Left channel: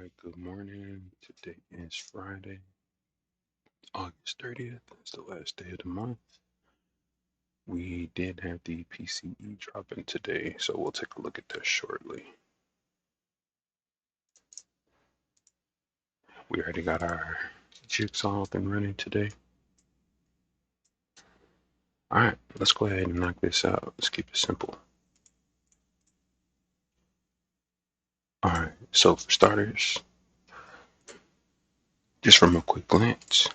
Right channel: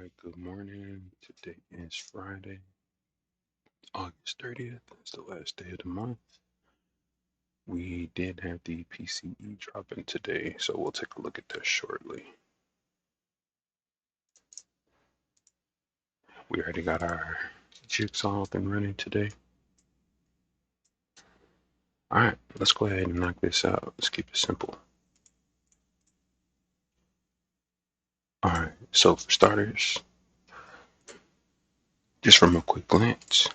right, good morning. Today is Friday, August 30th. It's the last day of the month. We did have the PCE dropping today, so we'll take a look at that shortly. We already got our jigsaw up and running today. All right, let's go ahead and knock this out. Let's keep it simple. All right, so for starters, just from a quick glance,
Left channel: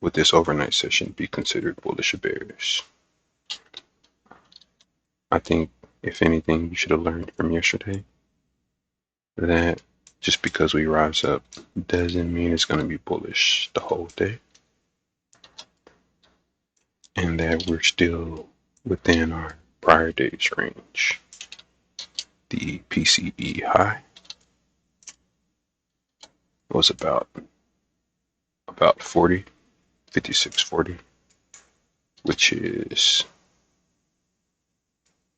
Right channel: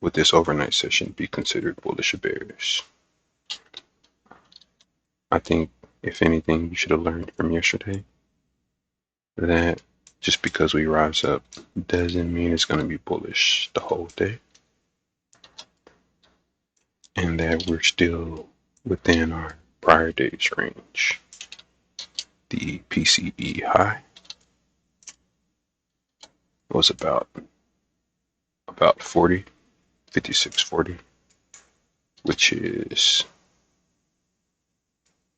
would this overnight session be considered bullish or bearish? I think, if anything, you should have learned from yesterday that just because we rise up doesn't mean it's going to be bullish the whole day, and that we're still within our prior day's range. The PCE high was about 40, 56.40,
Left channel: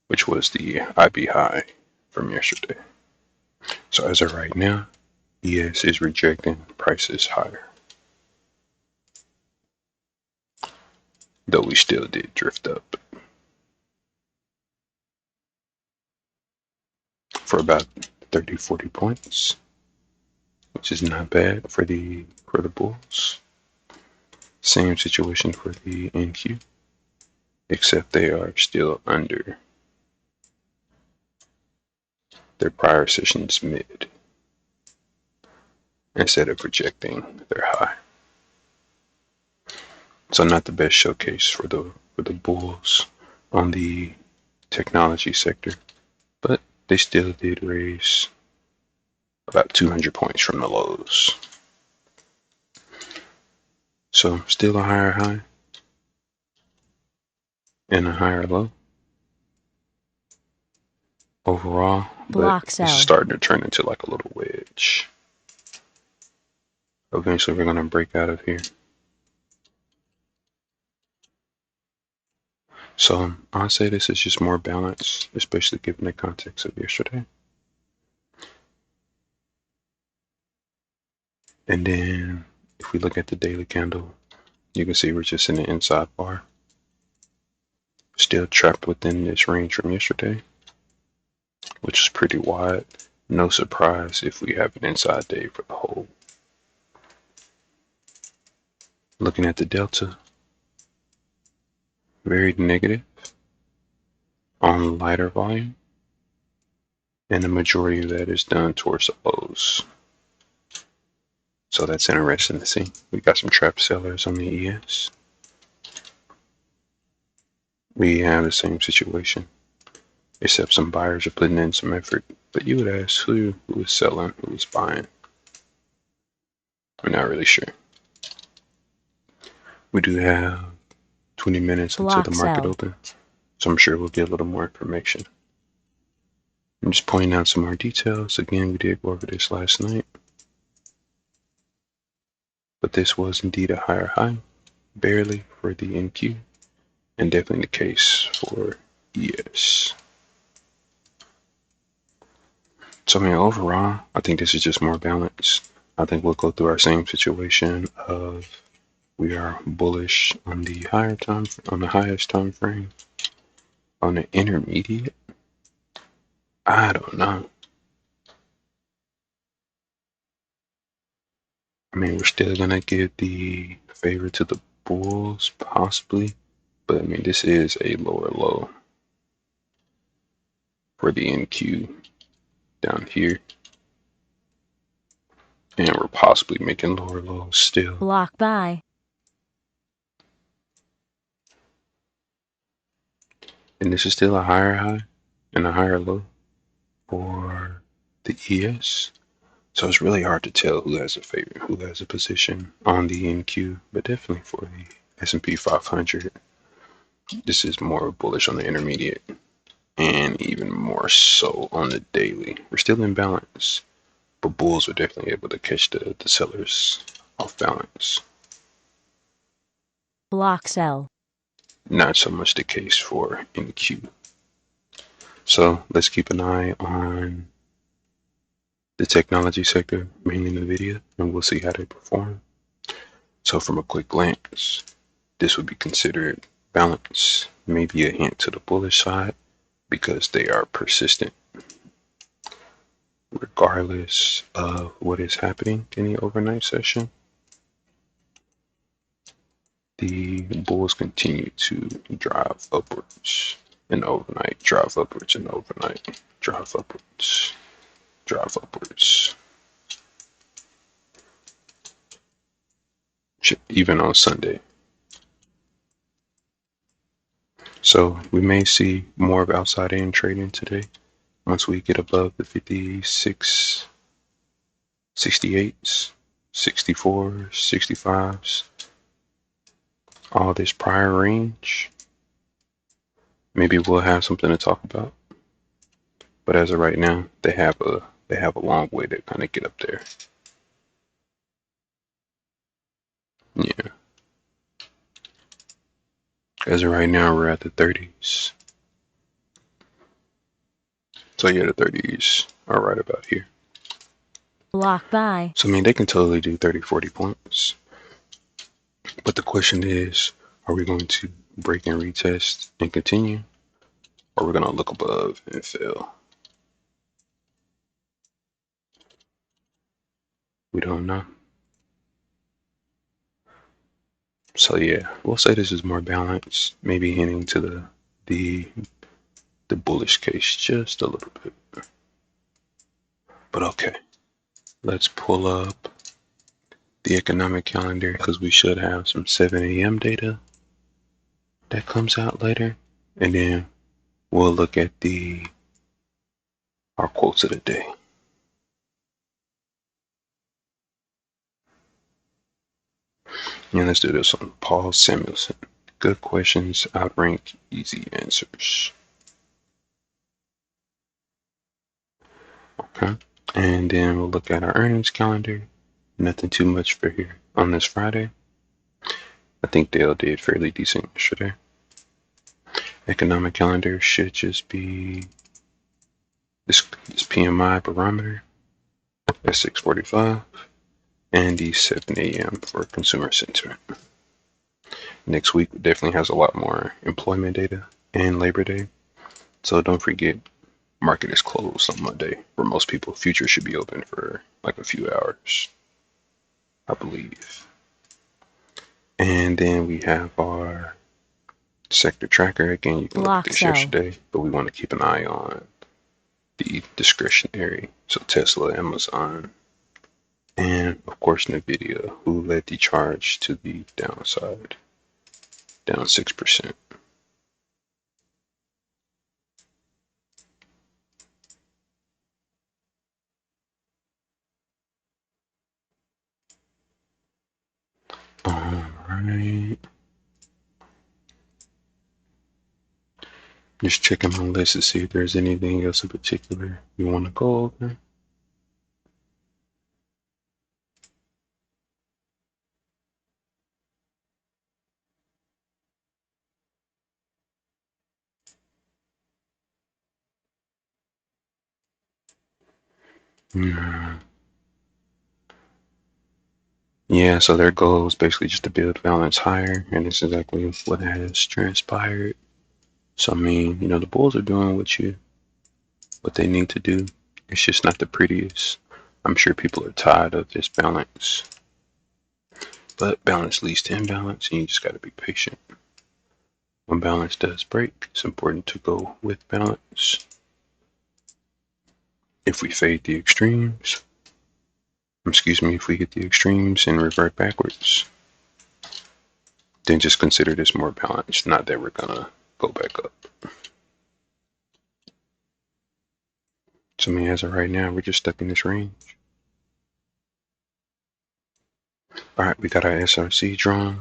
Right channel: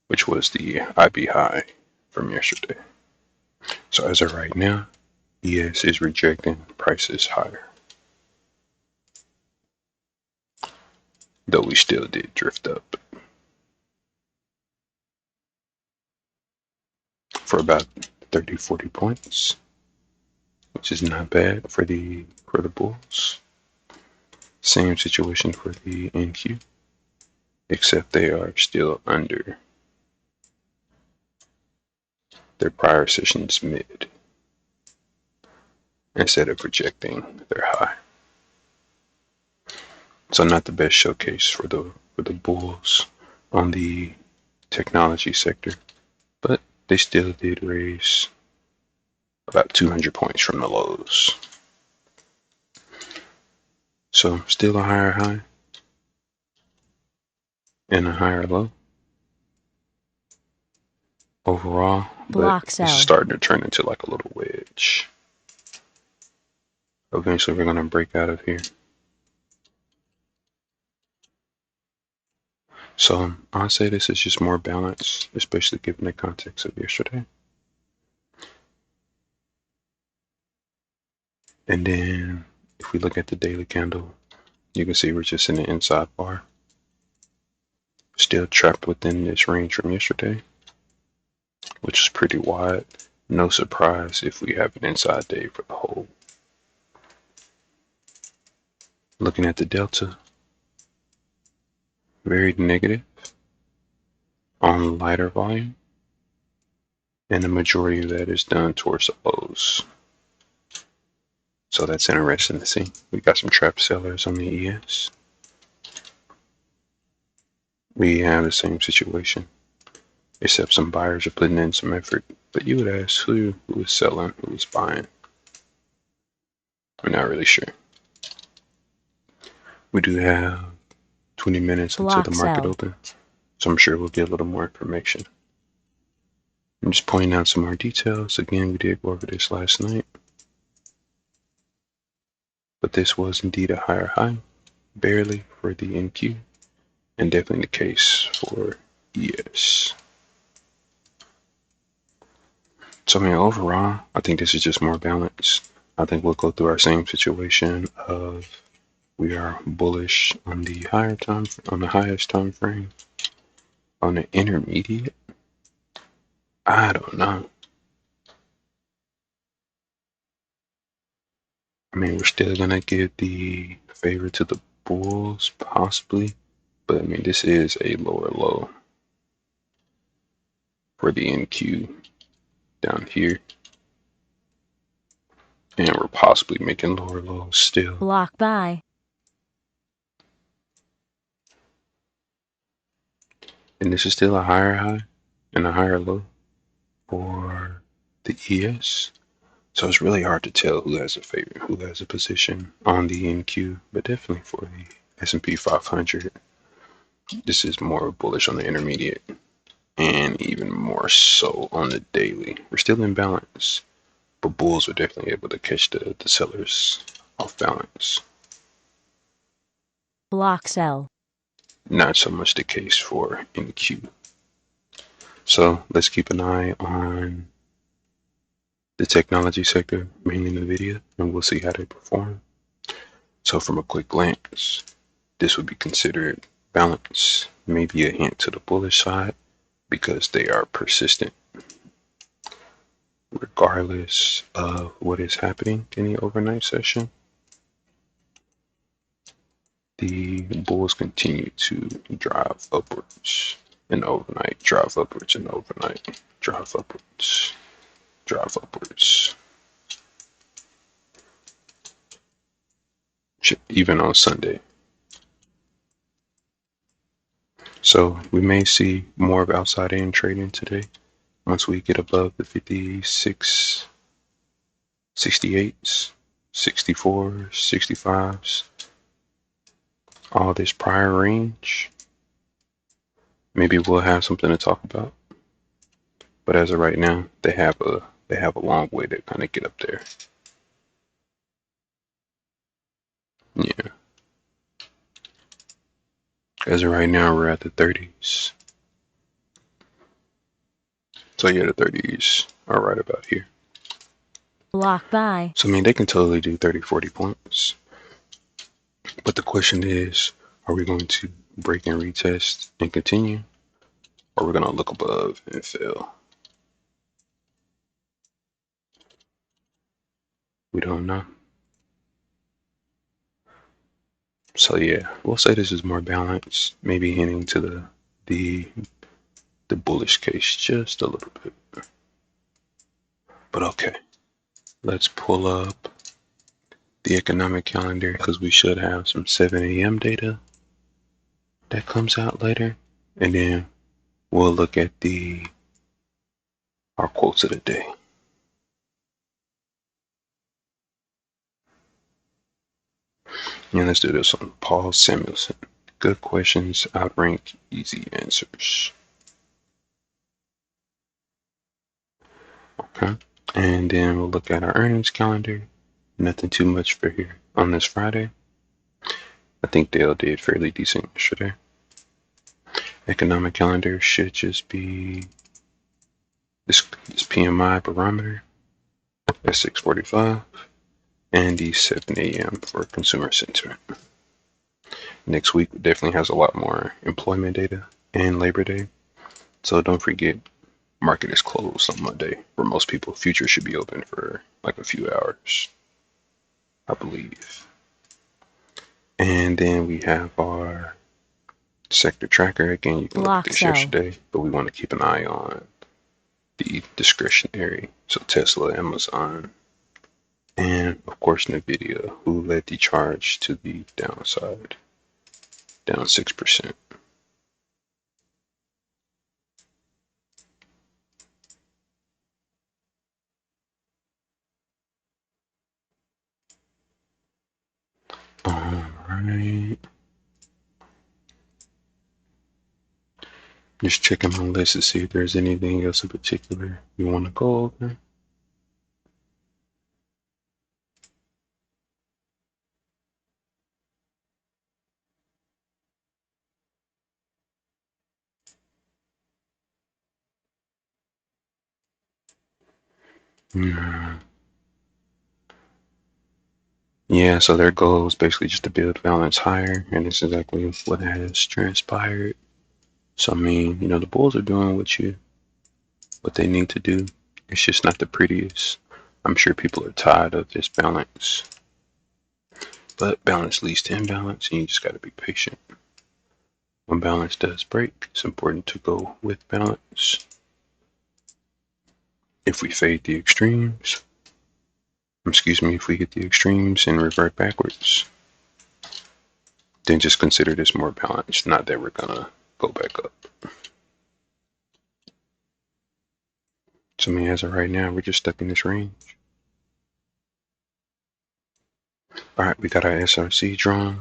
which was the IB high from yesterday. So as of right now, ES is rejecting prices higher, though we still did drift up for about 30, 40 points, which is not bad for the bulls. Same situation for the NQ, except they are still under their prior session's mid instead of rejecting their high. So not the best showcase for the bulls on the technology sector, but they still did raise about 200 points from the lows. So still a higher high and a higher low overall, but this is starting to turn into like a little wedge. Eventually we're going to break out of here. So I'll say this is just more balanced, especially given the context of yesterday. And then if we look at the daily candle, you can see we're just in the inside bar. Still trapped within this range from yesterday, which is pretty wide. No surprise if we have an inside day for the whole. Looking at the delta, very negative on lighter volume, and the majority of that is done towards the lows. So that's interesting to see. We got some trapped sellers on the ES. We have the same situation, except some buyers are putting in some effort. But you would ask who is selling, who is buying. We're not really sure. We do have 20 minutes until the market opens, so I'm sure we'll get a little more information. I'm just pointing out some more details. Again, we did go over this last night. But this was indeed a higher high, barely for the NQ, and definitely the case for ES. So I mean, overall, I think this is just more balanced. I think we'll go through our same situation of we are bullish on the highest time frame. On the intermediate, I don't know. I mean, we're still gonna give the favor to the bulls, possibly, but I mean, this is a lower low for the NQ down here, and we're possibly making lower lows still. Block buy. And this is still a higher high and a higher low for the ES. So it's really hard to tell who has a favorite, who has a position on the NQ, but definitely for the S&P 500, this is more bullish on the intermediate and even more so on the daily. We're still in balance, but bulls are definitely able to catch the sellers off balance. Block sell. Not so much the case for NQ. So let's keep an eye on the technology sector. NVIDIA, and we'll see how they perform. So from a quick glance, this would be considered balance, maybe a hint to the bullish side because they are persistent regardless of what is happening in the overnight session. The bulls continue to drive upwards and overnight, drive upwards and overnight, drive upwards, drive upwards. Even on Sunday. So we may see more of outside in trading today once we get above the 56, 68s, 64s, 65s, all this prior range. Maybe we'll have something to talk about. But as of right now, they have a long way to kind of get up there. Yeah. As of right now, we're at the 30s. So yeah, the 30s are right about here. Block buy. So I mean, they can totally do 30, 40 points. But the question is, are we going to break and retest and continue? Or we're going to look above and fail? We don't know. So yeah, we'll say this is more balanced, maybe hinting to the bullish case just a little bit. But okay, let's pull up the economic calendar because we should have some 7 a.m. data that comes out later. And then we'll look at our quotes of the day. And let's do this one. Paul Samuelson. Good questions outrank easy answers. Okay. And then we'll look at our earnings calendar. Nothing too much for here on this Friday. I think Dale did fairly decent yesterday. Economic calendar should just be this PMI barometer at 6:45 and the 7 a.m. for consumer sentiment. Next week definitely has a lot more employment data and Labor Day. So don't forget, market is closed on Monday. For most people, futures should be open for like a few hours, I believe. And then we have our sector tracker. Again, you can look at this yesterday, but we want to keep an eye on the discretionary. So Tesla, Amazon, and of course NVIDIA, who led the charge to the downside, down 6%. All right. Just checking my list to see if there's anything else in particular you want to go over. Yeah, so their goal is basically just to build balance higher, and this is exactly what has transpired. So I mean, the Bulls are doing what they need to do. It's just not the prettiest. I'm sure people are tired of this balance, but balance leads to imbalance, and you just got to be patient. When balance does break, it's important to go with balance. If we fade the extremes, if we hit the extremes and revert backwards, then just consider this more balanced, not that we're gonna go back up. So I mean, as of right now, we're just stuck in this range. All right, we got our SRC drawn,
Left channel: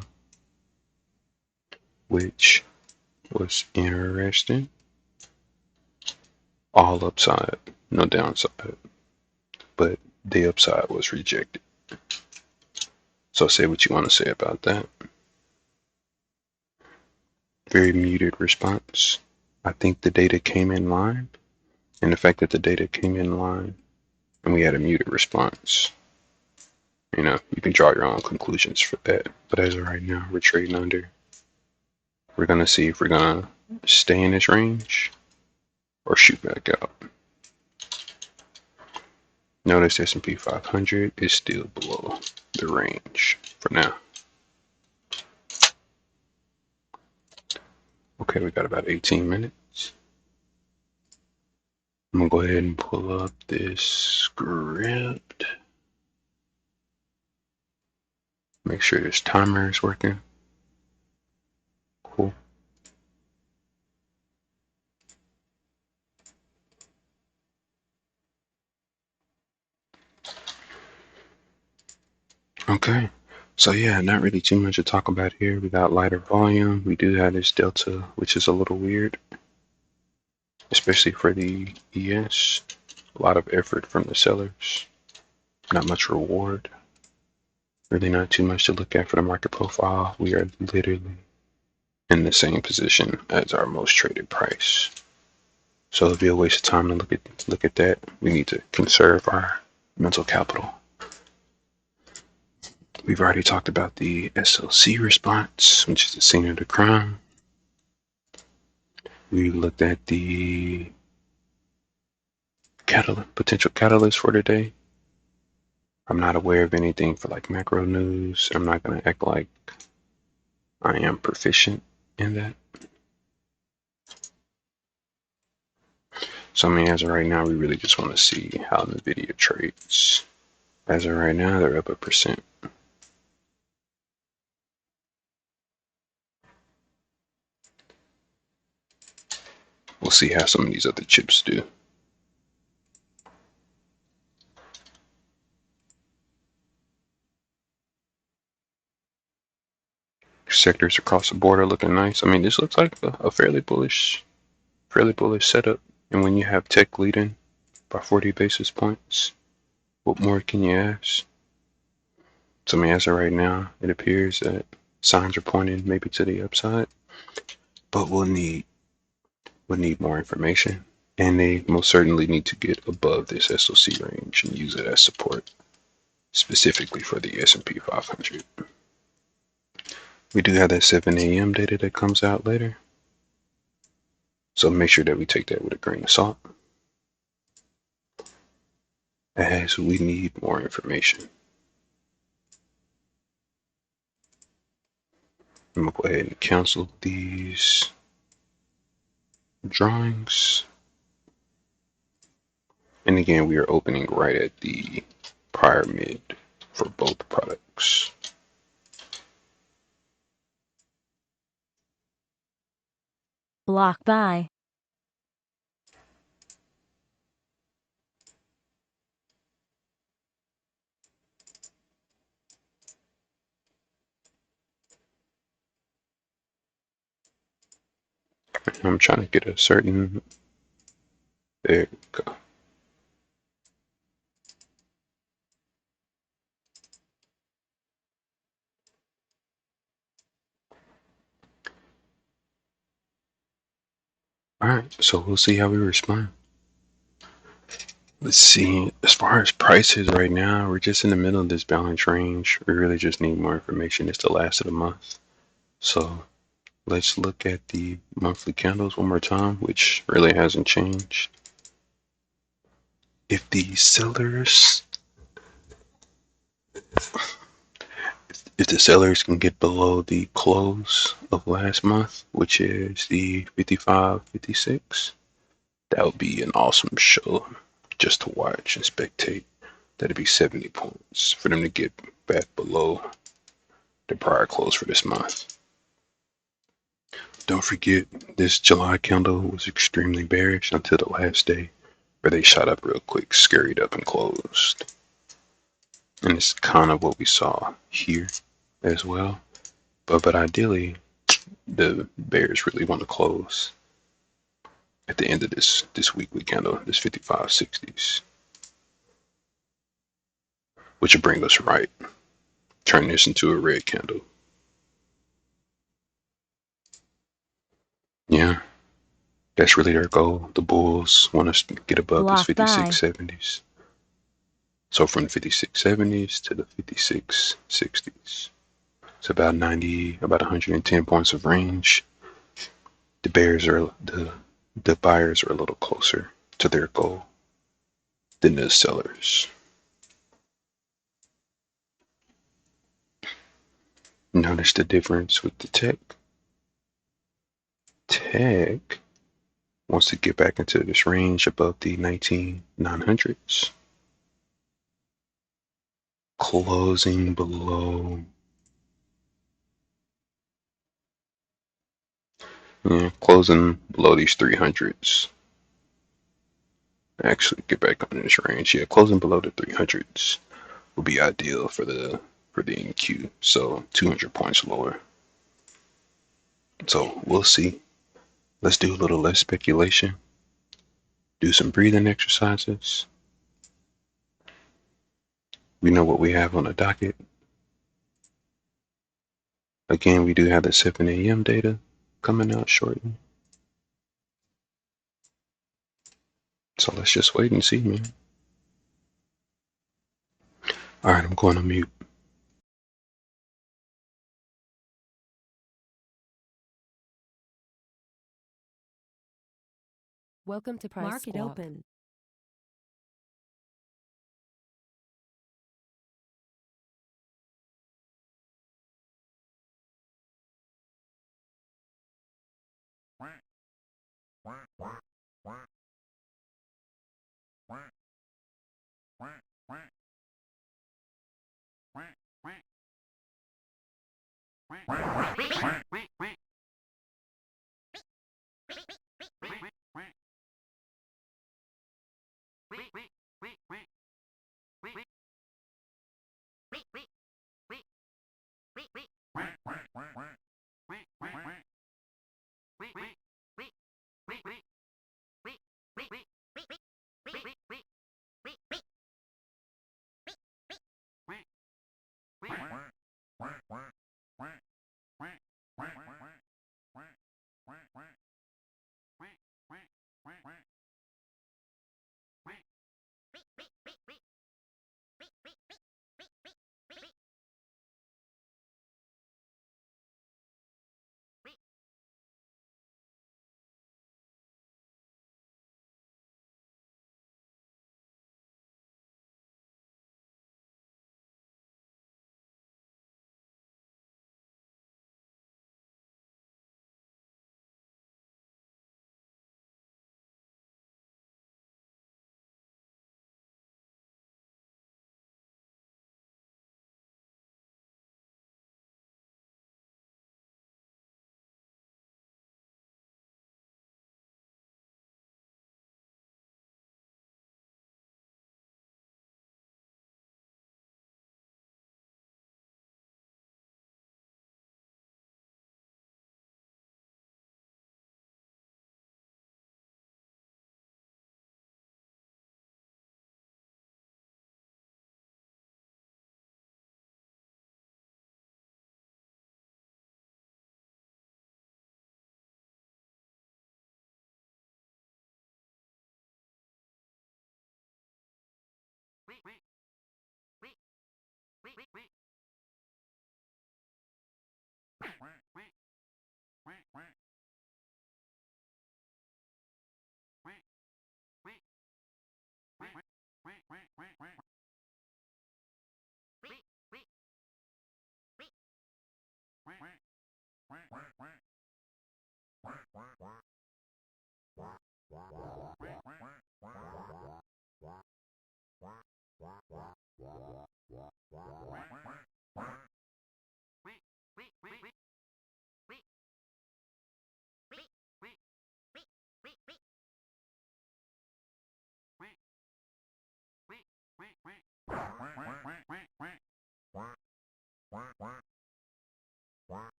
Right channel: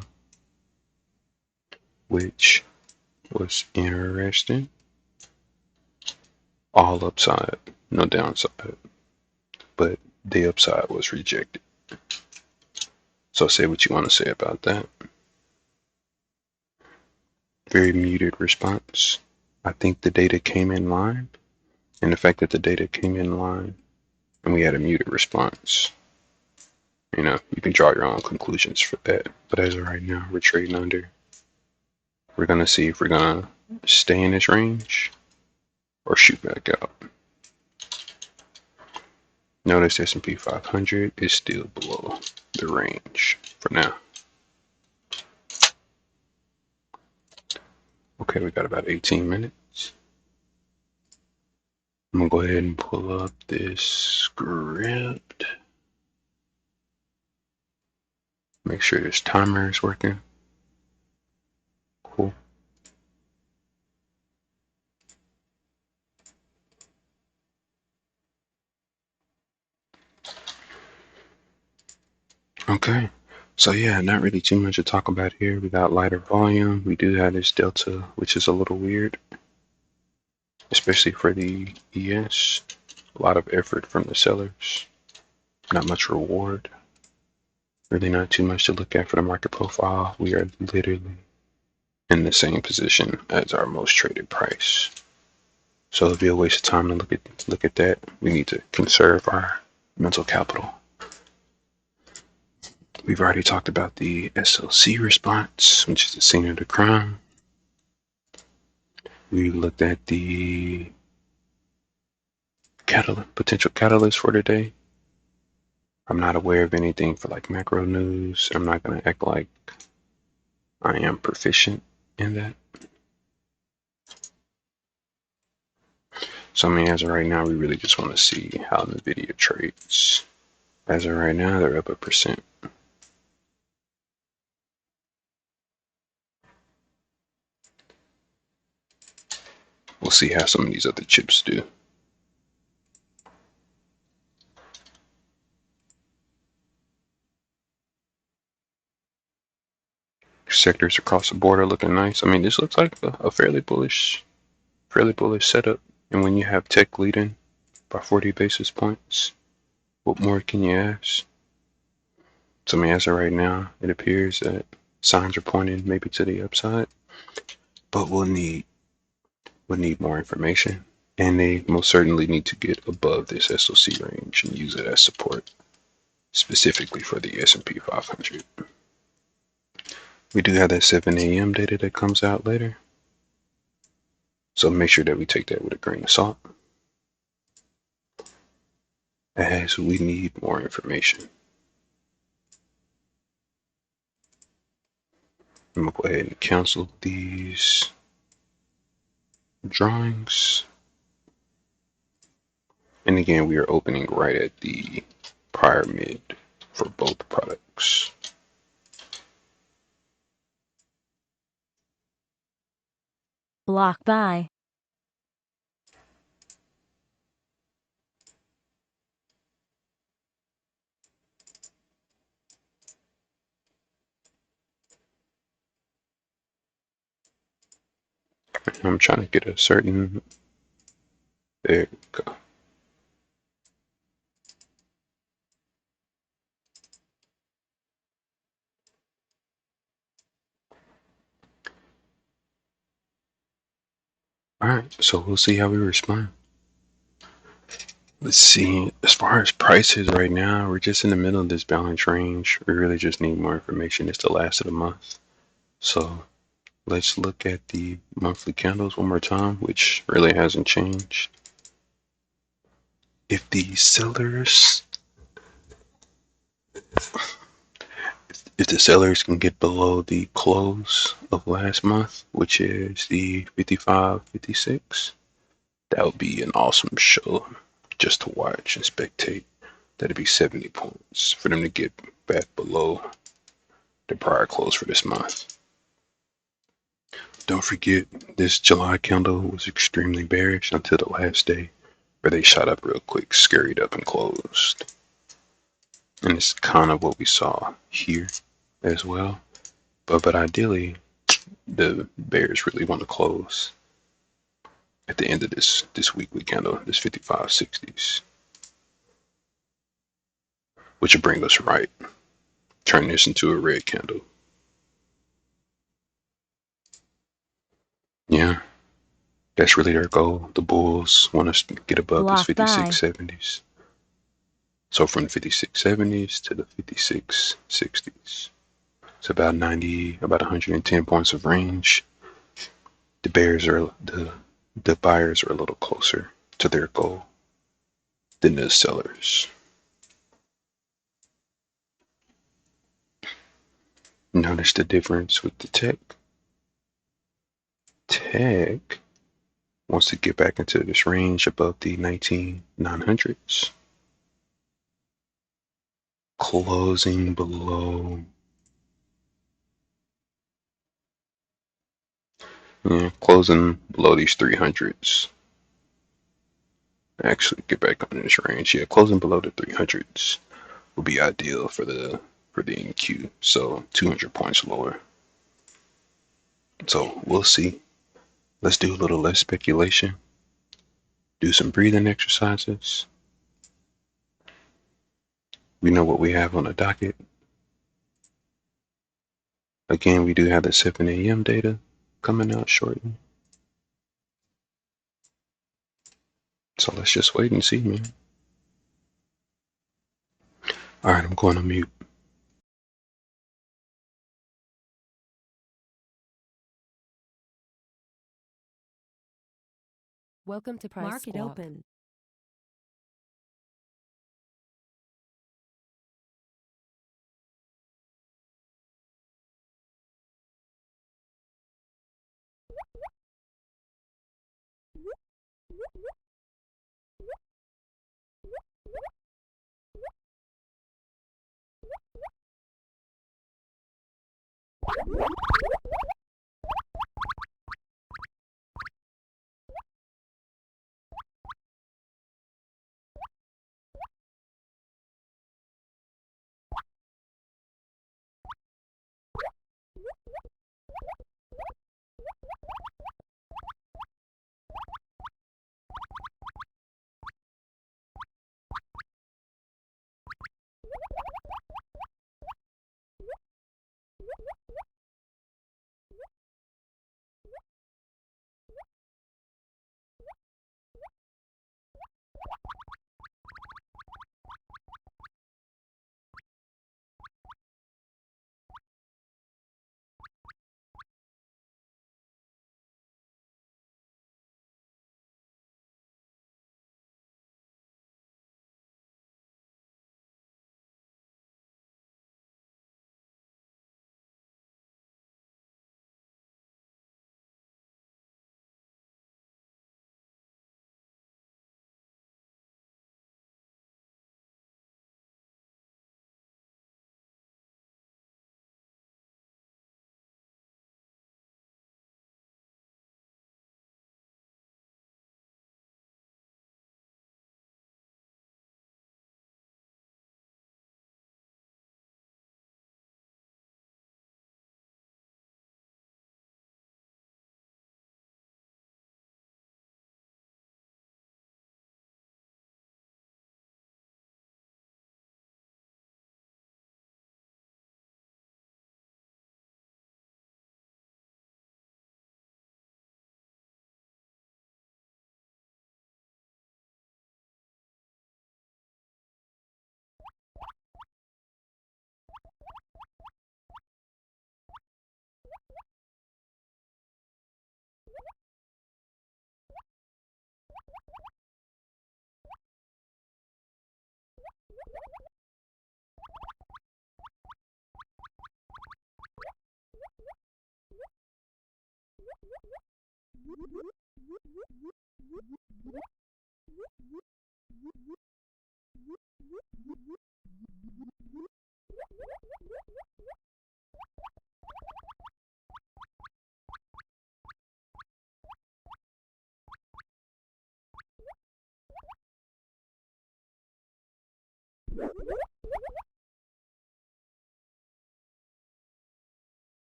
which was interesting. All upside, no downside, but the upside was rejected. So say what you want to say about that. Very muted response. I think the data came in line, and the fact that the data came in line and we had a muted response You know, you can draw your own conclusions for that. But as of right now, we're trading under. We're gonna see if we're gonna stay in this range or shoot back out. Notice S&P 500 is still below the range for now. Okay, we got about 18 minutes. I'm gonna go ahead and pull up this script. Make sure this timer is working. Cool. Okay. So yeah, not really too much to talk about here. We got lighter volume. We do have this delta, which is a little weird, especially for the ES. A lot of effort from the sellers. Not much reward. Really not too much to look at for the market profile. We are literally in the same position as our most traded price. So it'll be a waste of time to look at that. We need to conserve our mental capital. We've already talked about the SLC response, which is the scene of the crime. We looked at the potential catalyst for today. I'm not aware of anything for like macro news. I'm not going to act like I am proficient in that. So I mean, as of right now, we really just want to see how NVIDIA trades. As of right now, they're up 1%. We'll see how some of these other chips do. Sectors across the board are looking nice. I mean, this looks like a fairly bullish setup. And when you have tech leading by 40 basis points, what more can you ask? So I mean, as of right now, it appears that signs are pointing maybe to the upside, but we'll need more information, and they most certainly need to get above this SOC range and use it as support, specifically for the S&P 500. We do have that 7 a.m. data that comes out later, so make sure that we take that with a grain of salt, as we need more information. I'm gonna go ahead and cancel these drawings. And again, we are opening right at the prior mid for both products. Block buy. I'm trying to get a certain, there we go. All right, so we'll see how we respond. Let's see, as far as prices right now, we're just in the middle of this balance range. We really just need more information. It's the last of the month. So let's look at the monthly candles one more time, which really hasn't changed. If the sellers if the sellers can get below the close of last month, which is the 55.56, that would be an awesome show just to watch and spectate. That'd be 70 points for them to get back below the prior close for this month. Don't forget, this July candle was extremely bearish until the last day, where they shot up real quick, scurried up, and closed. And it's kind of what we saw here as well. But ideally, the bears really want to close at the end of this weekly candle, this 55.60s, which will bring us right, turn this into a red candle. Yeah, that's really their goal. The bulls want us to get above this Block buy. 56.70s. So from the 5670s to the 5660s. It's about 110 points of range. The buyers are a little closer to their goal than the sellers. Notice the difference with the tech. Tech wants to get back into this range above the 19,900s. Closing below. Yeah, closing below these 300s. Actually, get back on this range. Yeah, closing below the 300s would be ideal for the NQ. So 200 points lower. So we'll see. Let's do a little less speculation. Do some breathing exercises. We know what we have on the docket. Again, we do have the 7 a.m. data coming out shortly. So let's just wait and see, man. All right, I'm going to mute. Welcome to Price Market Squawk. open.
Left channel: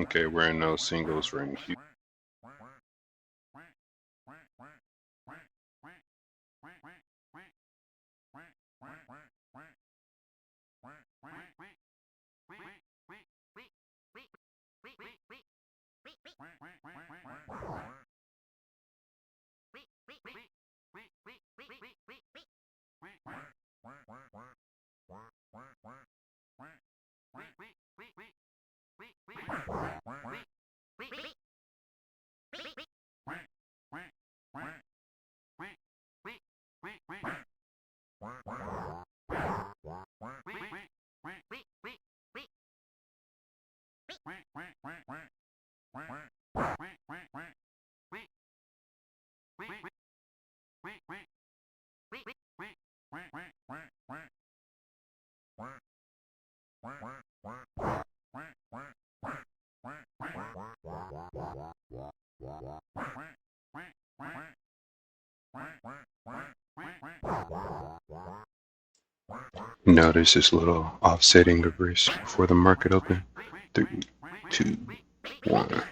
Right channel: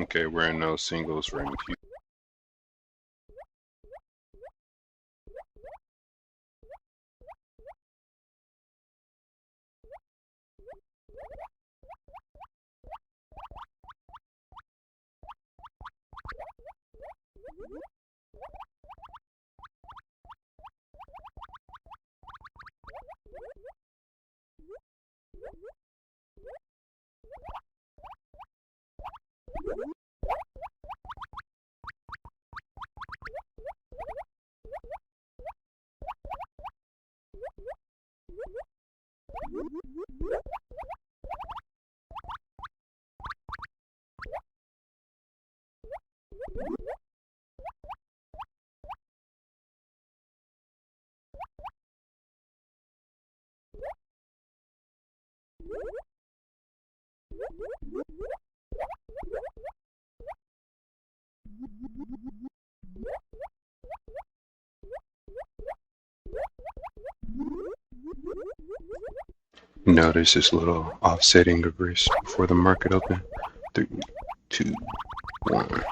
Okay, we're in no singles for NQ. Notice this little offsetting of risk before the market open. 3, 2, 1.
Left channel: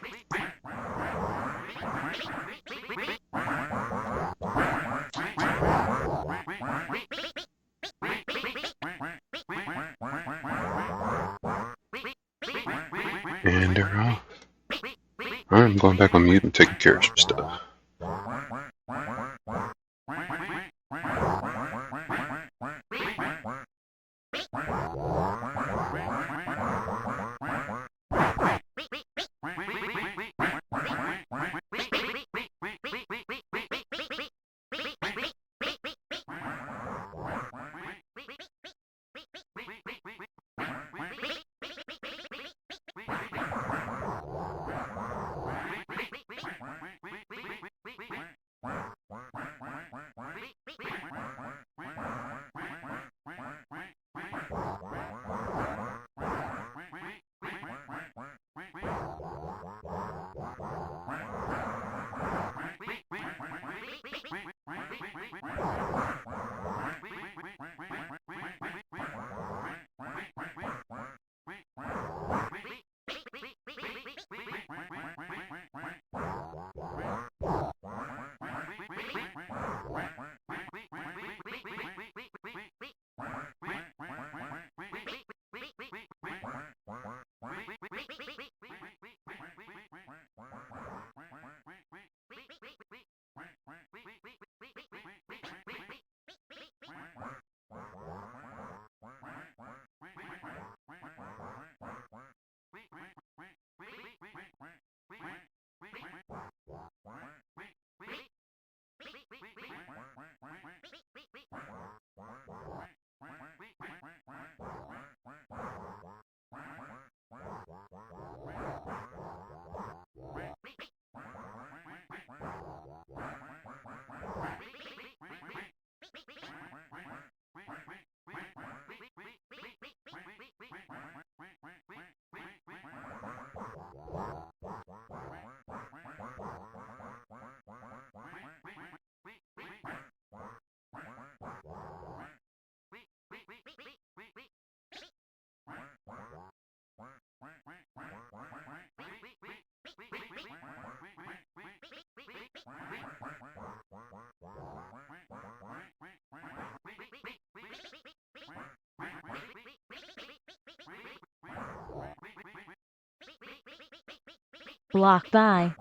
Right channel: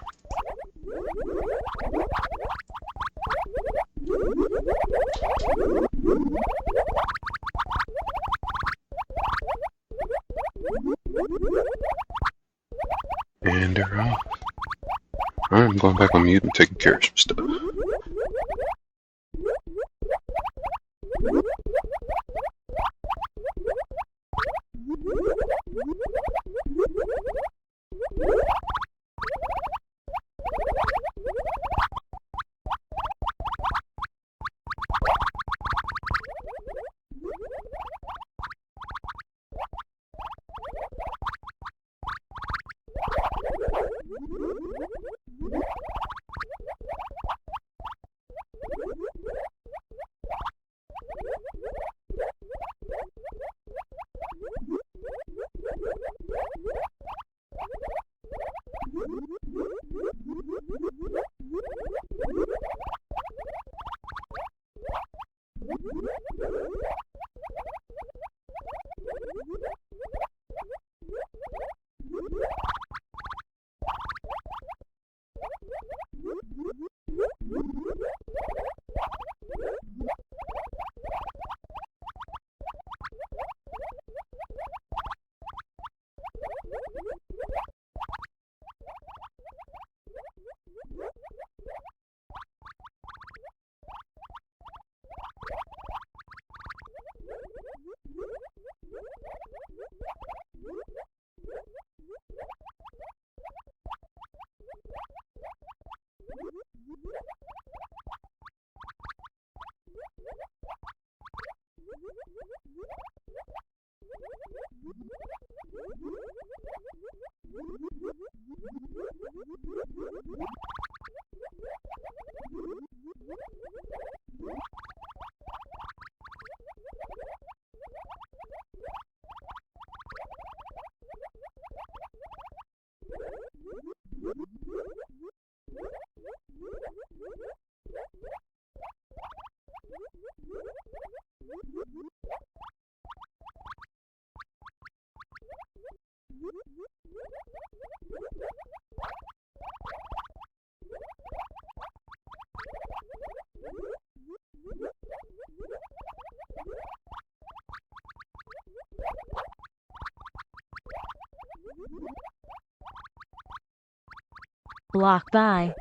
And they're off. Alright, I'm going back on mute and taking care of some stuff. Block by.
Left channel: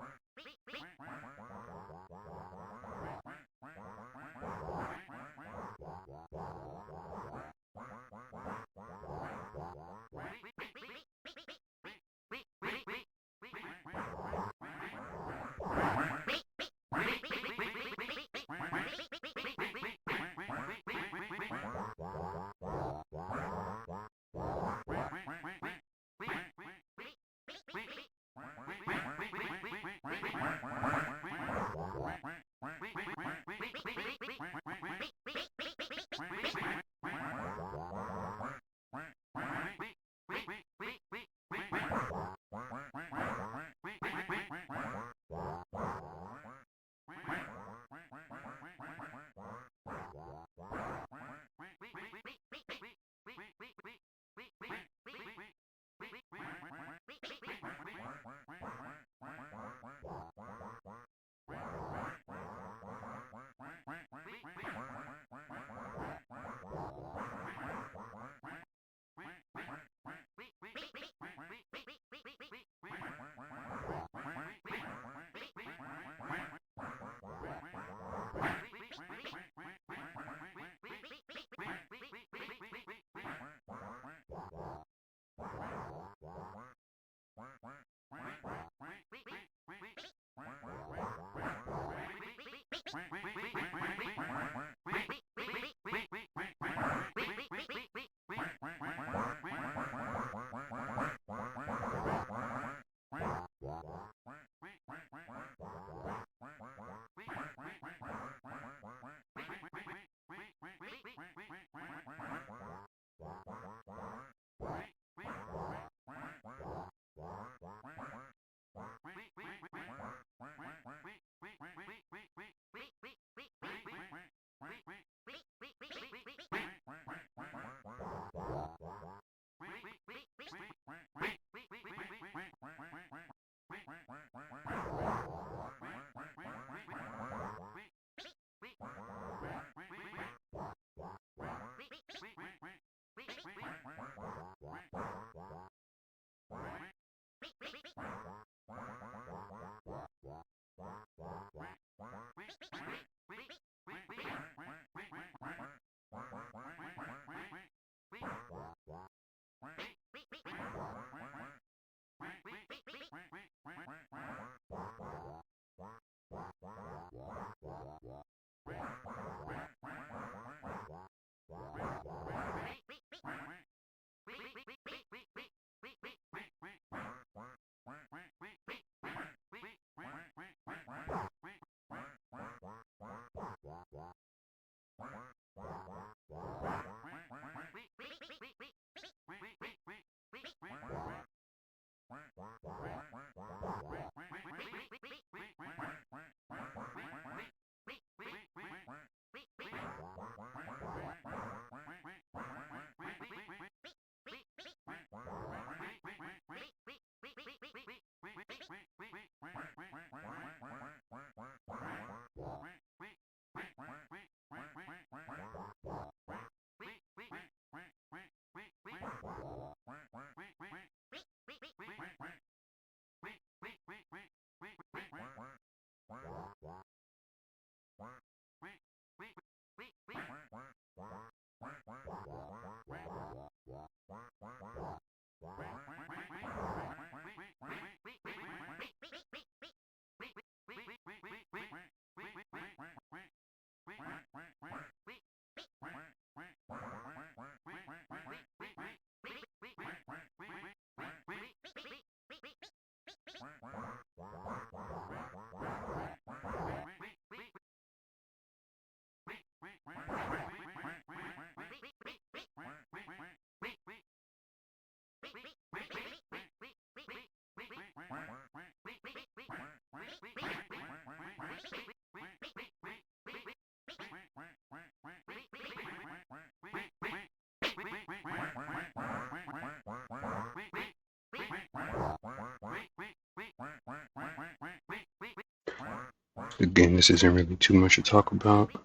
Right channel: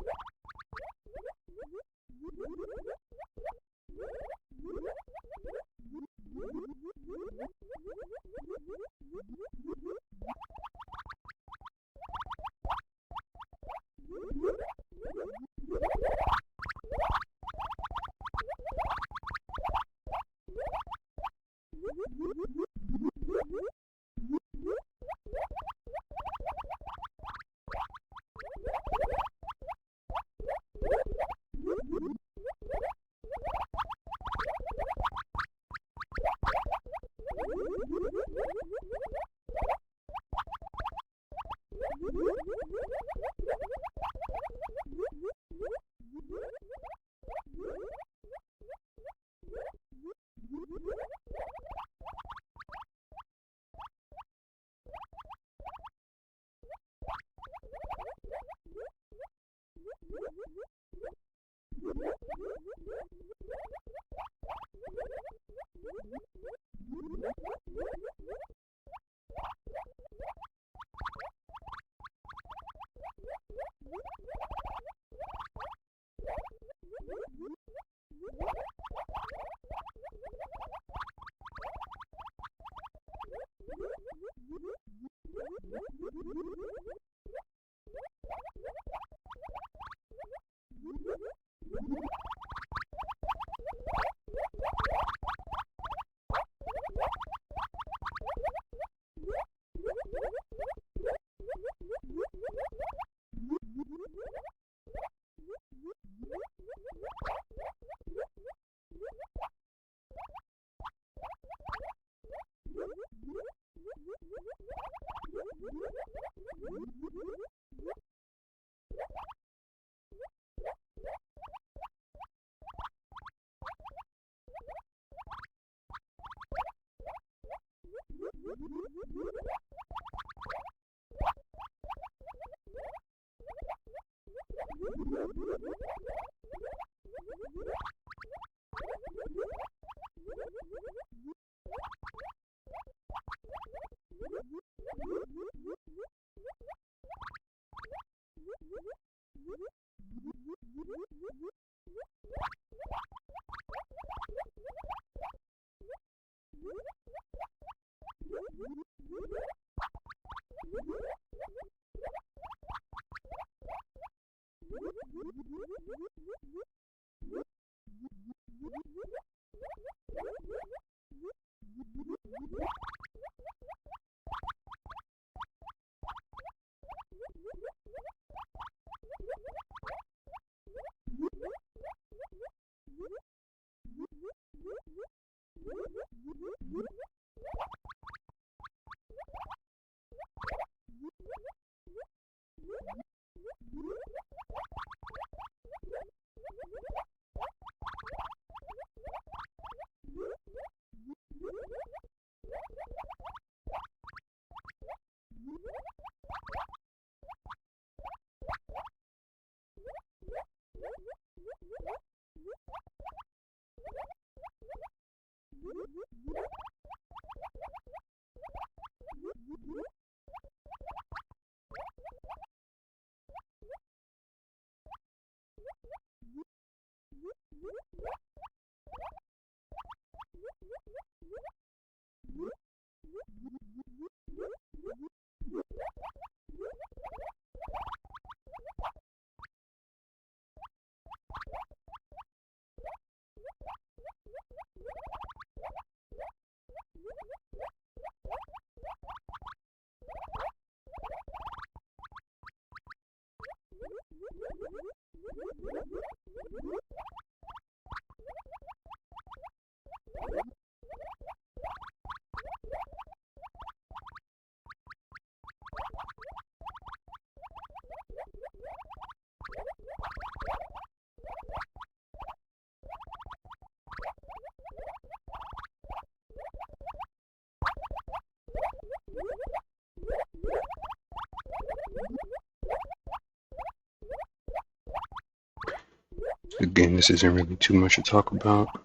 Again, this isn't really too much to talk about.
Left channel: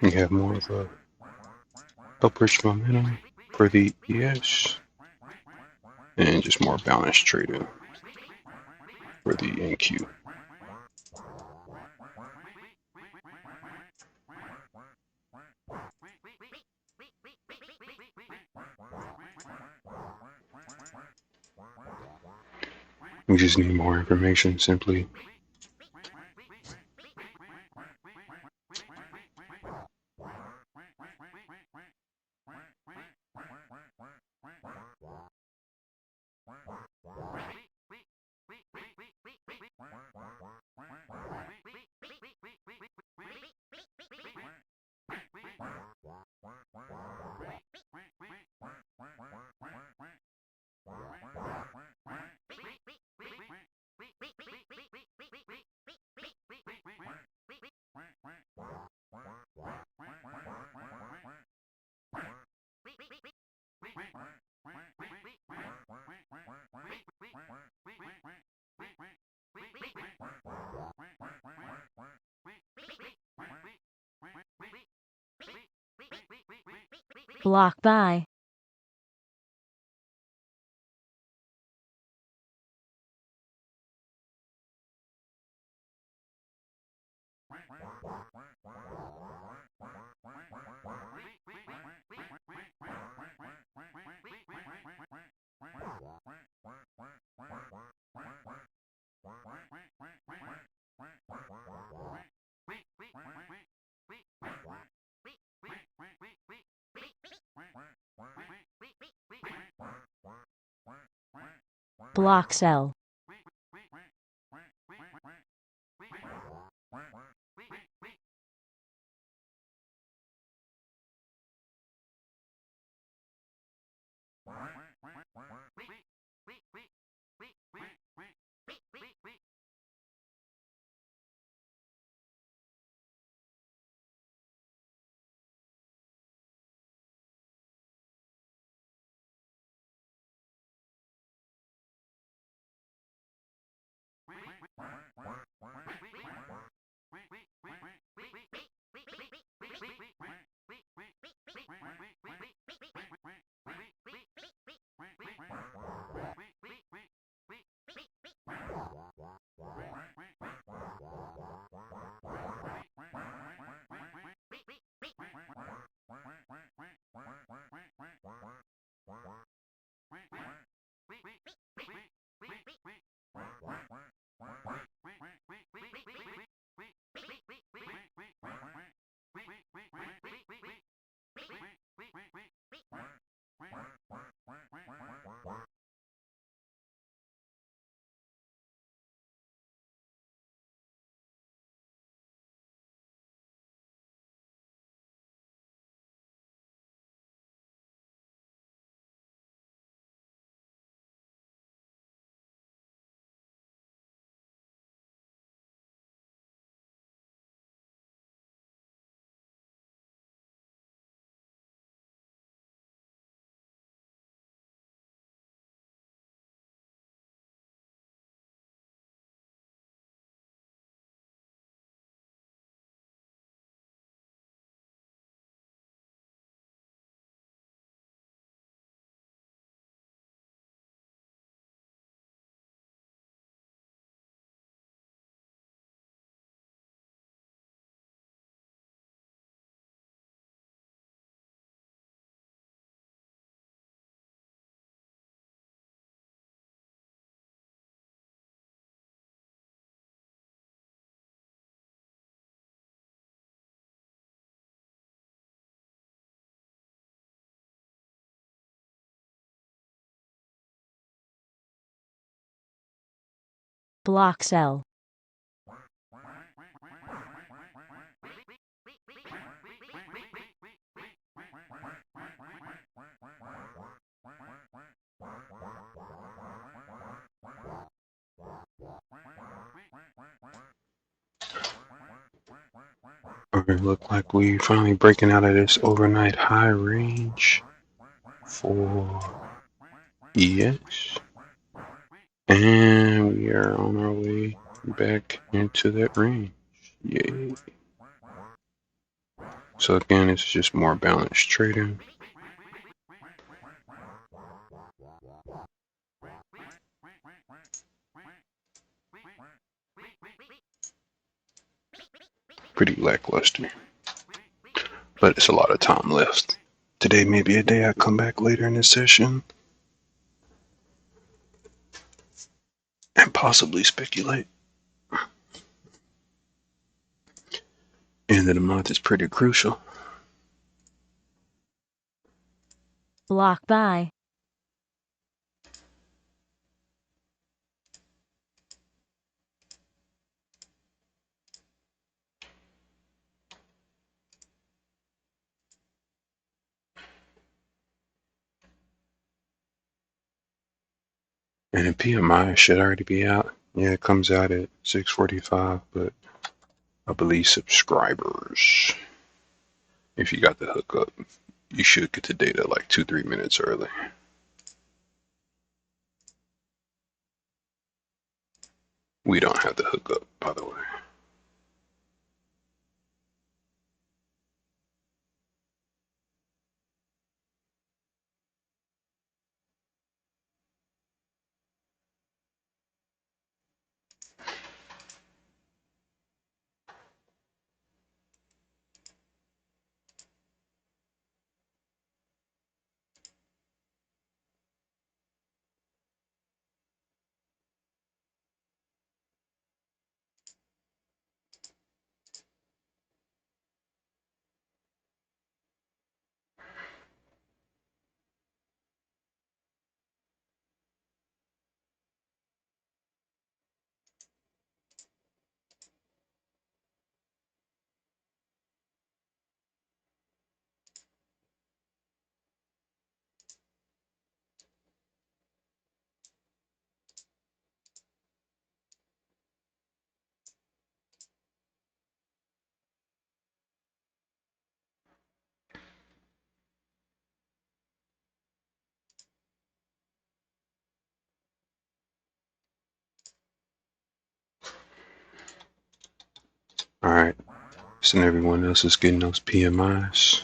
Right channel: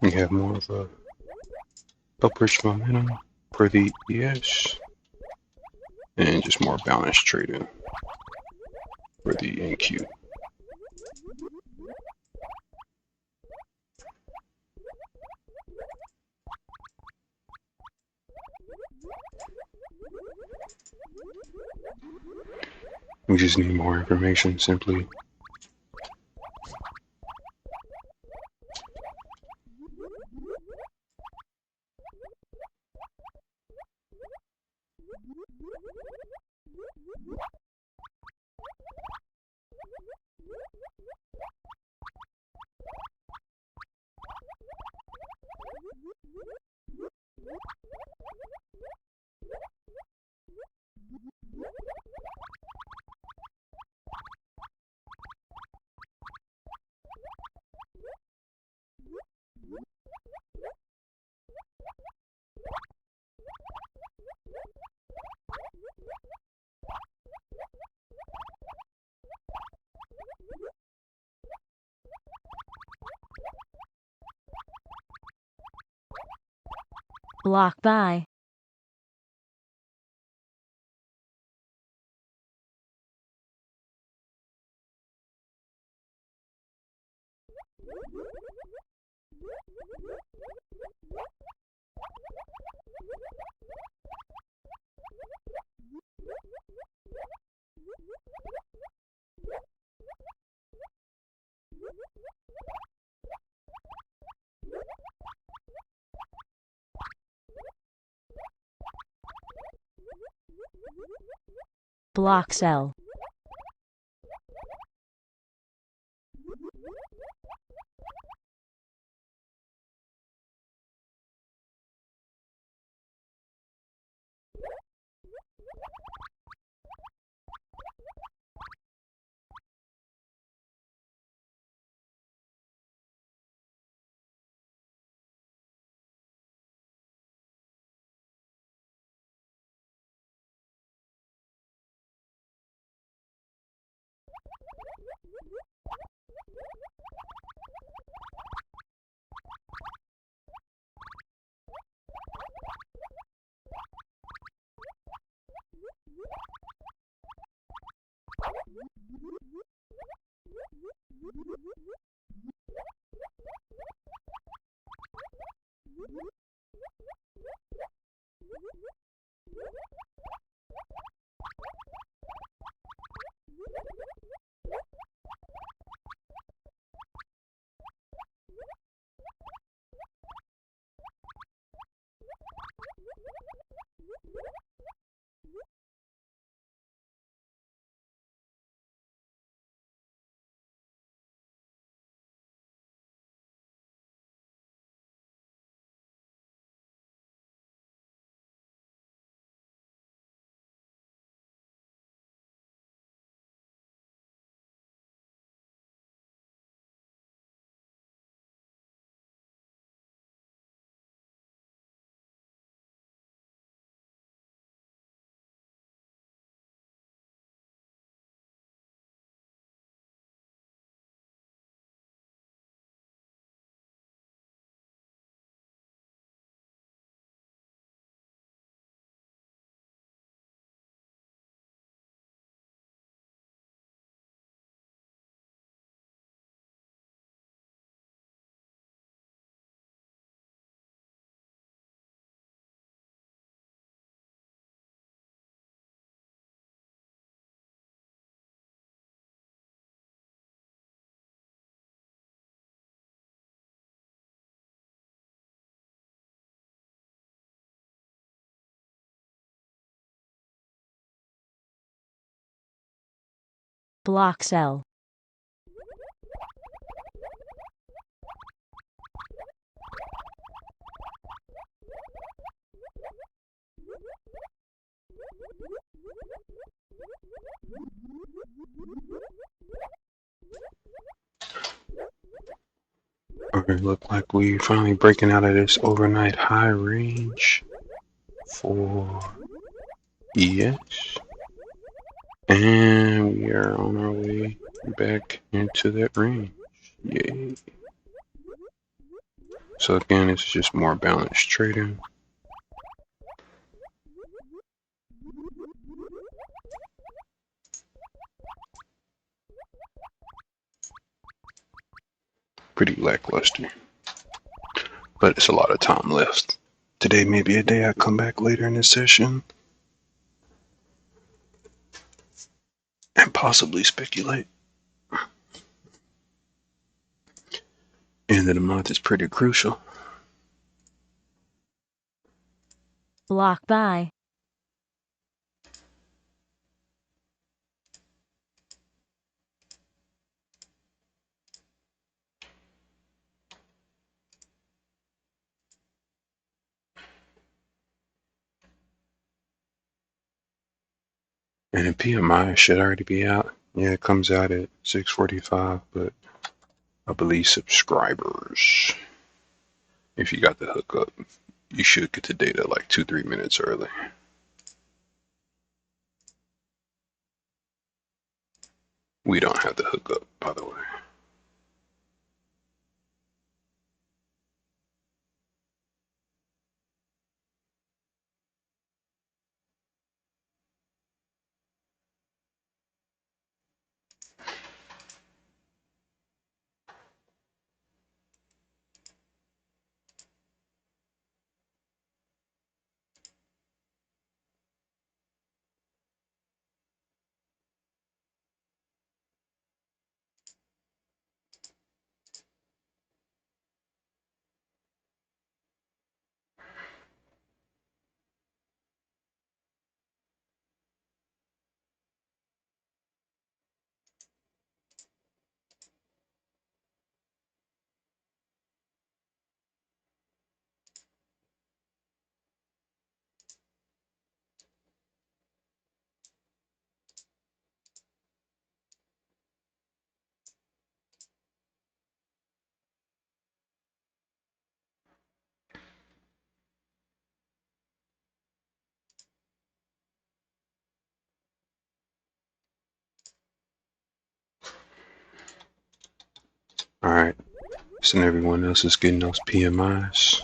You have more of a upwards momentum for the ES and just more balanced trading for the NQ. We just need more information simply. Block by. Block sell. Block cell. Alright, look like we finally breaking out of this overnight high range for EX. And we are on our way back into that range. Yay. So again, it's just more balanced trading. Pretty lackluster. But it's a lot of time left. Today may be a day I come back later in this session and possibly speculate. End of the month is pretty crucial. Block buy. And the PMI should already be out. Yeah, it comes out at 6:45, but I believe subscribers, if you got the hookup, you should get the data like 2-3 minutes early. We don't have the hookup, by the way. All right, so everyone else is getting those PMIs.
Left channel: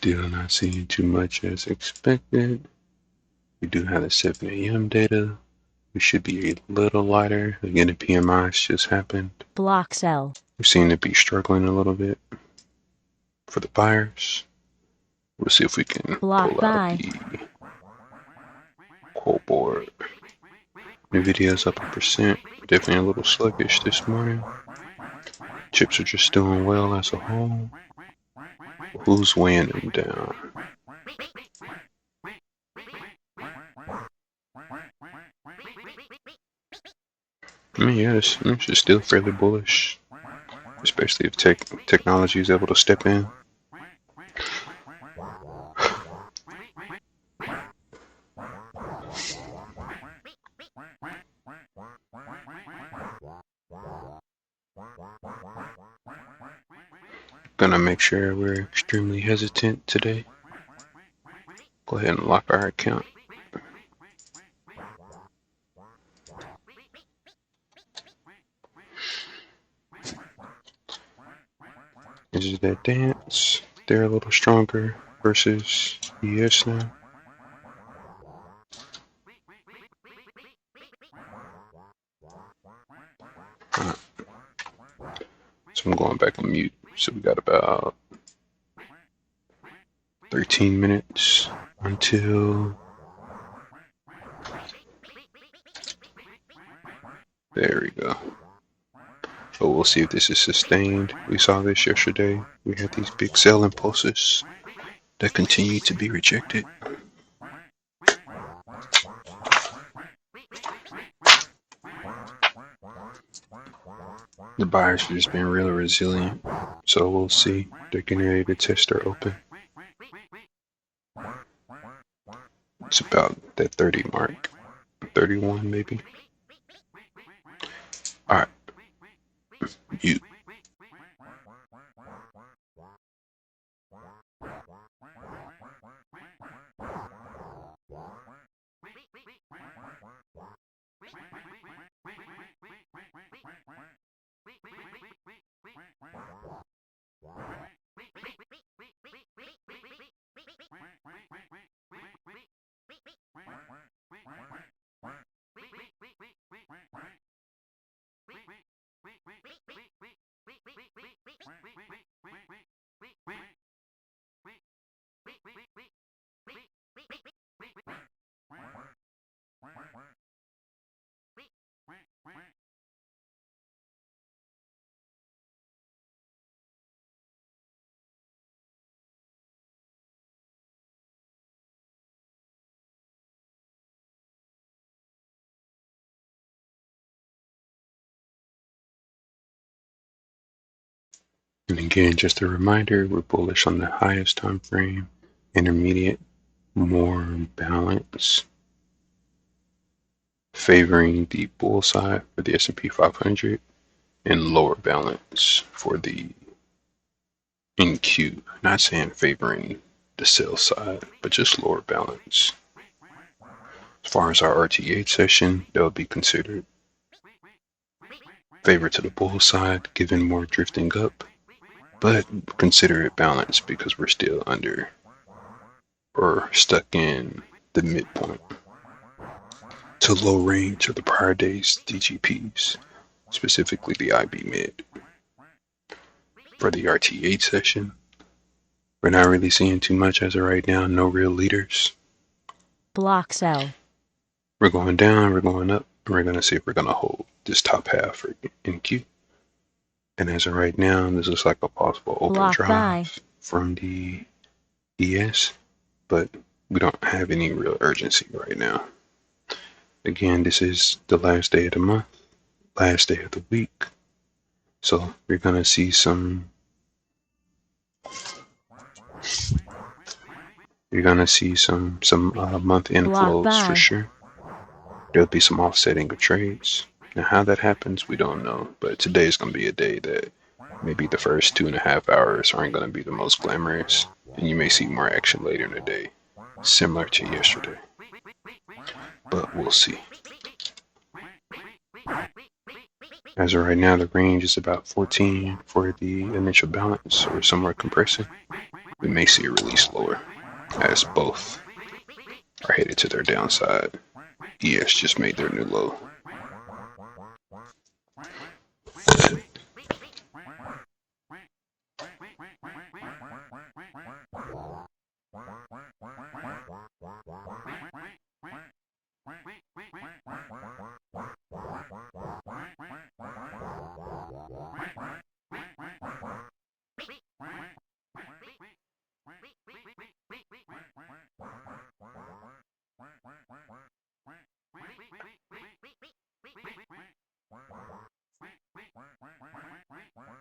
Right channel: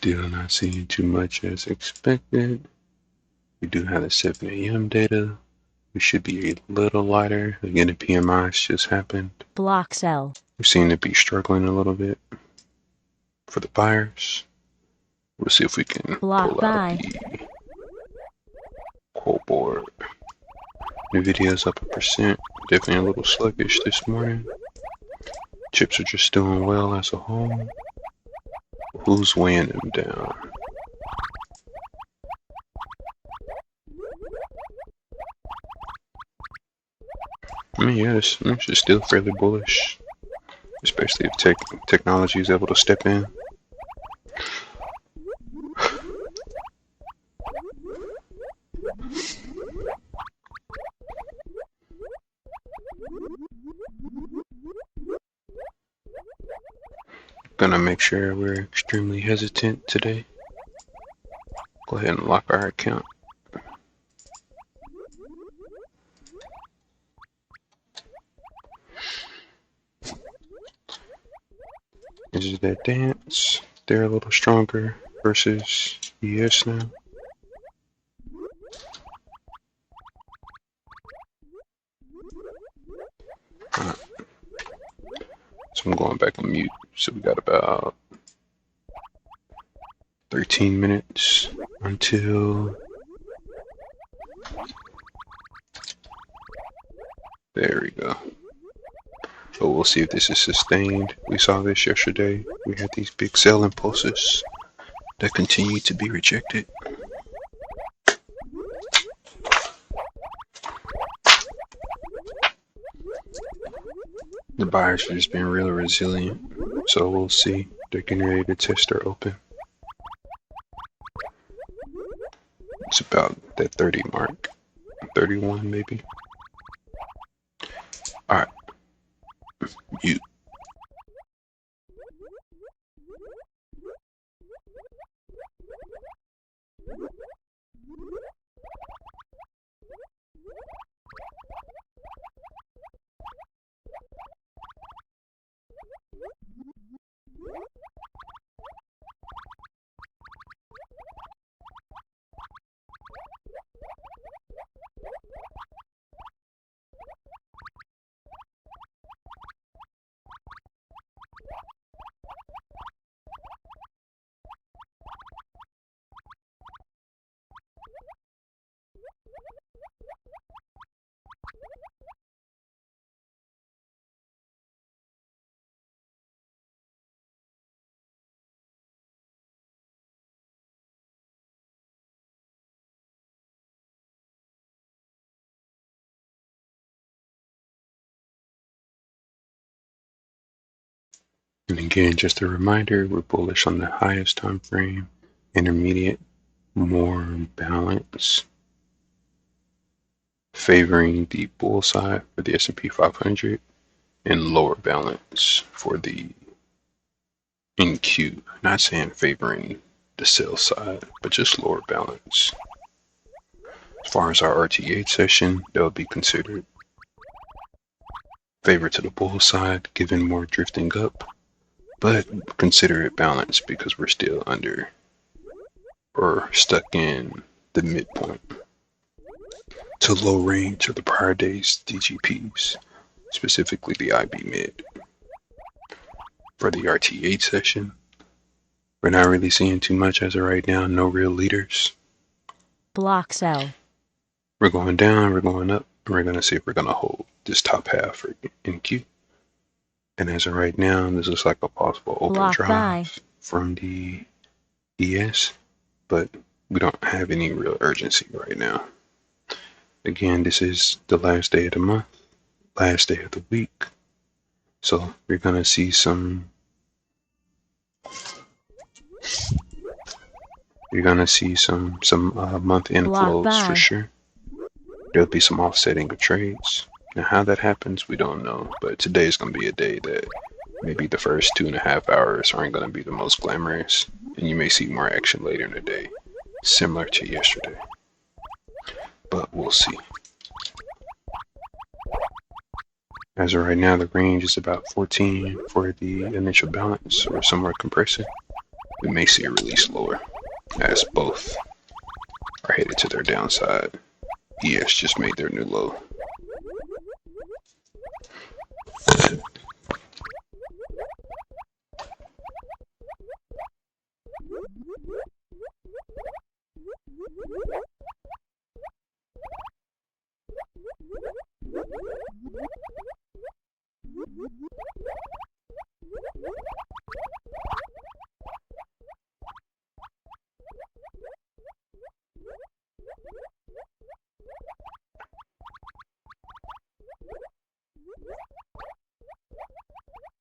Still not seeing too much as expected. We do have the 7 a.m. data. We should be a little lighter. Again, the PMIs just happened. Block sell. We seem to be struggling a little bit for the buyers. We'll see if we can Block pull out buy. the quote board. Nvidia's up 1%. Definitely a little sluggish this morning. Chips are just doing well as a whole. Who's weighing them down? I mean, yeah, it's still fairly bullish, especially if technology is able to step in. Gonna make sure we're extremely hesitant today. Go ahead and lock our account. This is that dance. They're a little stronger versus ES now. Right. So I'm going back on mute. So we got about 13 minutes until there we go. But we'll see if this is sustained. We saw this yesterday. We had these big sell impulses that continue to be rejected. The buyers have just been really resilient. So we'll see. They're getting ready to test their open. It's about that 30 mark. 31 maybe. Alright. Mute. And again, just a reminder, we're bullish on the highest time frame, intermediate, more balance, favoring the bull side for the S&P 500, and lower balance for the NQ. Not saying favoring the sell side, but just lower balance. As far as our RTH session, that would be considered favor to the bull side, given more drifting up. But consider it balanced because we're still under or stuck in the midpoint to low range of the prior day's DGPs, specifically the IB mid. For the RTH session, we're not really seeing too much as of right now, no real leaders. Block sell. We're going down, we're going up, and we're going to see if we're going to hold this top half for NQ. And as of right now, this looks like a possible open Block drive buy. from the ES, but we don't have any real urgency right now. Again, this is the last day of the month, last day of the week. So we're going to see some month inflows for sure. There'll be some offsetting of trades. Now, how that happens, we don't know. But today is going to be a day that maybe the first 2.5 hours aren't going to be the most glamorous, and you may see more action later in the day, similar to yesterday. But we'll see. As of right now, the range is about 14 for the initial balance, or somewhere compressing. we may see a release lower as both are headed to their downside. ES just made their new low.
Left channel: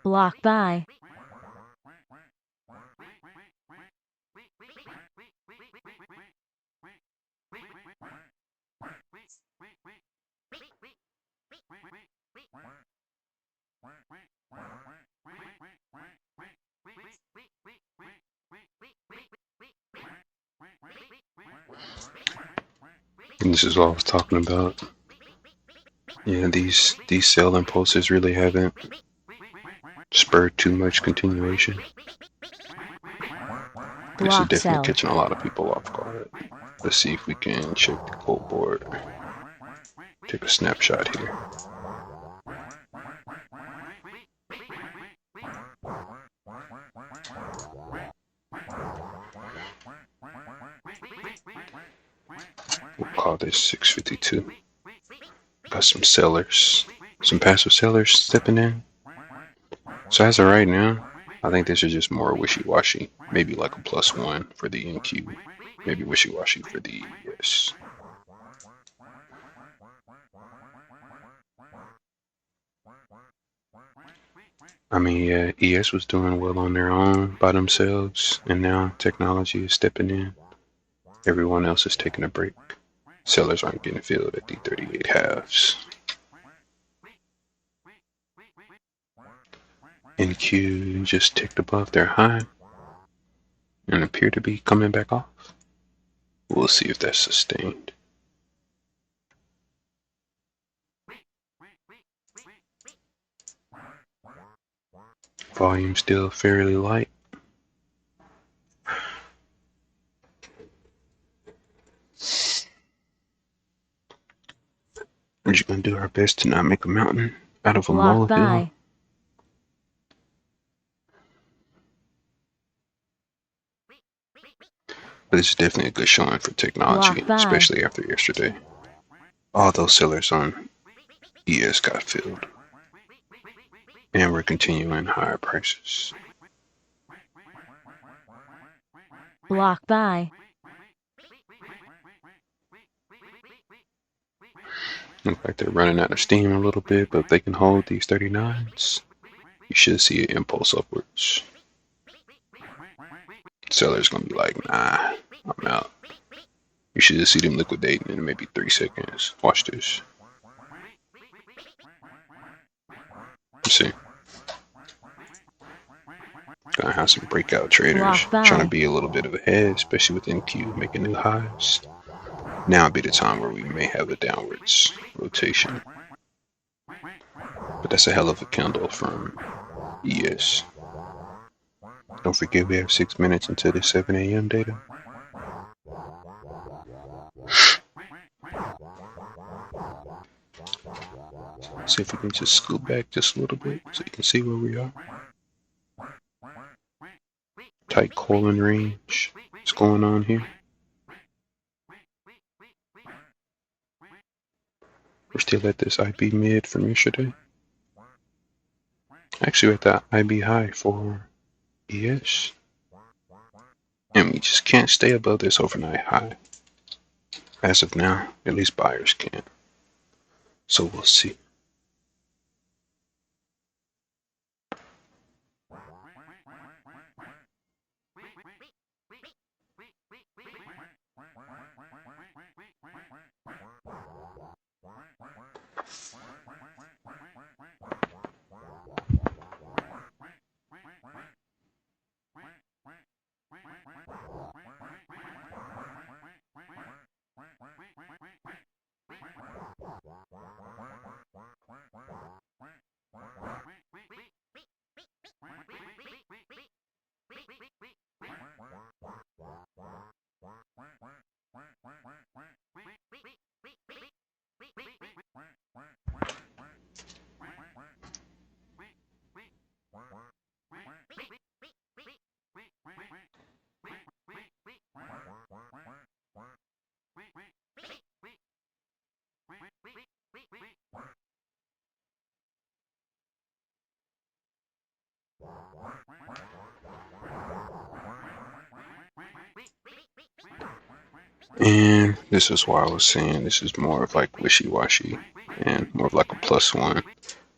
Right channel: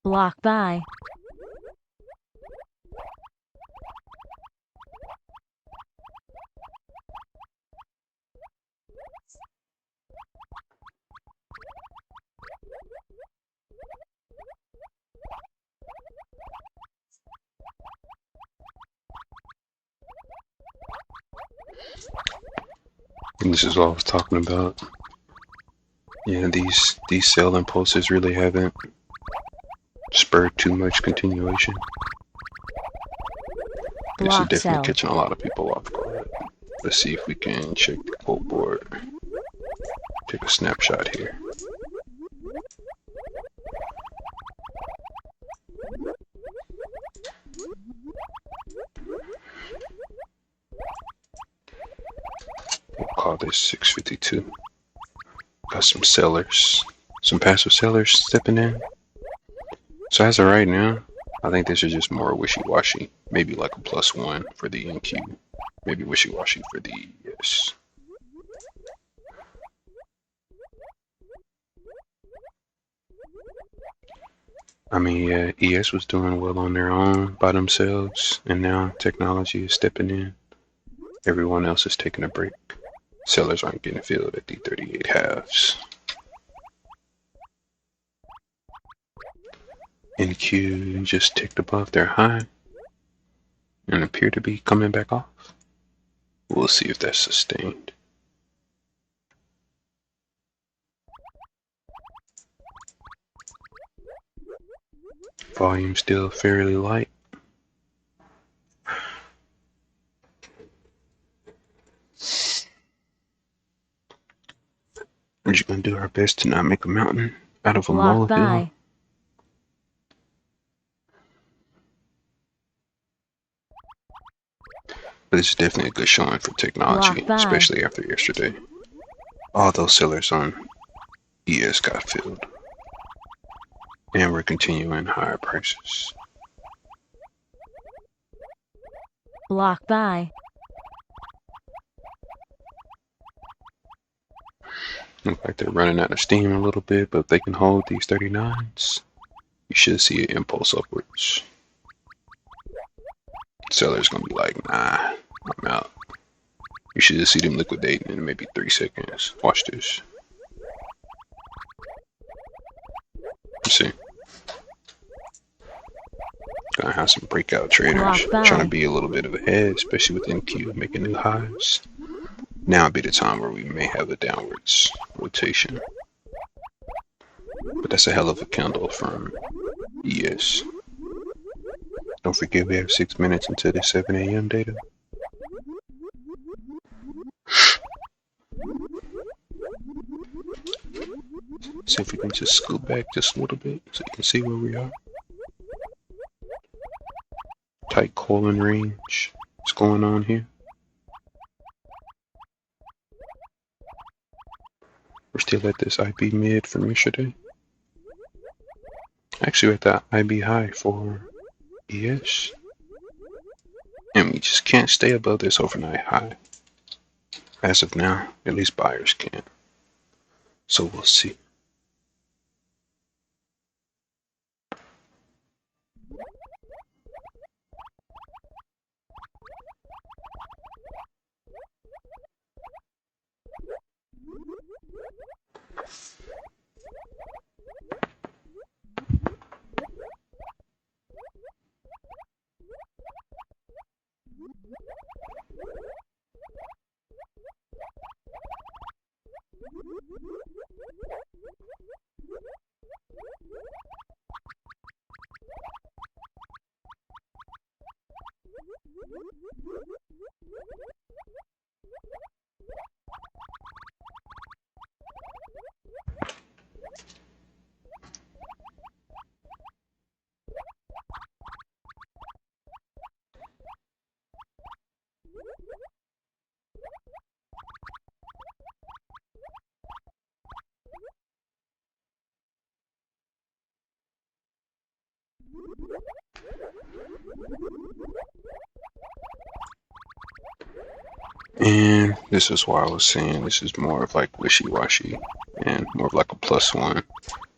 Block buy. And this is what I was talking about. Yeah, these sell impulses really haven't spurred too much continuation. This is Block definitely sell. catching a lot of people off guard. Let's see if we can check the quote board. Take a snapshot here. We'll call this 652. Got some sellers, some passive sellers stepping in. So as of right now, I think this is just more wishy-washy. Maybe like a +1 for the NQ. Maybe wishy-washy for the ES. I mean, yeah, ES was doing well on their own by themselves, and now technology is stepping in. Everyone else is taking a break. Sellers aren't getting filled at the 38 halves. NQ just ticked above their high and appear to be coming back off. We'll see if that's sustained. Volume still fairly light. We're just gonna do our best to not make a mountain out of a Block molehill. buy. But it's definitely a good showing for technology, Block buy. especially after yesterday. All those sellers on ES got filled. And we're continuing higher prices. Block buy. Look like they're running out of steam a little bit, but if they can hold these 39s, you should see an impulse upwards. Seller's gonna be like, nah, I'm out. You should just see them liquidating in maybe 3 seconds. Watch this. Let's see. Gonna have some breakout traders trying to be a little bit of ahead, especially with NQ making new highs. Now would be the time where we may have a downwards rotation. But that's a hell of a candle from ES. Don't forget we have 6 minutes until the 7 a.m. data. See if we can just scoot back just a little bit so you can see where we are. Tight calling range. What's going on here? We're still at this IB mid from yesterday. Actually, we're at the IB high for ES. And we just can't stay above this overnight high. As of now, at least buyers can't. So we'll see. And this is why I was saying this is more of like wishy-washy and more of like a plus one.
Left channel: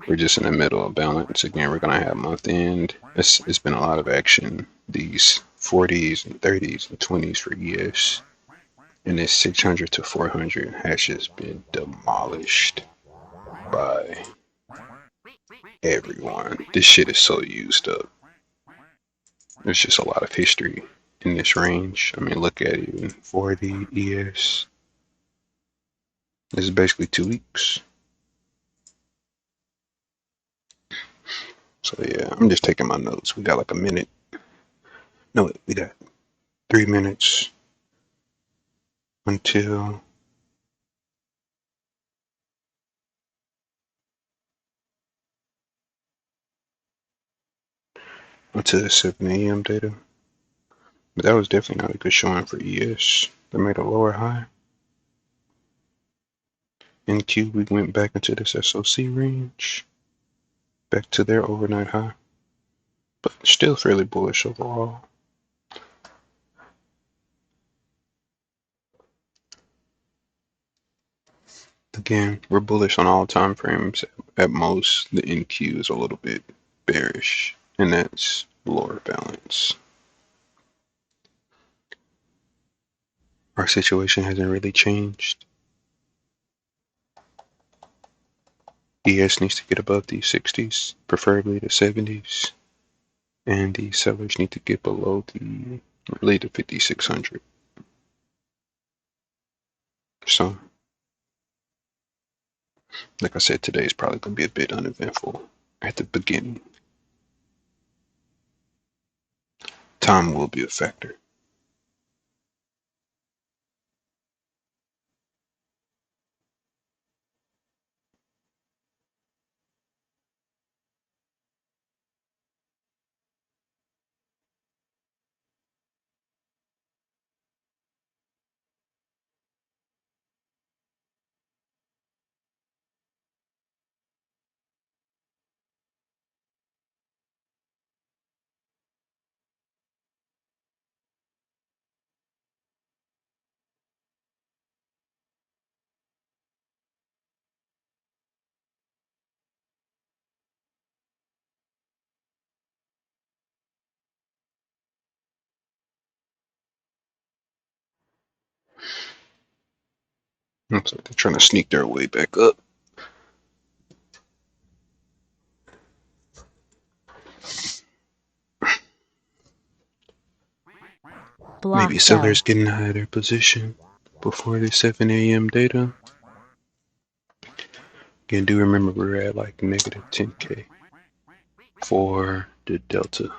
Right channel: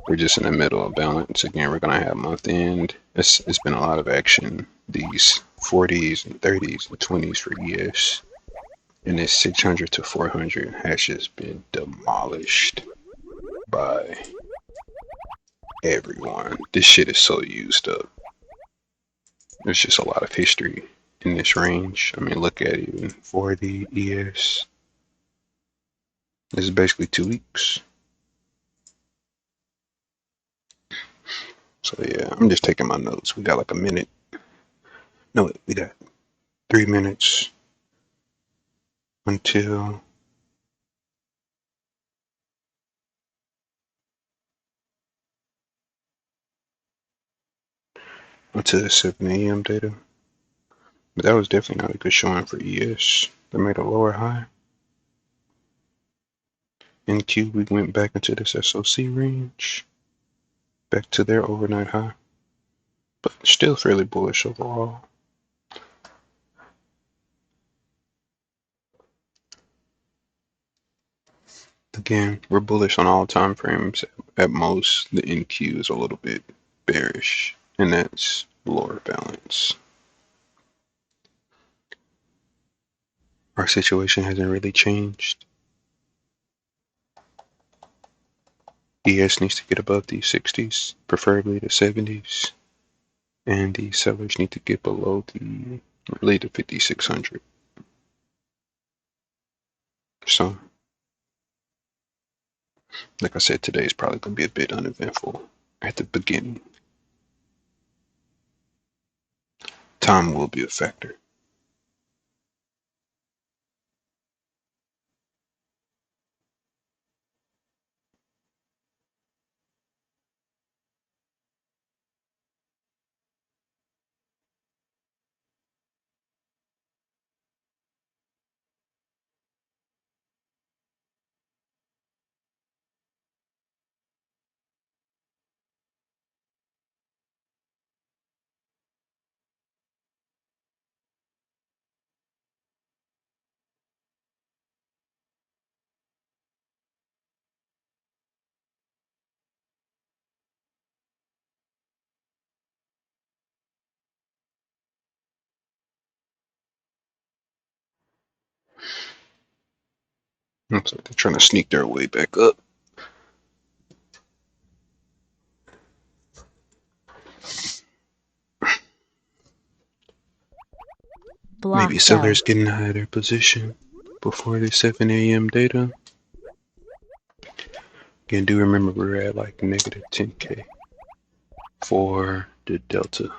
We're just in the middle of balance. Again, we're gonna have month end. It's been a lot of action. These 40s and 30s and 20s for years. And this 600 to 400 has just been demolished by everyone. This shit is so used up. There's just a lot of history in this range. I mean, look at even 40 ES. This is basically 2 weeks. So yeah, I'm just taking my notes. We got like a minute. No, we got 3 minutes until the 7 a.m. data. But that was definitely not a good showing for ES. They made a lower high. In Q, we went back into this SOC range, back to their overnight high, but still fairly bullish overall. Again, we're bullish on all time frames. At most, the NQ is a little bit bearish, and that's lower balance. Our situation hasn't really changed. ES needs to get above these 60s, preferably the 70s, and the sellers need to get below the 5600. So, like I said, today is probably going to be a bit uneventful at the beginning. Time will be a factor. Looks like they're trying to sneak their way back up. Maybe Block sellers sell. getting out of their position before the 7 a.m. data. Again, do remember we're at like negative 10K for the Delta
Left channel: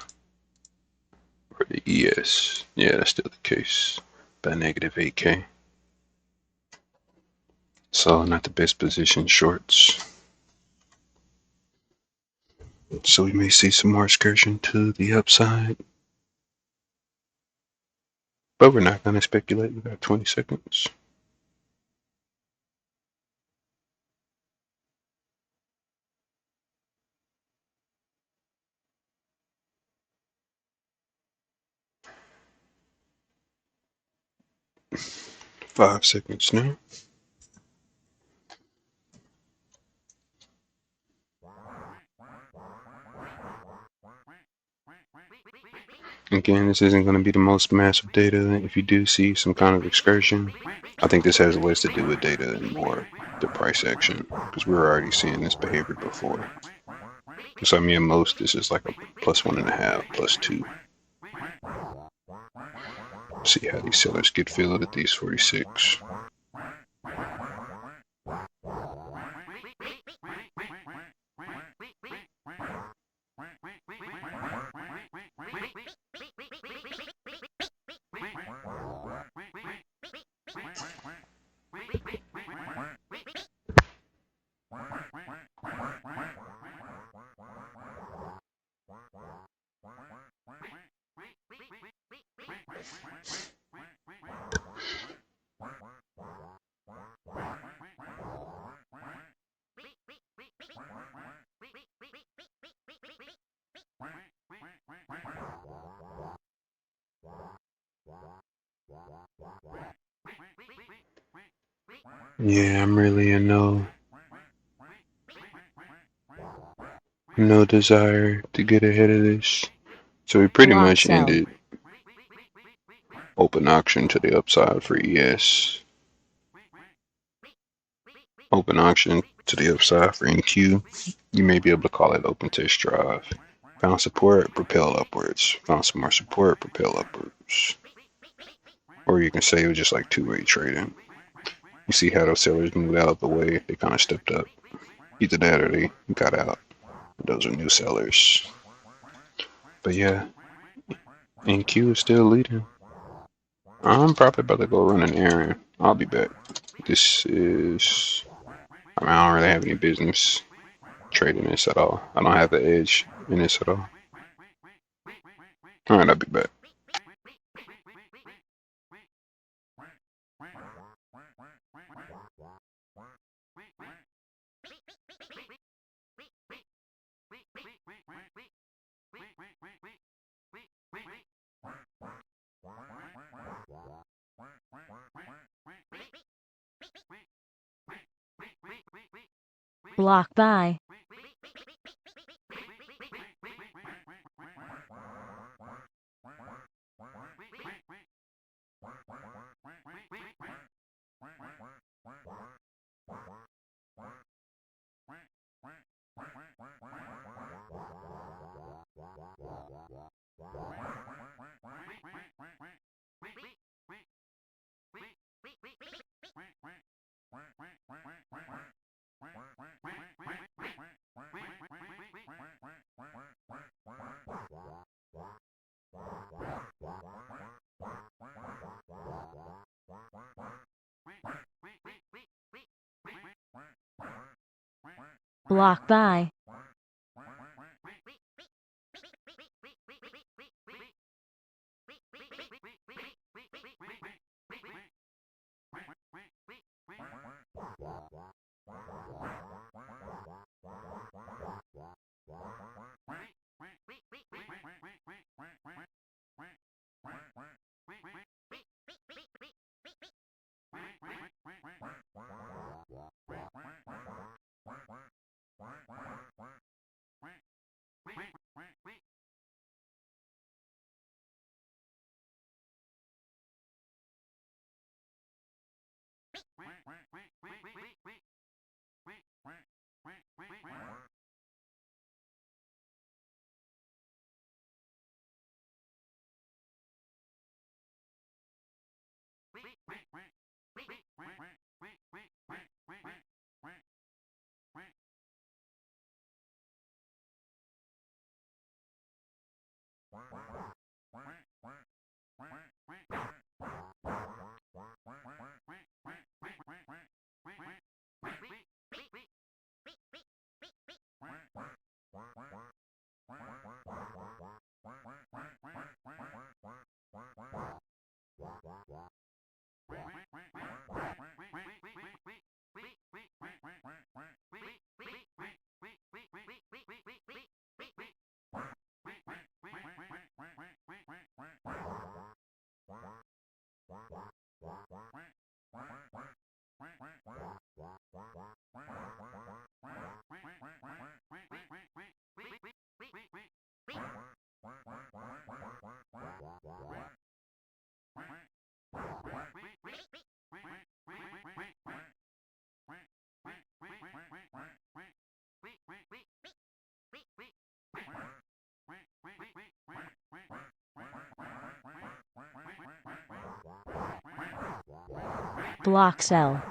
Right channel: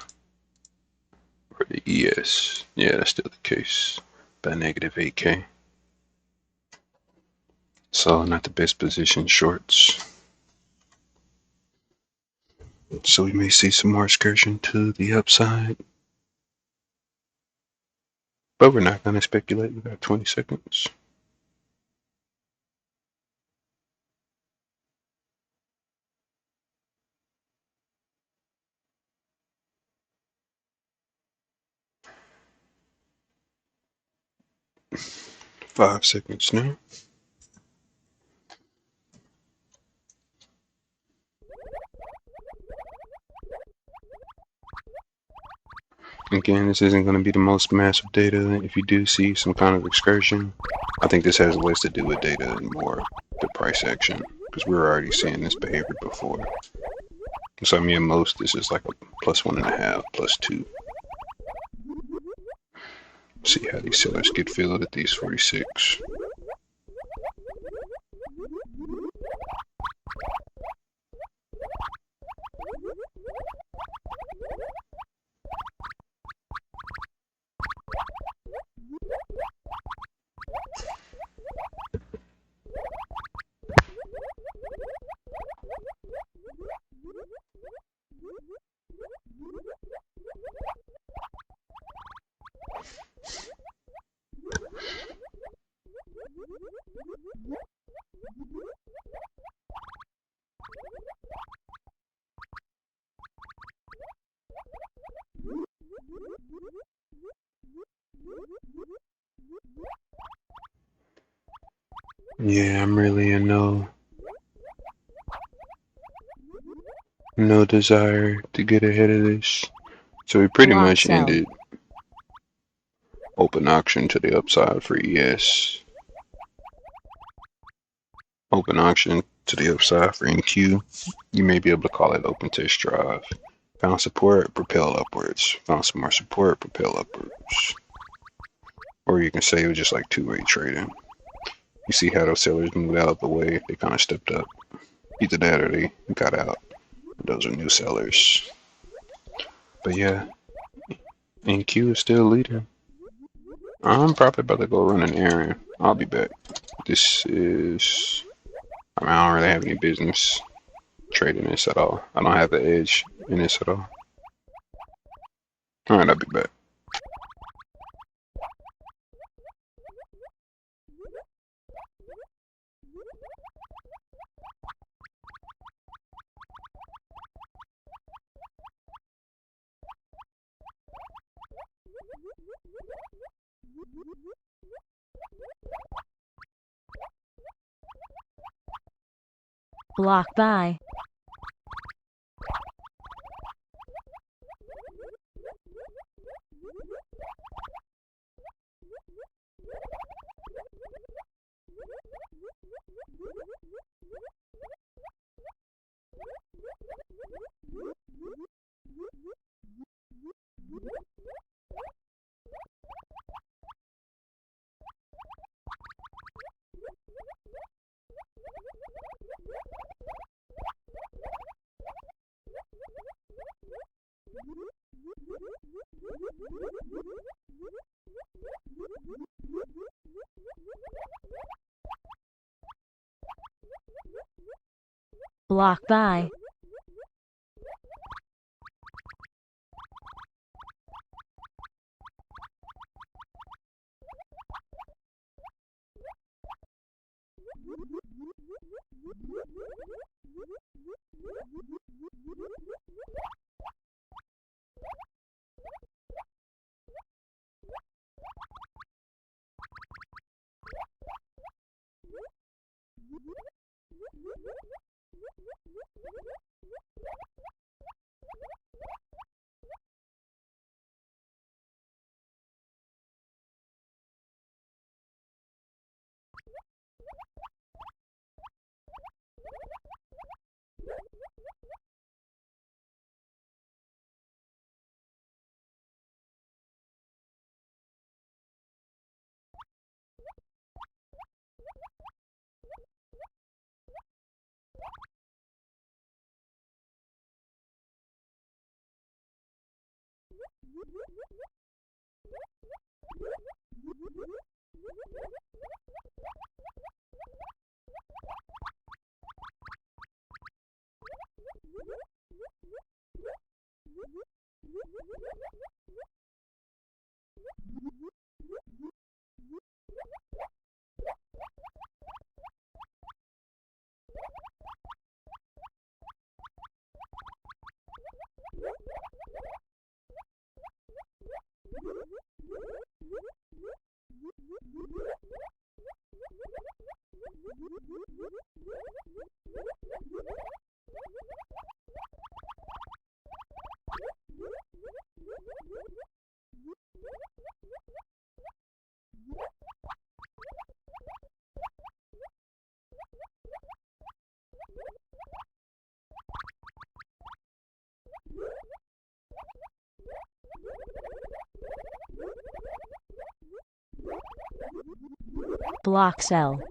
or the ES. Yeah, that's still the case. About negative 8K. So not the best position shorts. So we may see some more excursion to the upside. But we're not going to speculate. We got 20 seconds. Five seconds now. Again, this isn't going to be the most massive data. If you do see some kind of excursion, I think this has less to do with data and more the price action, because we were already seeing this behavior before. So I mean, at most, this is like a plus 1.5, plus 2. See how these sellers get filled at these 46. Yeah, I'm really in no desire to get ahead of this. So we pretty Block much sell. ended open auction to the upside for ES. Open auction to the upside for NQ. You may be able to call it open test drive. Found support, propel upwards. Found some more support, propel upwards. Or you can say it was just like two-way trading. You see how those sellers moved out of the way? They kind of stepped up. Either that or they got out. Those are new sellers. But yeah, NQ is still leading. I'm probably about to go run an errand. I'll be back. This is. I don't really have any business trading this at all. I don't have the edge in this at all. Alright, I'll be back. Block buy. Block buy. Block sell.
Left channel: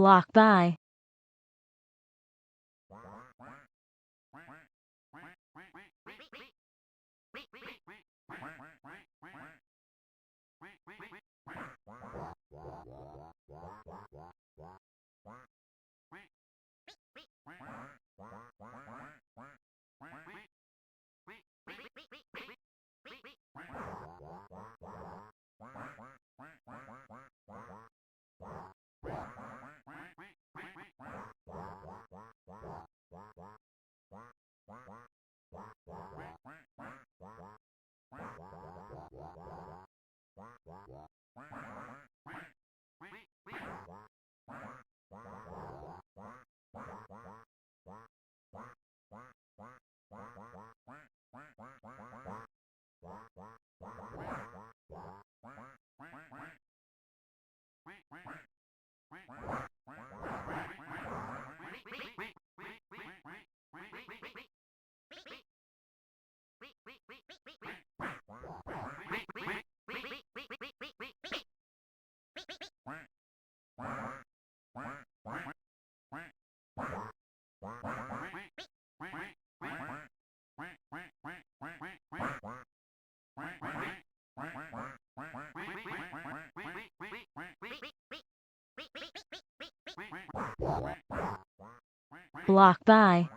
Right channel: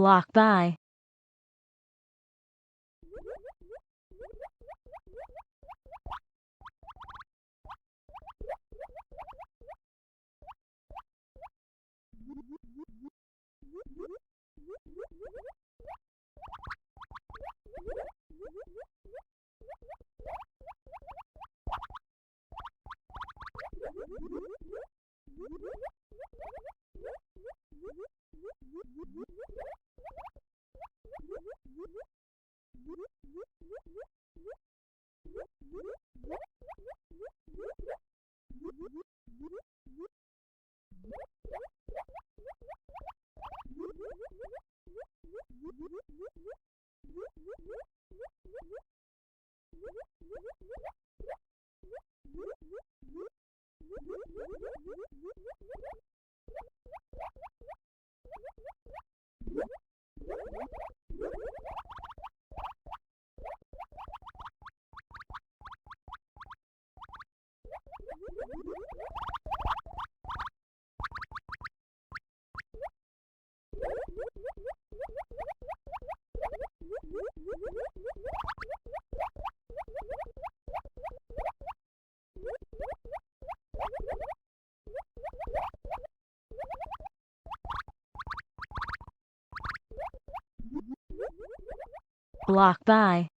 Block by. Block by.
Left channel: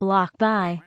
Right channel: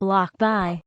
Block by.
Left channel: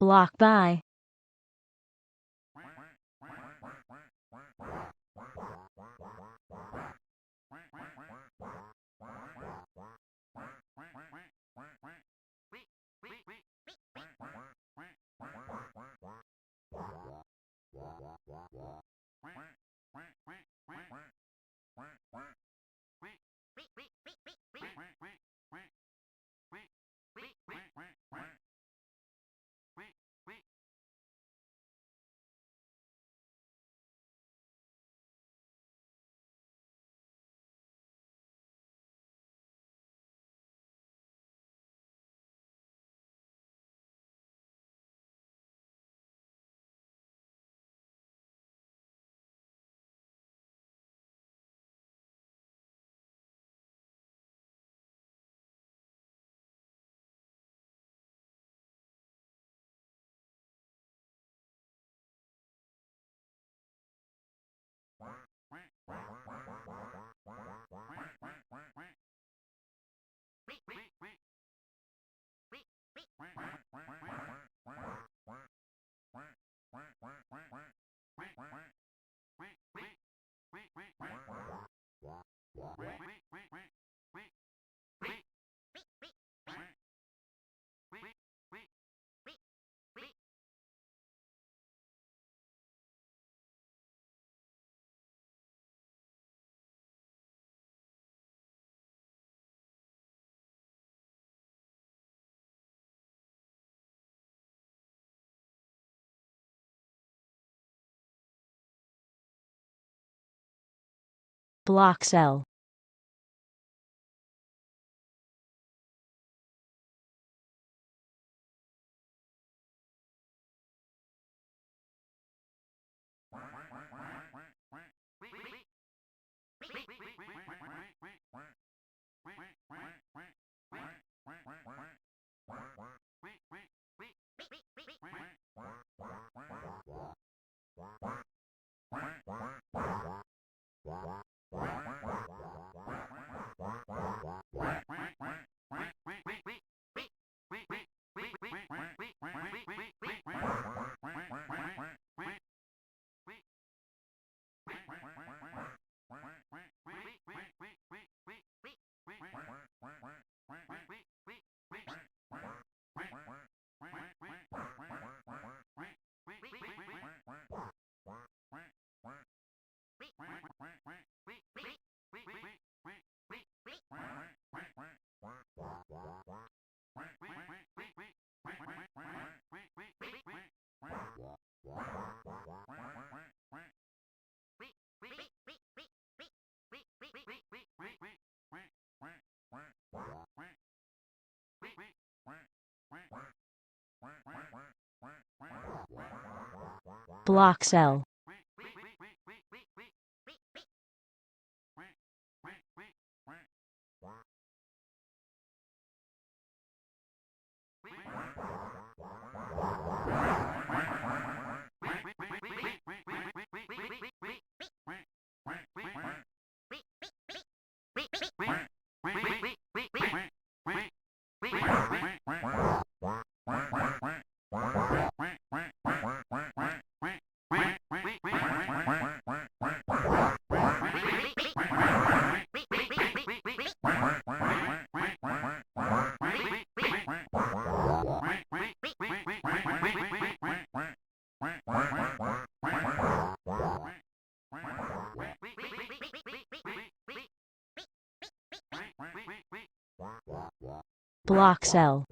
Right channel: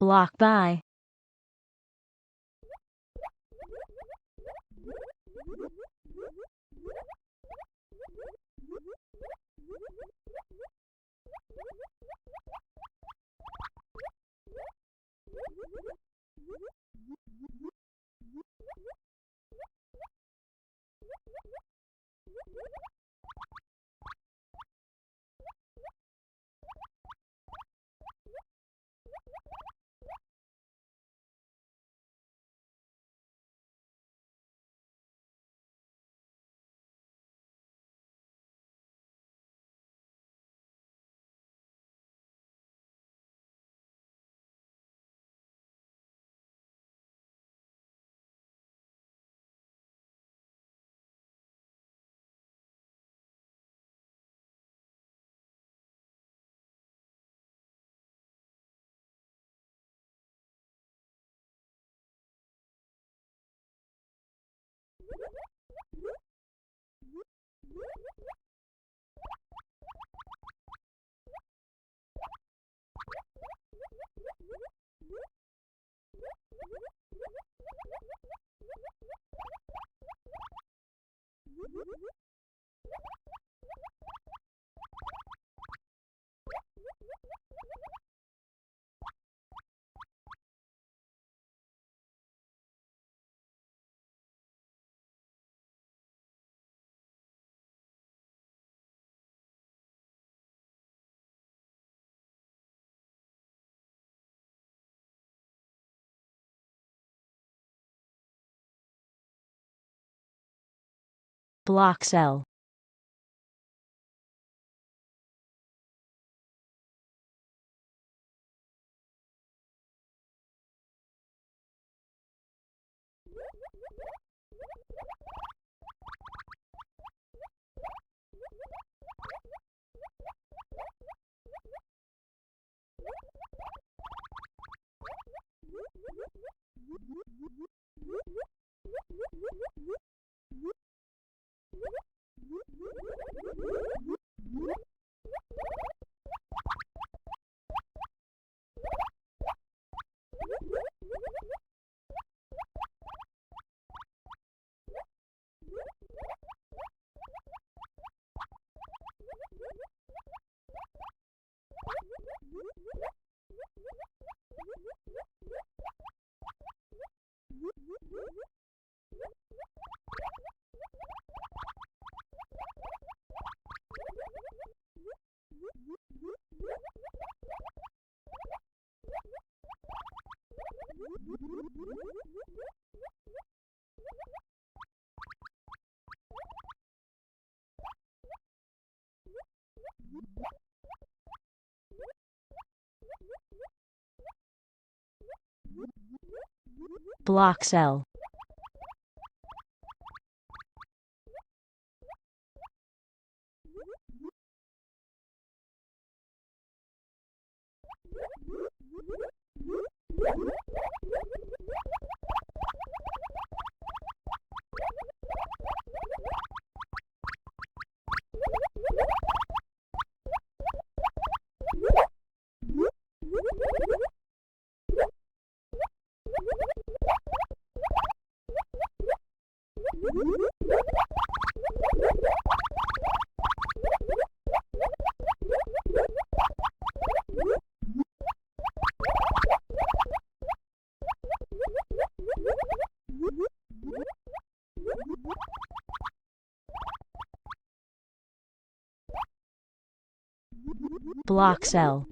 Block by. Block cell. Block cell. Block cell.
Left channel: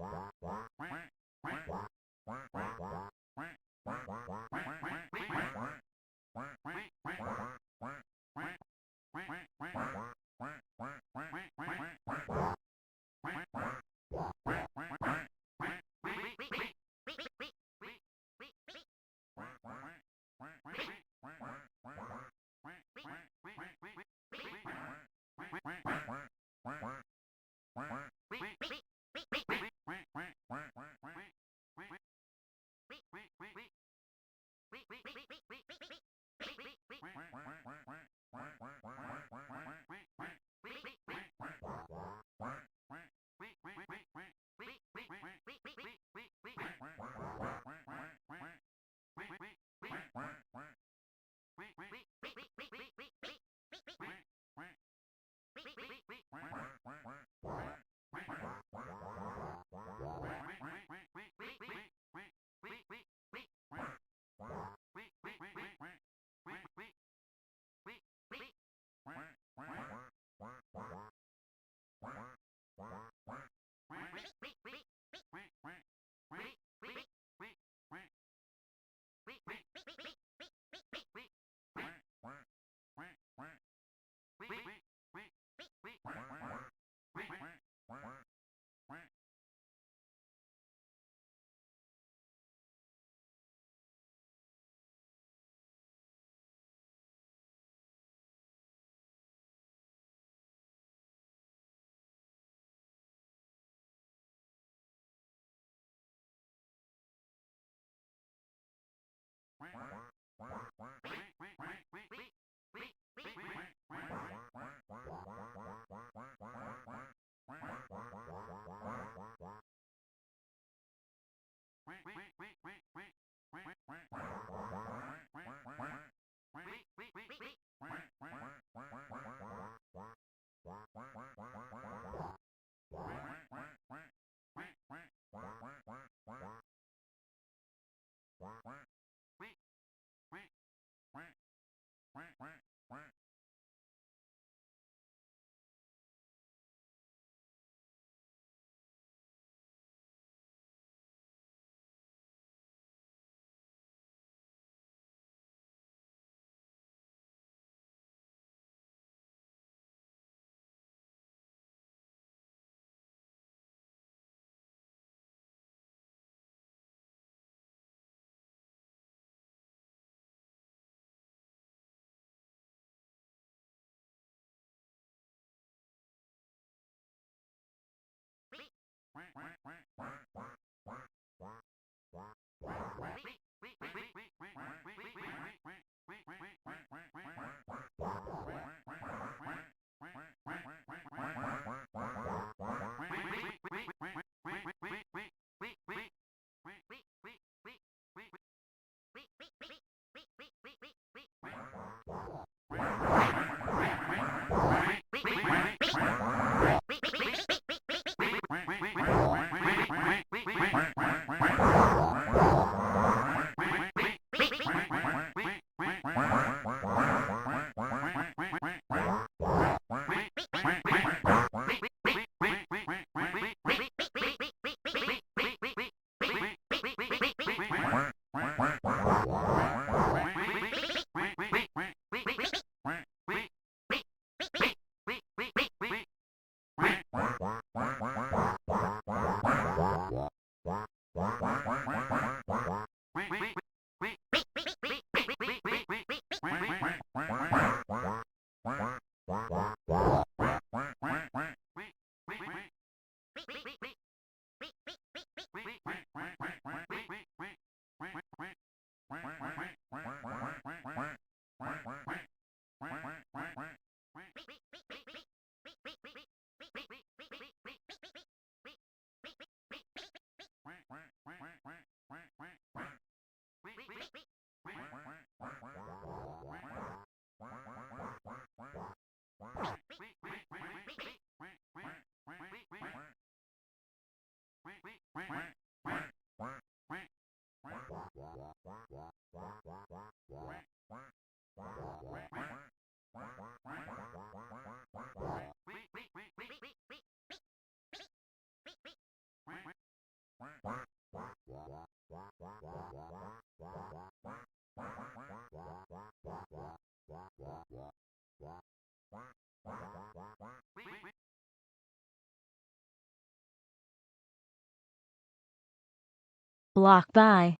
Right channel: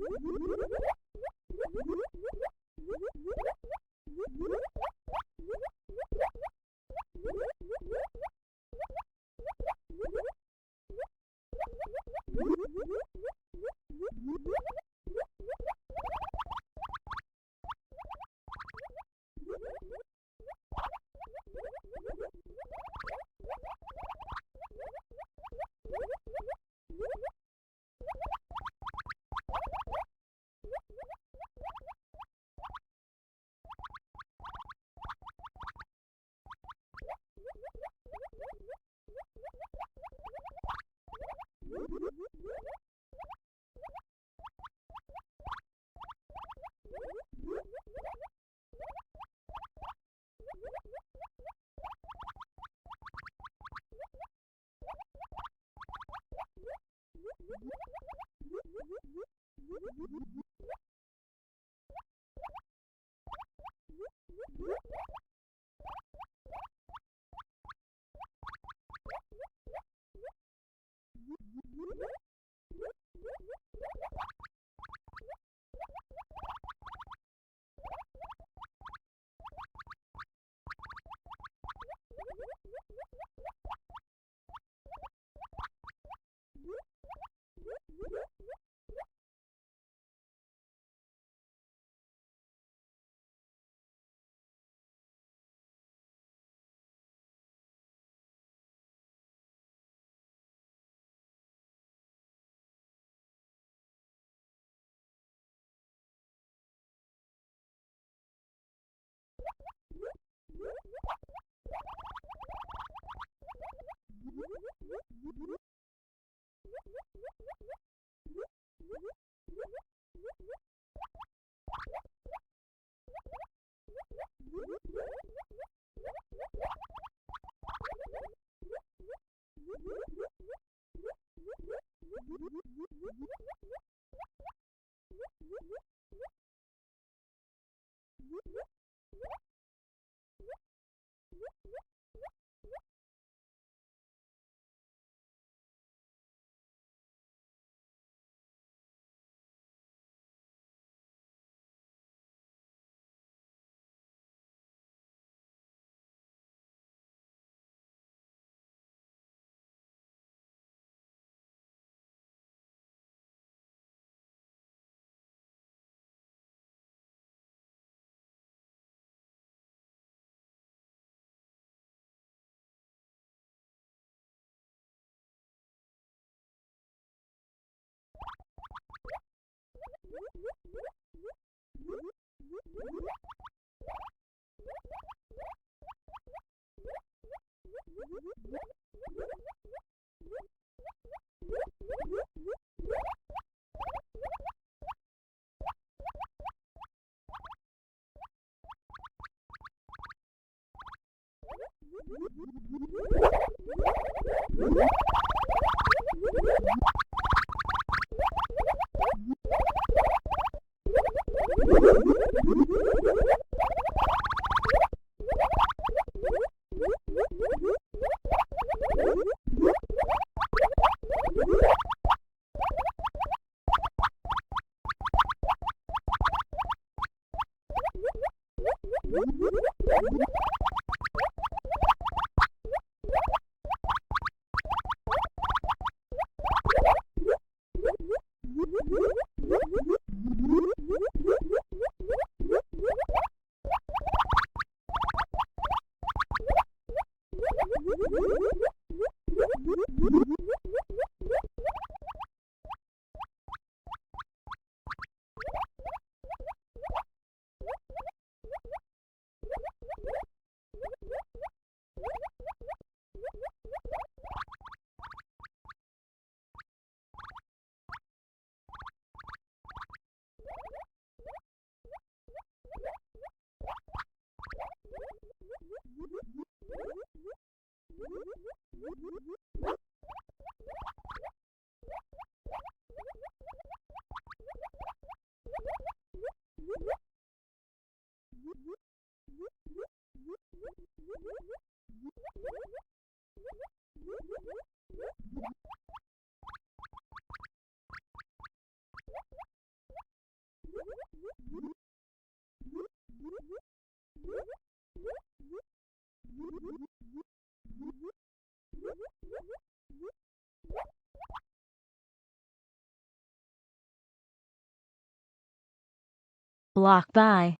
Block by.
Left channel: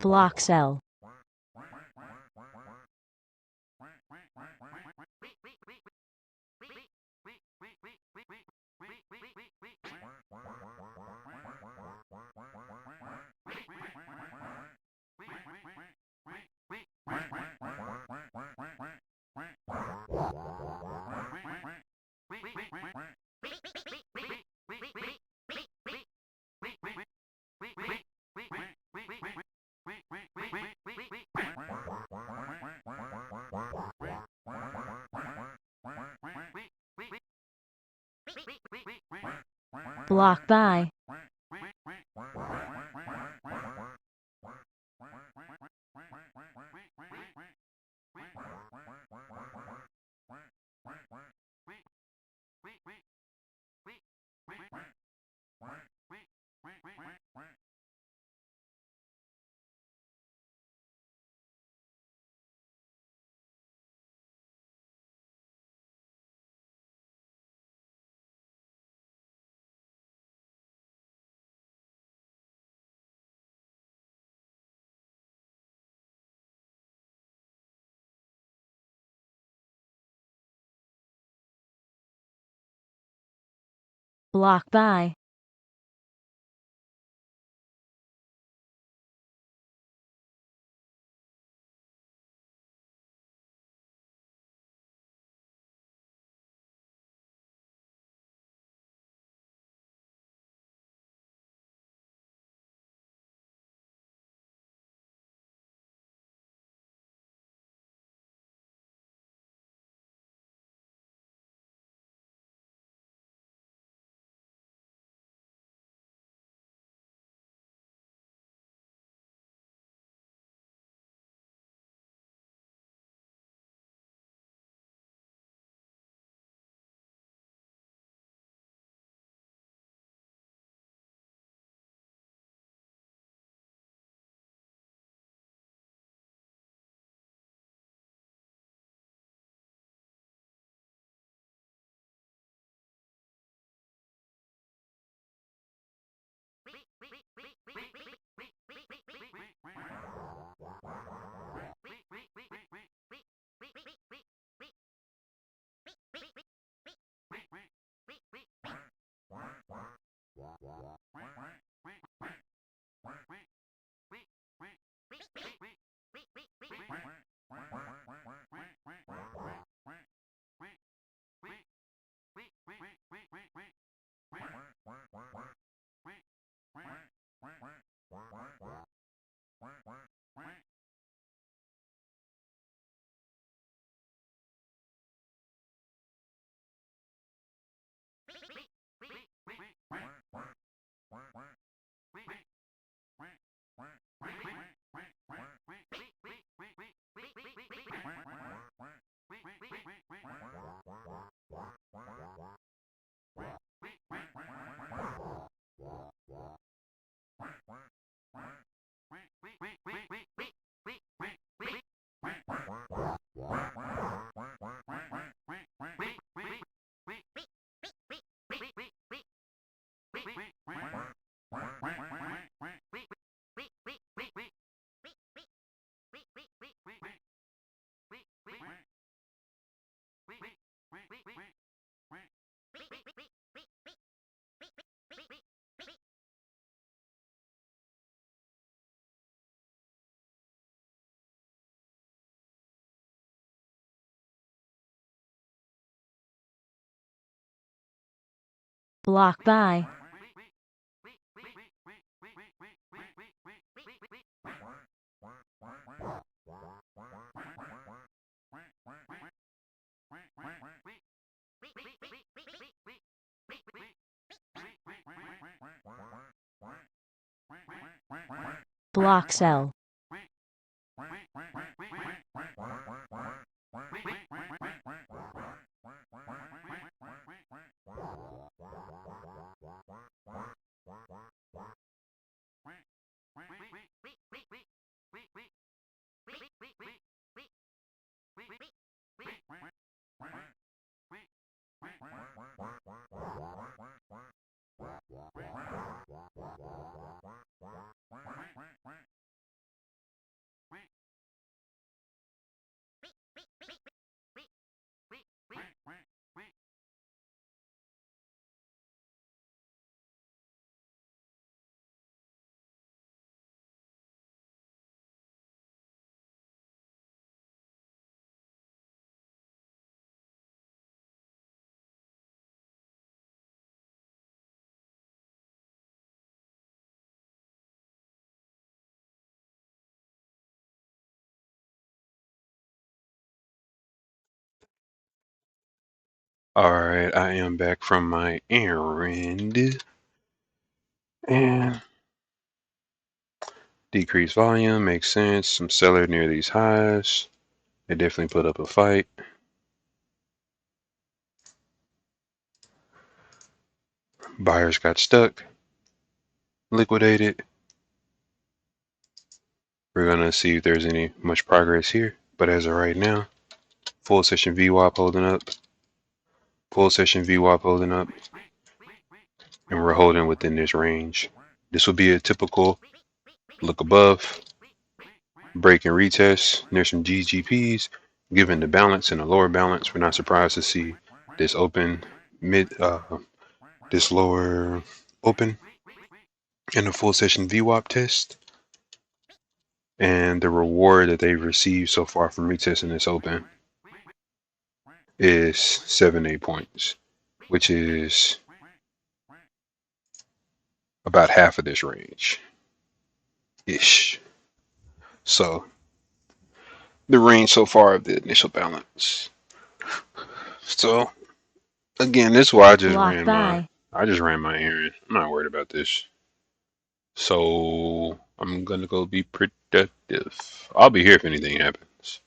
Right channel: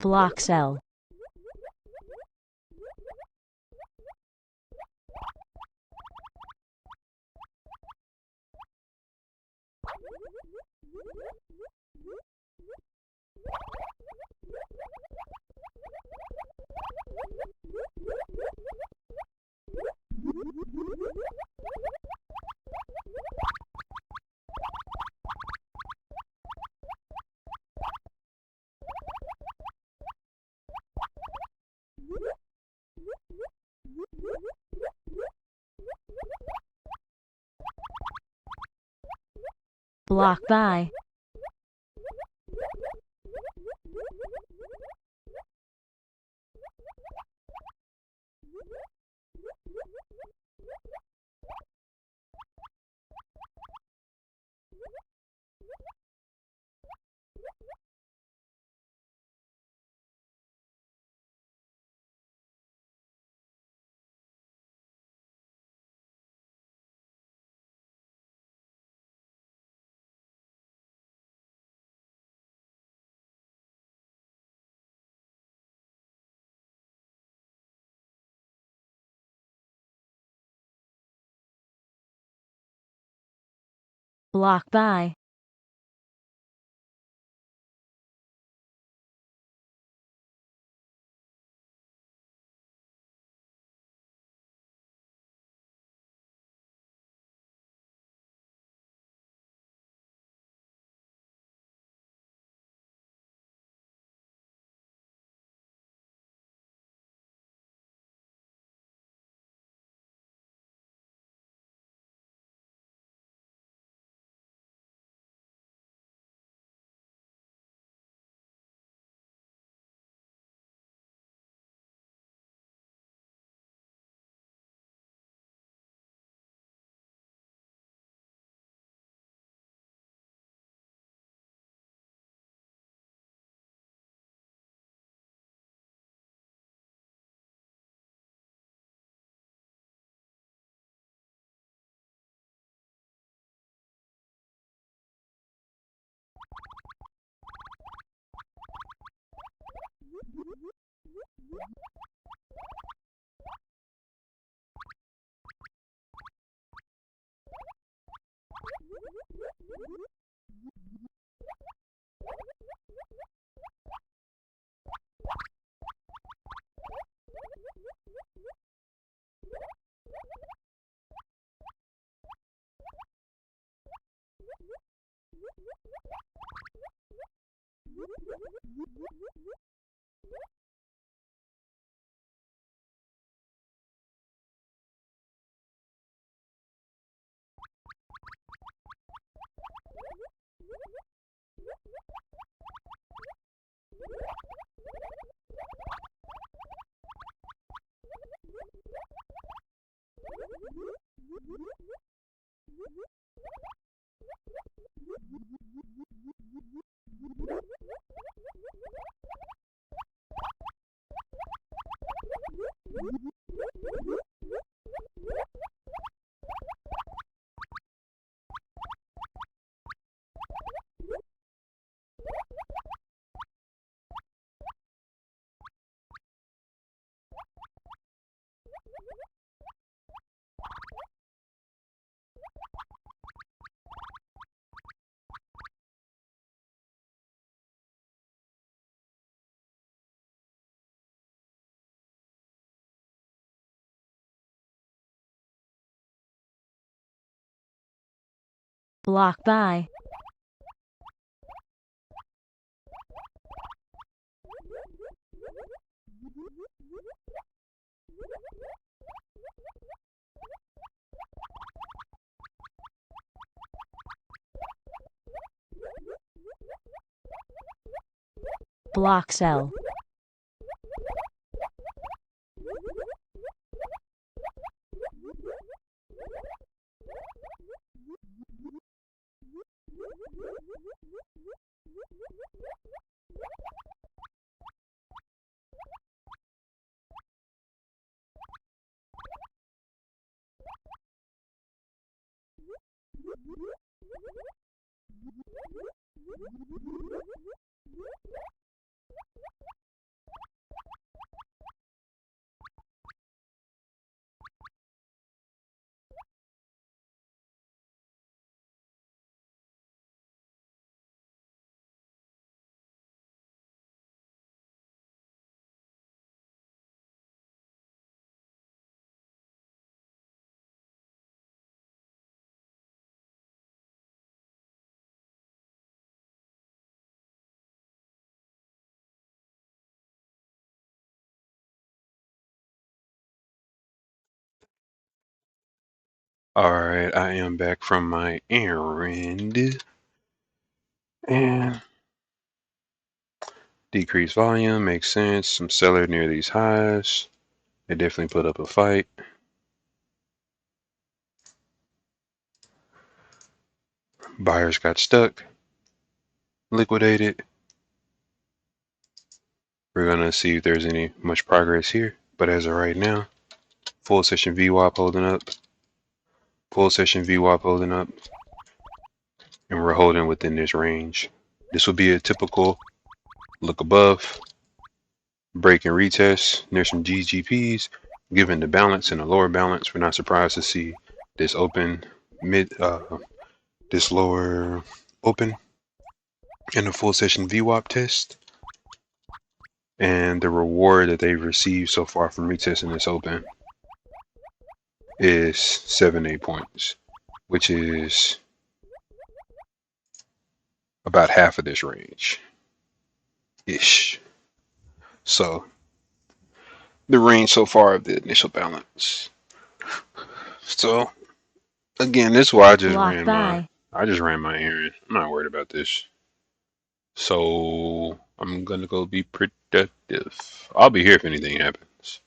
Block cell. Block by. Block by. Block by. Block cell. Alright, I am back from my errand. And decreased volume makes sense. Some seller near these highs. They definitely put up a fight. Buyers got stuck, liquidated. We're gonna see if there's any much progress here. But as of right now, full session VWAP holding up. Full session VWAP holding up. And we're holding within this range. This will be a typical look above, break and retest near some GGPs. Given the balance and the lower balance, we're not surprised to see this open this lower open in a full session VWAP test. And the reward that they've received so far from retesting this open is 7-8 points, which is about half of this range ish. So the range so far of the initial balance. So again, this is why Block by. I just ran my errand. I'm not worried about this. So I'm gonna go be productive. I'll be here if anything happens.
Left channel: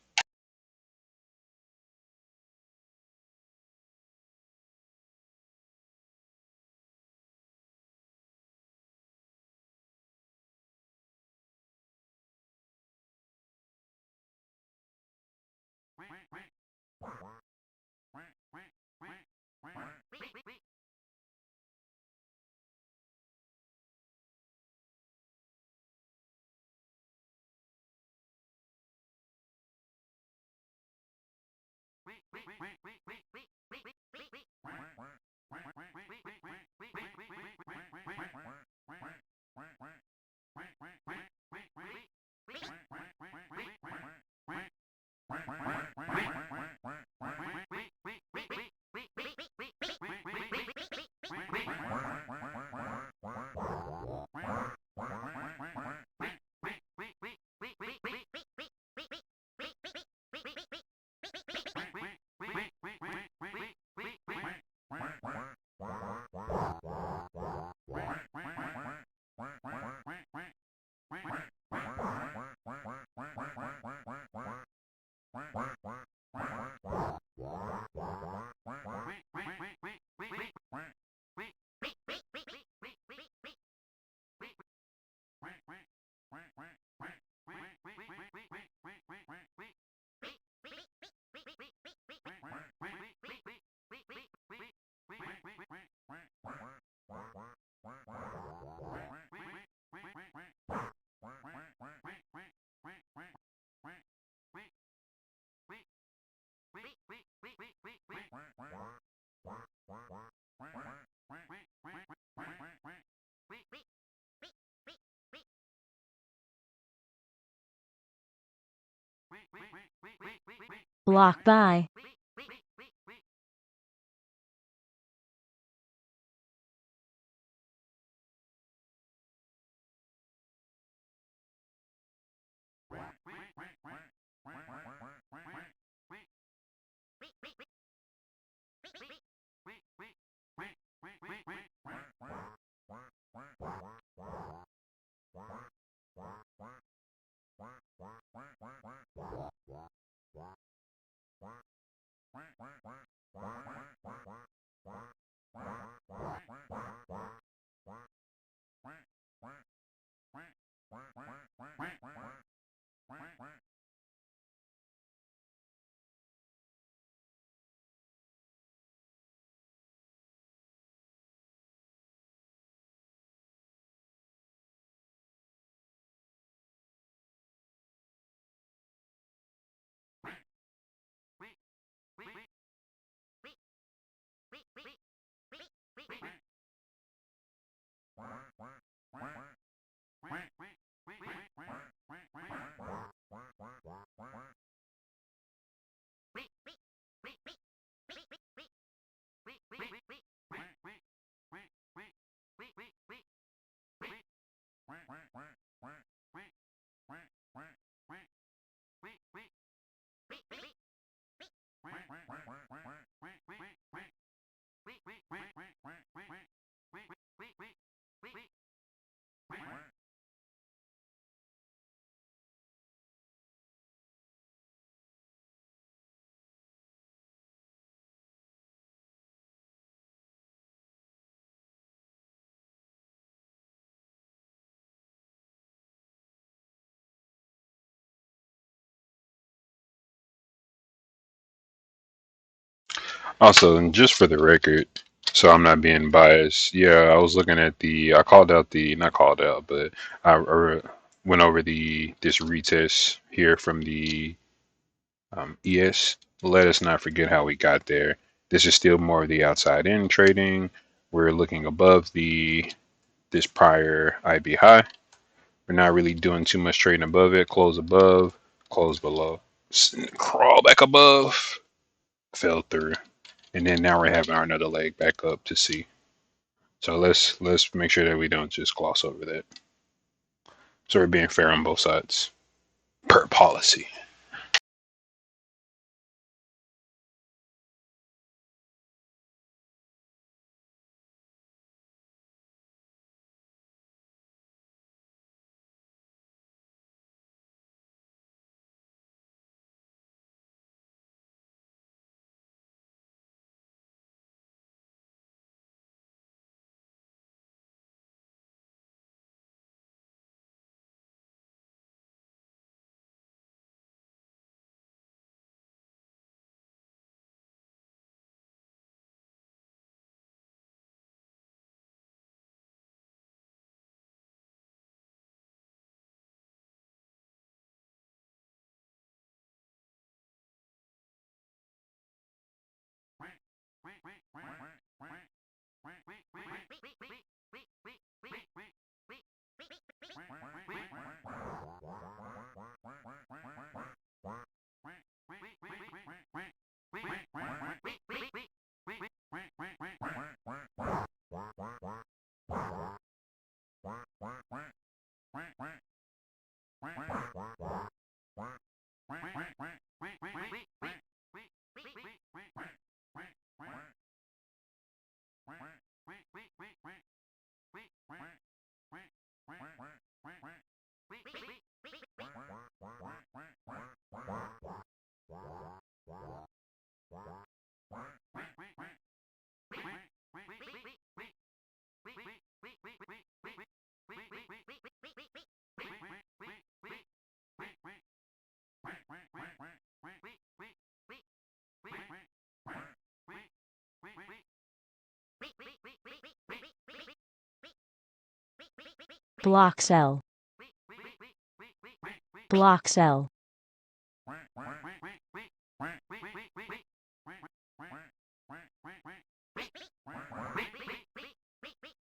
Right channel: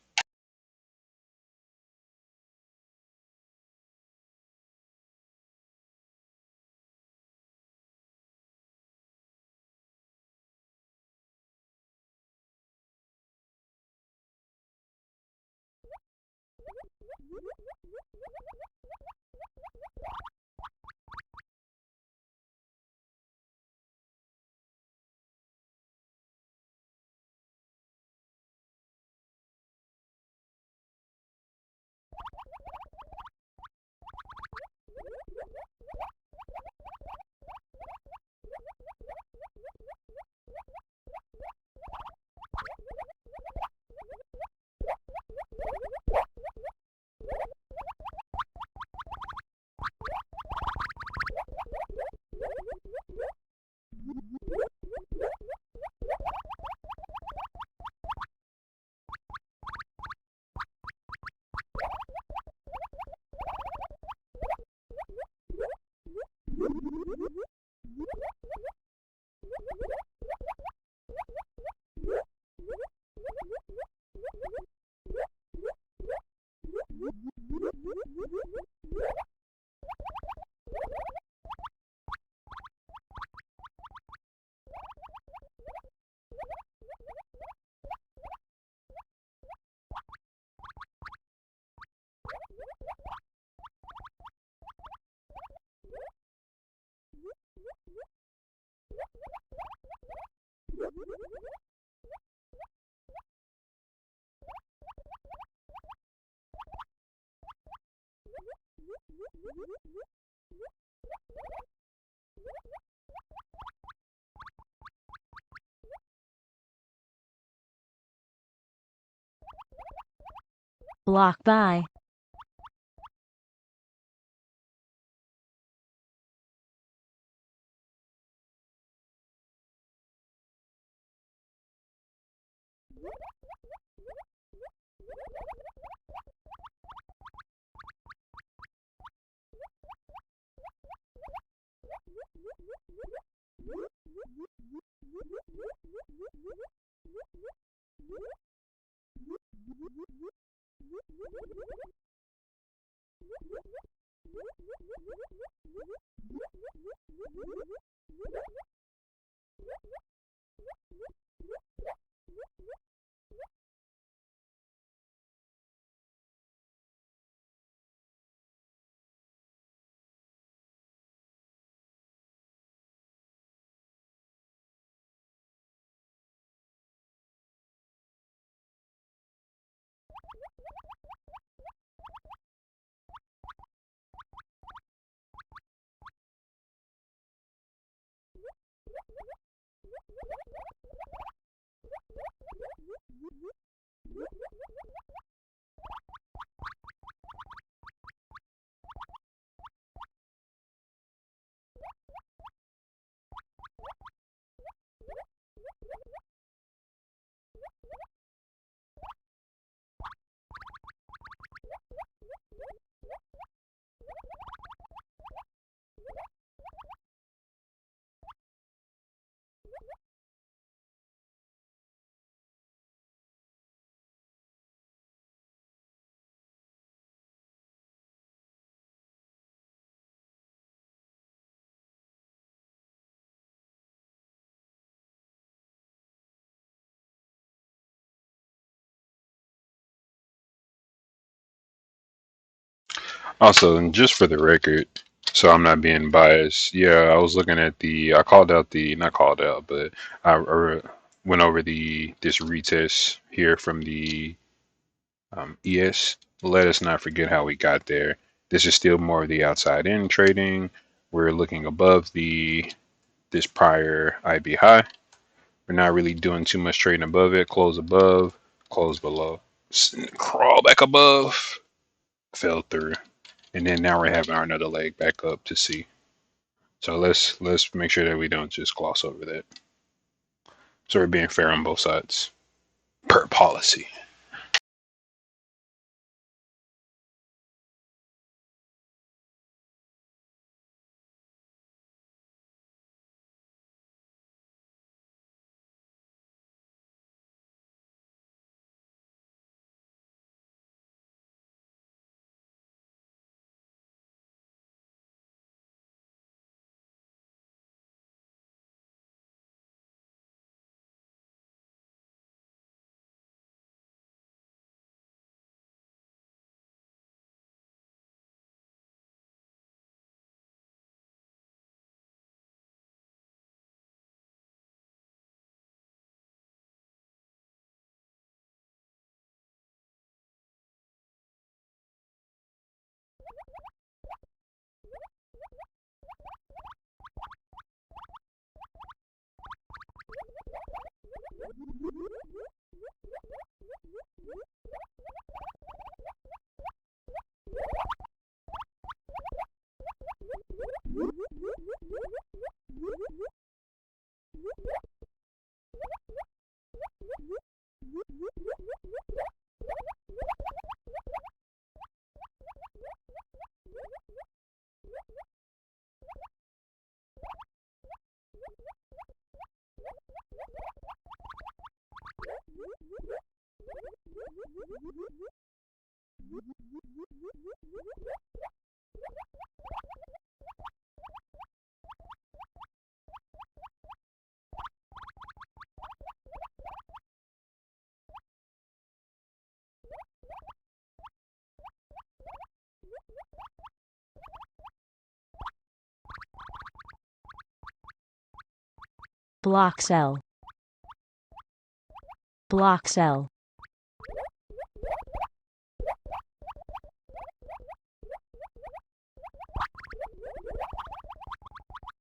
Block by. Also, and just for the record, so I'm not being biased, yeah, I was looking at I called out not called out, but I went over this retest here from the ES. Let us not forget how we got there. This is still more of the outside in trading. We're looking above this prior IB high. We're not really doing too much trading above it. Close above, close below, crawl back above, fell through, and then now we're having our another leg back up to see. So let's make sure that we don't just gloss over that. So we're being fair on both sides per policy. Block sell. Block sell.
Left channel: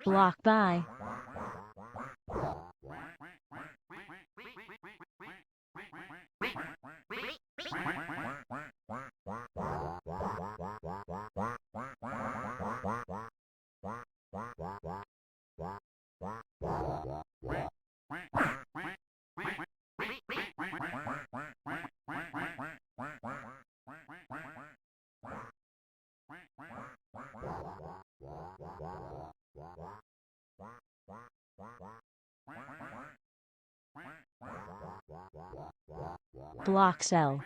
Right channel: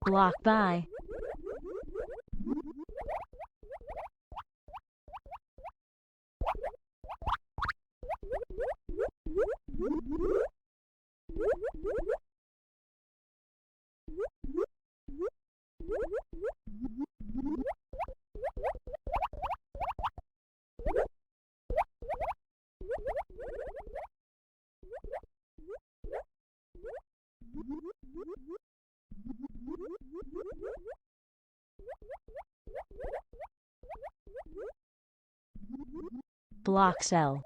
Block by. Block cell.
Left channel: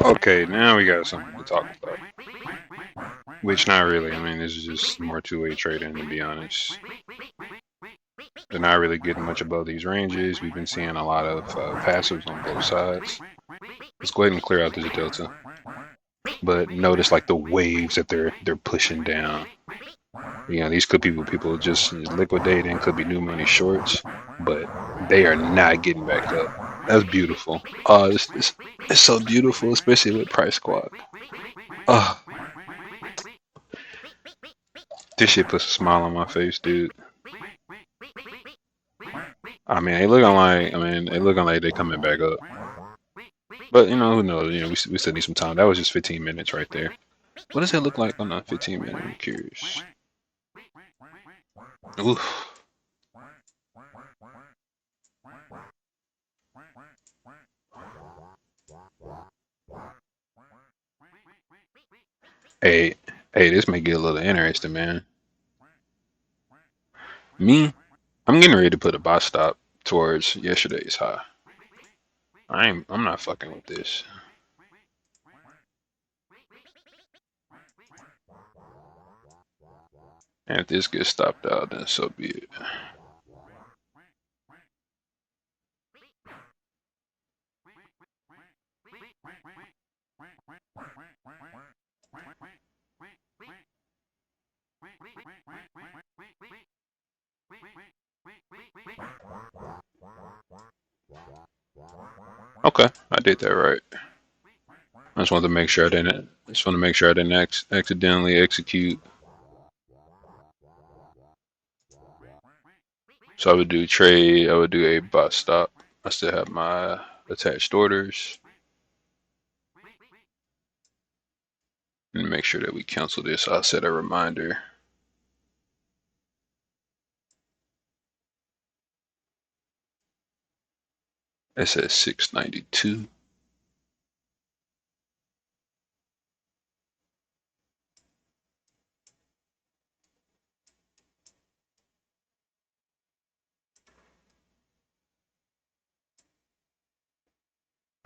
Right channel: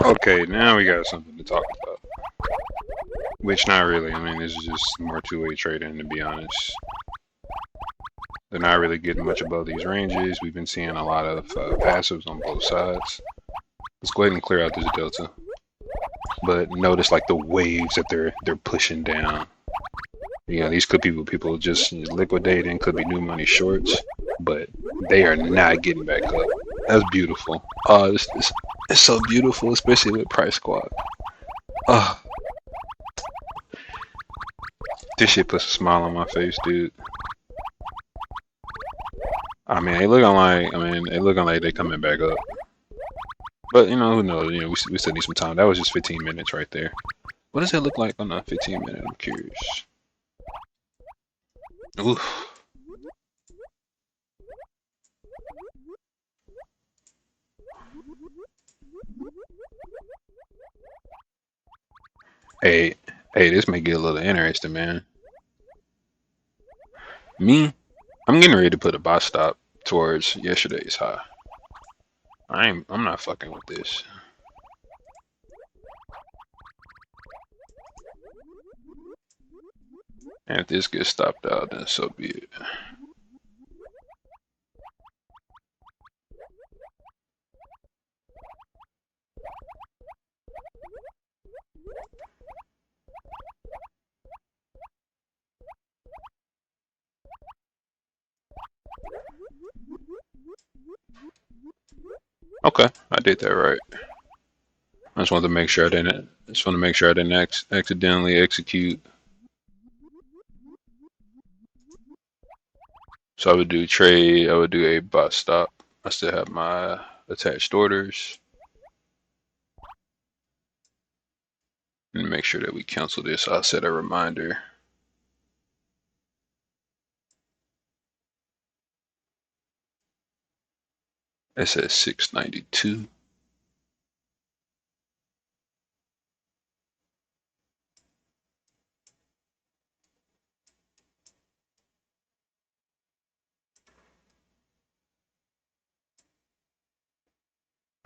Okay, now we got something to talk about. Which not really. I mean, this is just more two-way trading, to be honest. They're not really getting much above these ranges. We've been seeing a lot of passives on both sides. Let's go ahead and clear out this delta. But notice like the waves that they're pushing down. You know, these could be people just liquidating, could be new money shorts, but they are not getting back up. That's beautiful. Oh, this it's so beautiful, especially with price squad. Oh, this shit puts a smile on my face, dude. I mean, they looking like they coming back up. But you know, who knows? You know, we still need some time. That was just 15 minutes right there. What does it look like on a 15 minute? I'm curious. Oof. Hey, this may get a little interesting, man. Me, I'm getting ready to put a bot stop towards yesterday's high. I'm not fucking with this. And if this gets stopped out, then so be it. Okay, I did that right. I just wanted to make sure I didn't. Accidentally execute. So I would do trade, I would do a bot stop. I still have my attached orders. And make sure that we cancel this. I'll set a reminder. It says 692.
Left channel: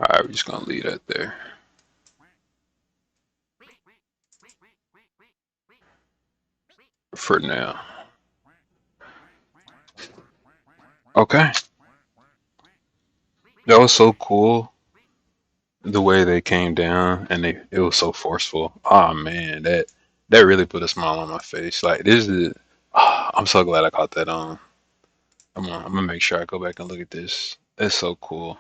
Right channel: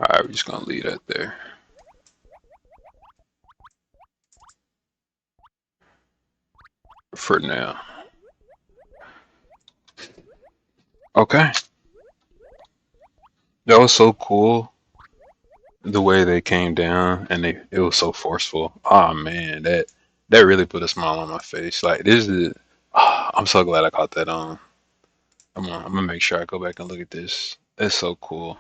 Alright, we're just gonna leave that there for now. Okay. That was so cool the way they came down and it was so forceful. Oh man, that really put a smile on my face. Like this is I'm so glad I caught that on. I'm gonna make sure I go back and look at this. That's so cool.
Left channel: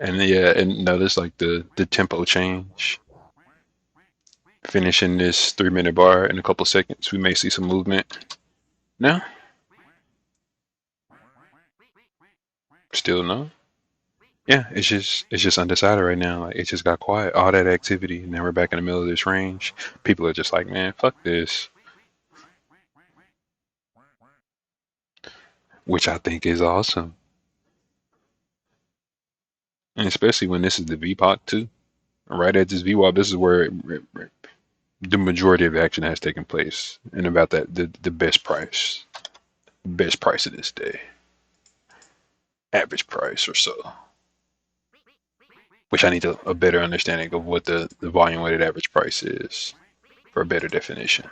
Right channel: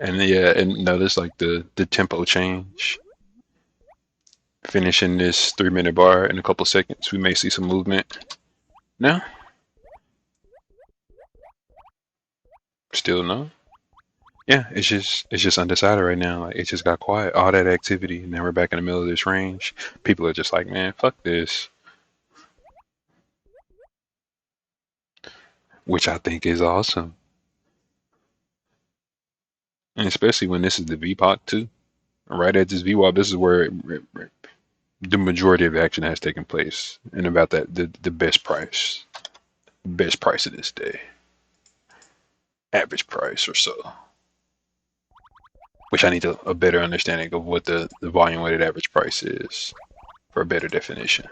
And yeah, and notice like the tempo change. Finishing this 3 minute bar in a couple seconds, we may see some movement. No, still no. Yeah, it's just undecided right now. Like it just got quiet. All that activity, and then we're back in the middle of this range. People are just like, man, fuck this, which I think is awesome, and especially when this is the VPOC too. Right at this VWAP, this is where the majority of action has taken place, and about that the best price of this day, average price or so. Which I need a better understanding of what the volume weighted average price is for a better definition.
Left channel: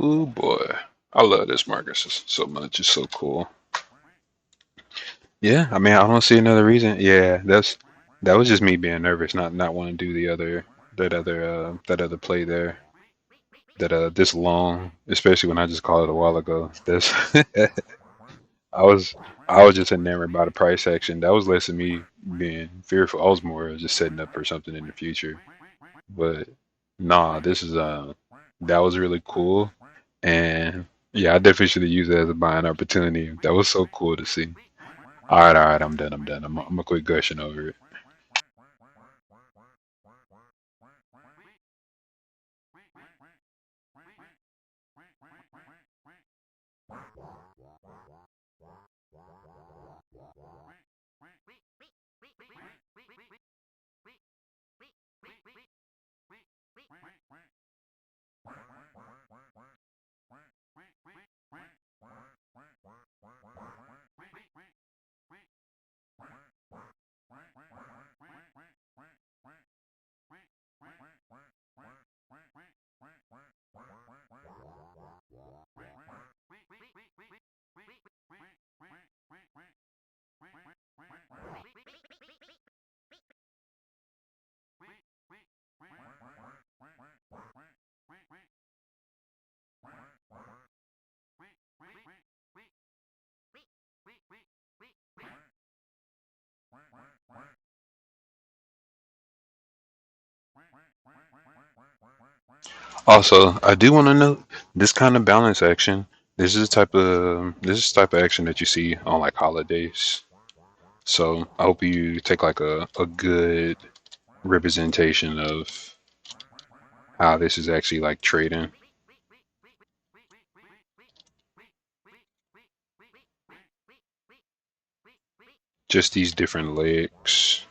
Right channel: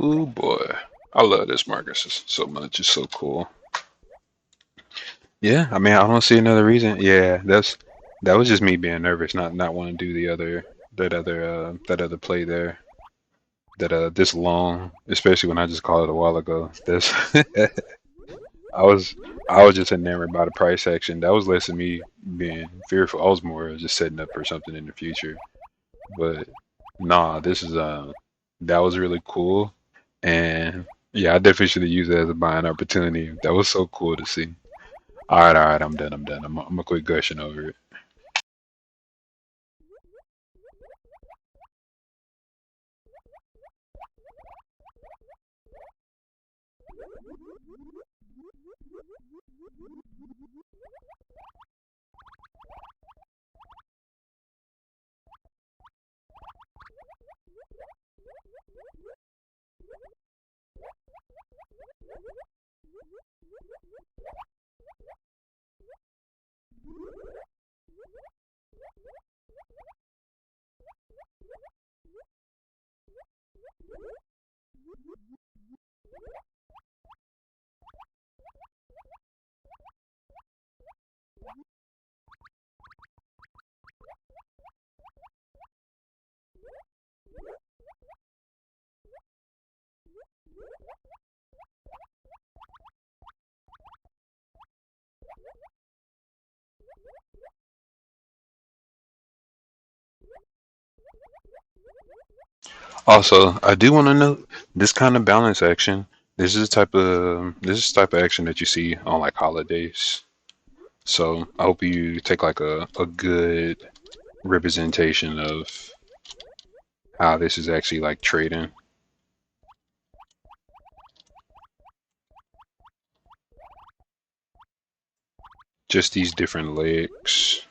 Ooh boy, I love this market so much. It's so cool. Yeah, I mean I don't see another reason. Yeah, that was just me being nervous, not wanting to do that other play there. That this long, especially when I just called it a while ago. This I was I was just enamored by the price action. That was less than me being fearful. I was more just setting up for something in the future. But nah, this is that was really cool. And yeah, I definitely should have used it as a buying opportunity. That was so cool to see. All right, I'm done. I'm done. I'm gonna quit gushing over it. Also, I do want to note this kind of balance action. This is the type of action that you see on like holidays. So I hope you take like a good representation of how this is actually like trading. Just these different legs.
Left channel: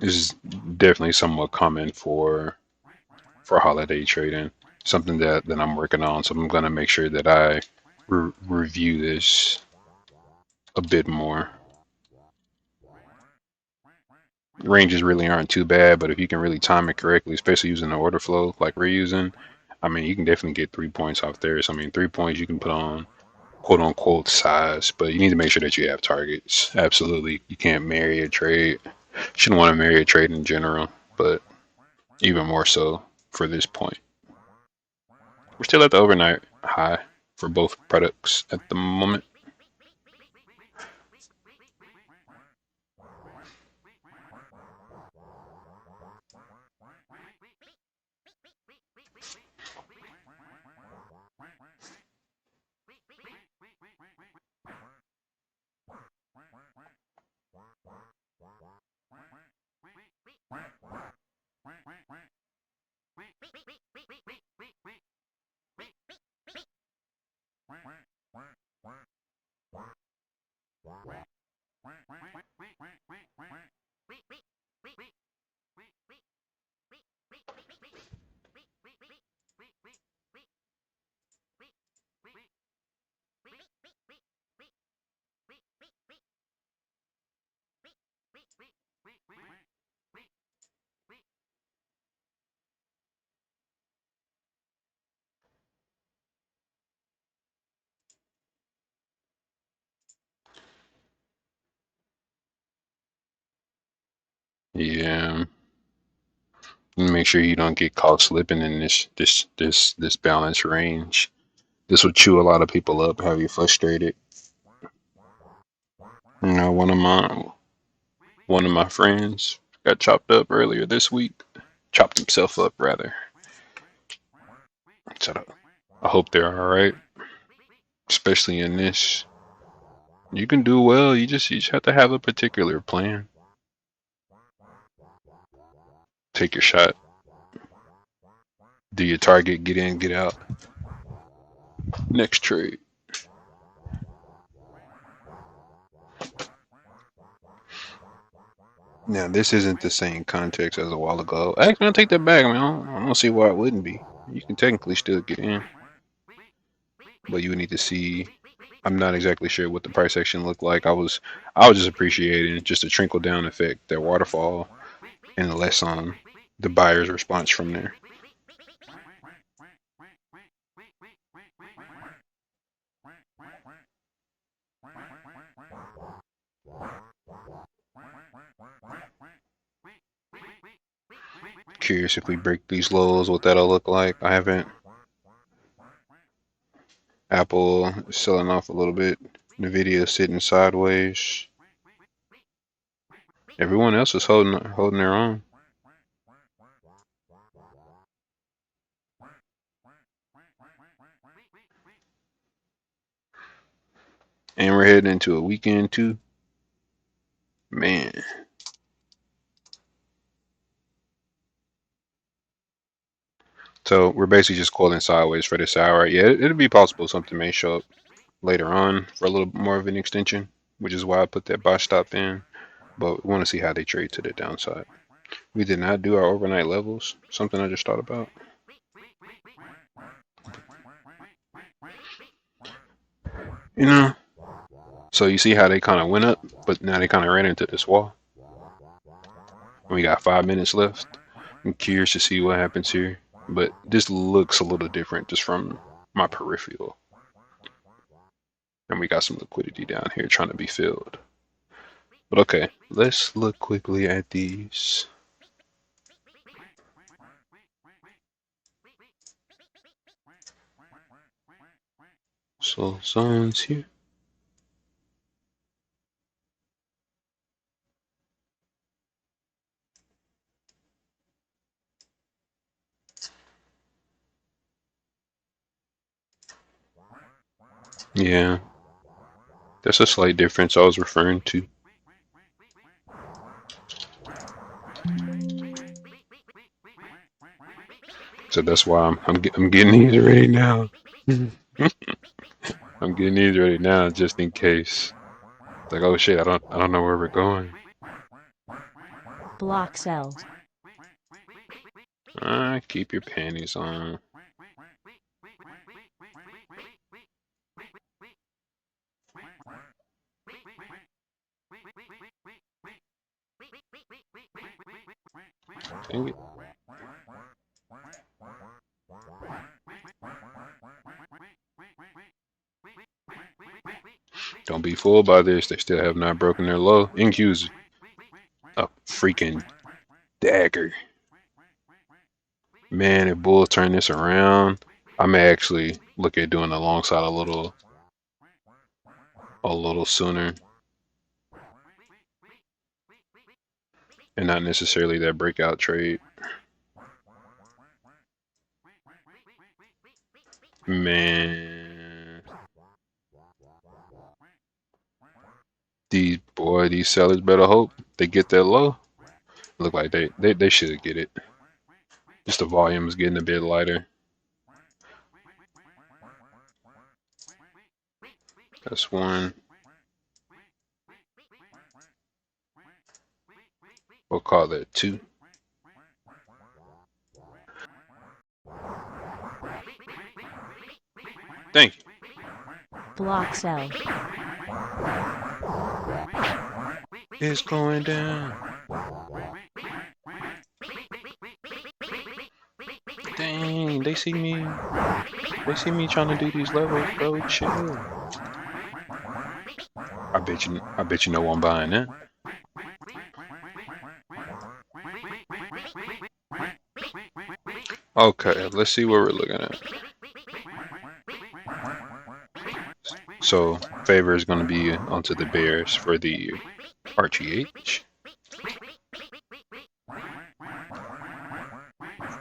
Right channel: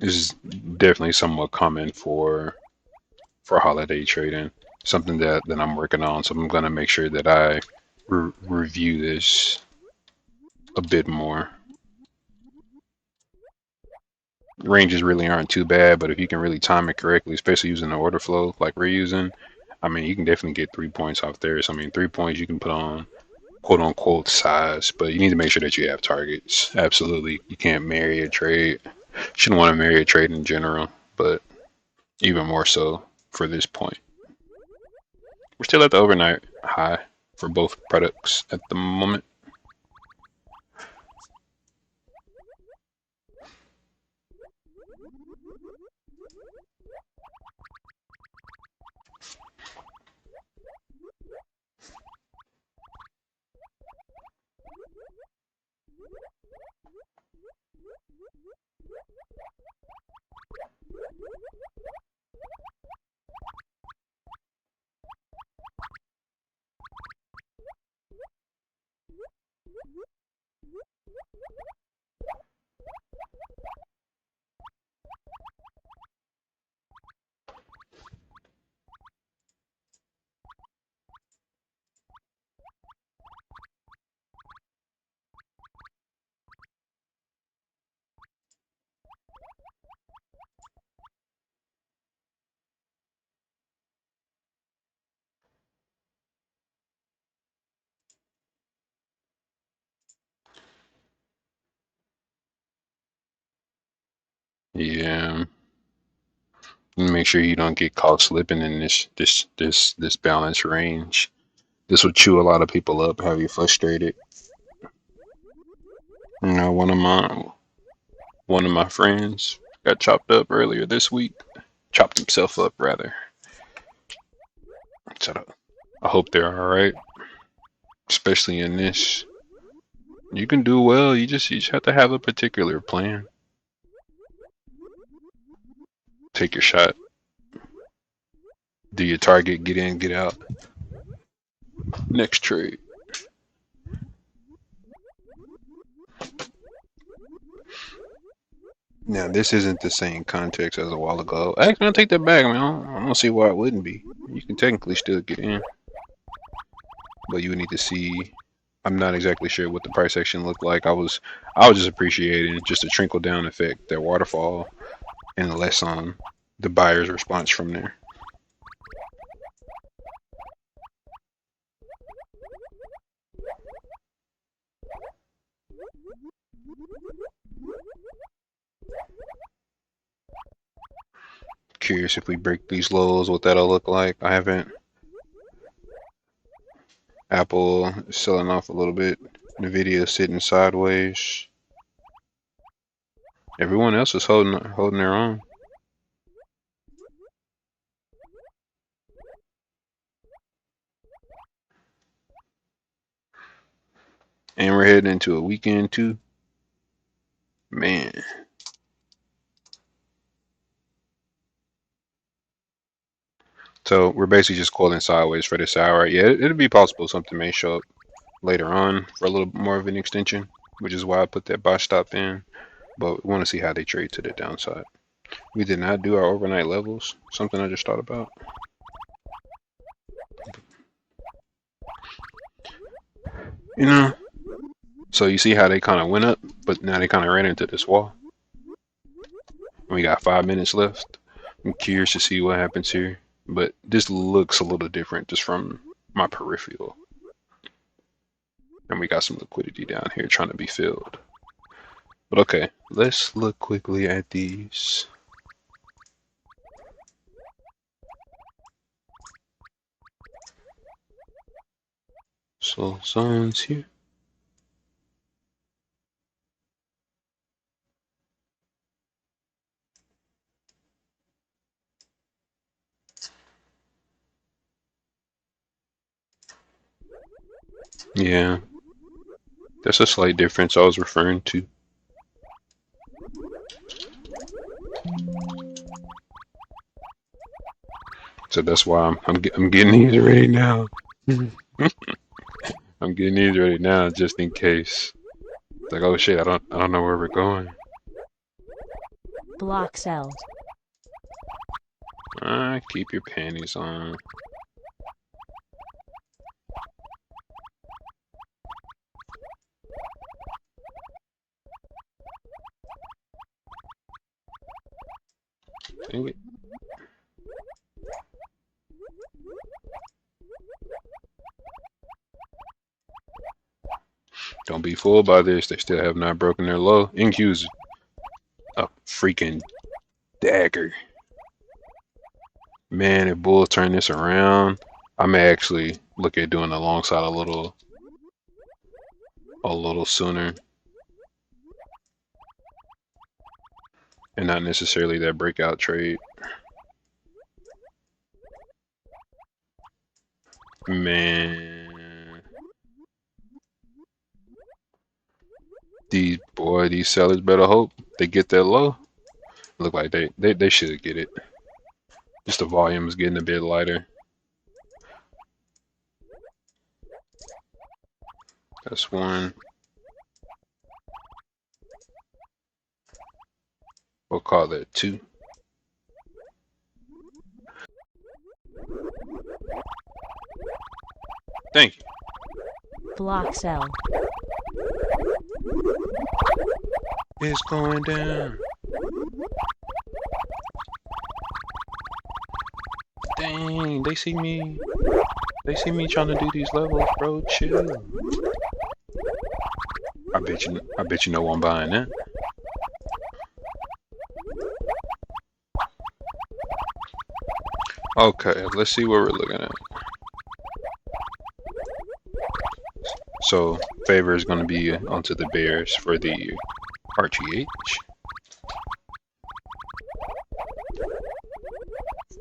This is definitely somewhat common for holiday trading. Something that I'm working on. So I'm gonna make sure that I review this a bit more. ranges really aren't too bad, but if you can really time it correctly, especially using the order flow like we're using, I mean, you can definitely get 3 points off there. So, I mean, 3 points you can put on quote unquote size, but you need to make sure that you have targets. Absolutely. You can't marry a trade. Shouldn't want to marry a trade in general, but even more so for this point. We're still at the overnight high for both products at the moment. Yeah. Make sure you don't get caught slipping in this balance range. This will chew a lot of people up, have you frustrated. You know, one of my friends got chopped up earlier this week. Chopped himself up rather. So I hope they're all right, especially in this. You can do well. You just have to have a particular plan. Take your shot. Do your target. Get in. Get out. Next trade. Now this isn't the same context as a while ago. Actually, I'll take that back. I mean, I don't see why it wouldn't be. You can technically still get in, but you would need to see. I'm not exactly sure what the price action looked like. I was just appreciating just a trickle down effect, that waterfall, and less on the buyer's response from there. Curious if we break these lows, what that'll look like. I haven't. Apple is selling off a little bit. Nvidia sitting sideways. Everyone else is holding their own. And we're heading into a weekend too. Man. So we're basically just calling sideways for this hour. Yeah, it'll be possible something may show up later on for a little more of an extension, which is why I put that buy stop in. But we want to see how they trade to the downside. We did not do our overnight levels. Something I just thought about. You know, so you see how they kind of went up, but now they kind of ran into this wall. We got 5 minutes left. I'm curious to see what happens here, but this looks a little different just from my peripheral. And we got some liquidity down here trying to be filled. But okay, let's look quickly at these. So zones here. Yeah, that's a slight difference I was referring to. So that's why I'm getting these ready now. I'm getting these ready now just in case. It's like, oh shit, I don't know where we're going. Block sells. Keep your panties on. Dang it. Don't be fooled by this. They still have not broken their low. NQ's a freaking dagger. Man, if Bulls turn this around, I may actually look at doing alongside a little sooner. And not necessarily that breakout trade. Man. These sellers better hope they get that low. Look like they should get it. Just the volume is getting a bit lighter. That's one. We'll call that two. Thank you. Block sell. It's going down. Dang, they see me. They see me trying to do these levels, bro. Chill. I bet you know I'm buying that. Okay, let's see what we're looking at. So, favor is going to be onto the Bears for the RGH.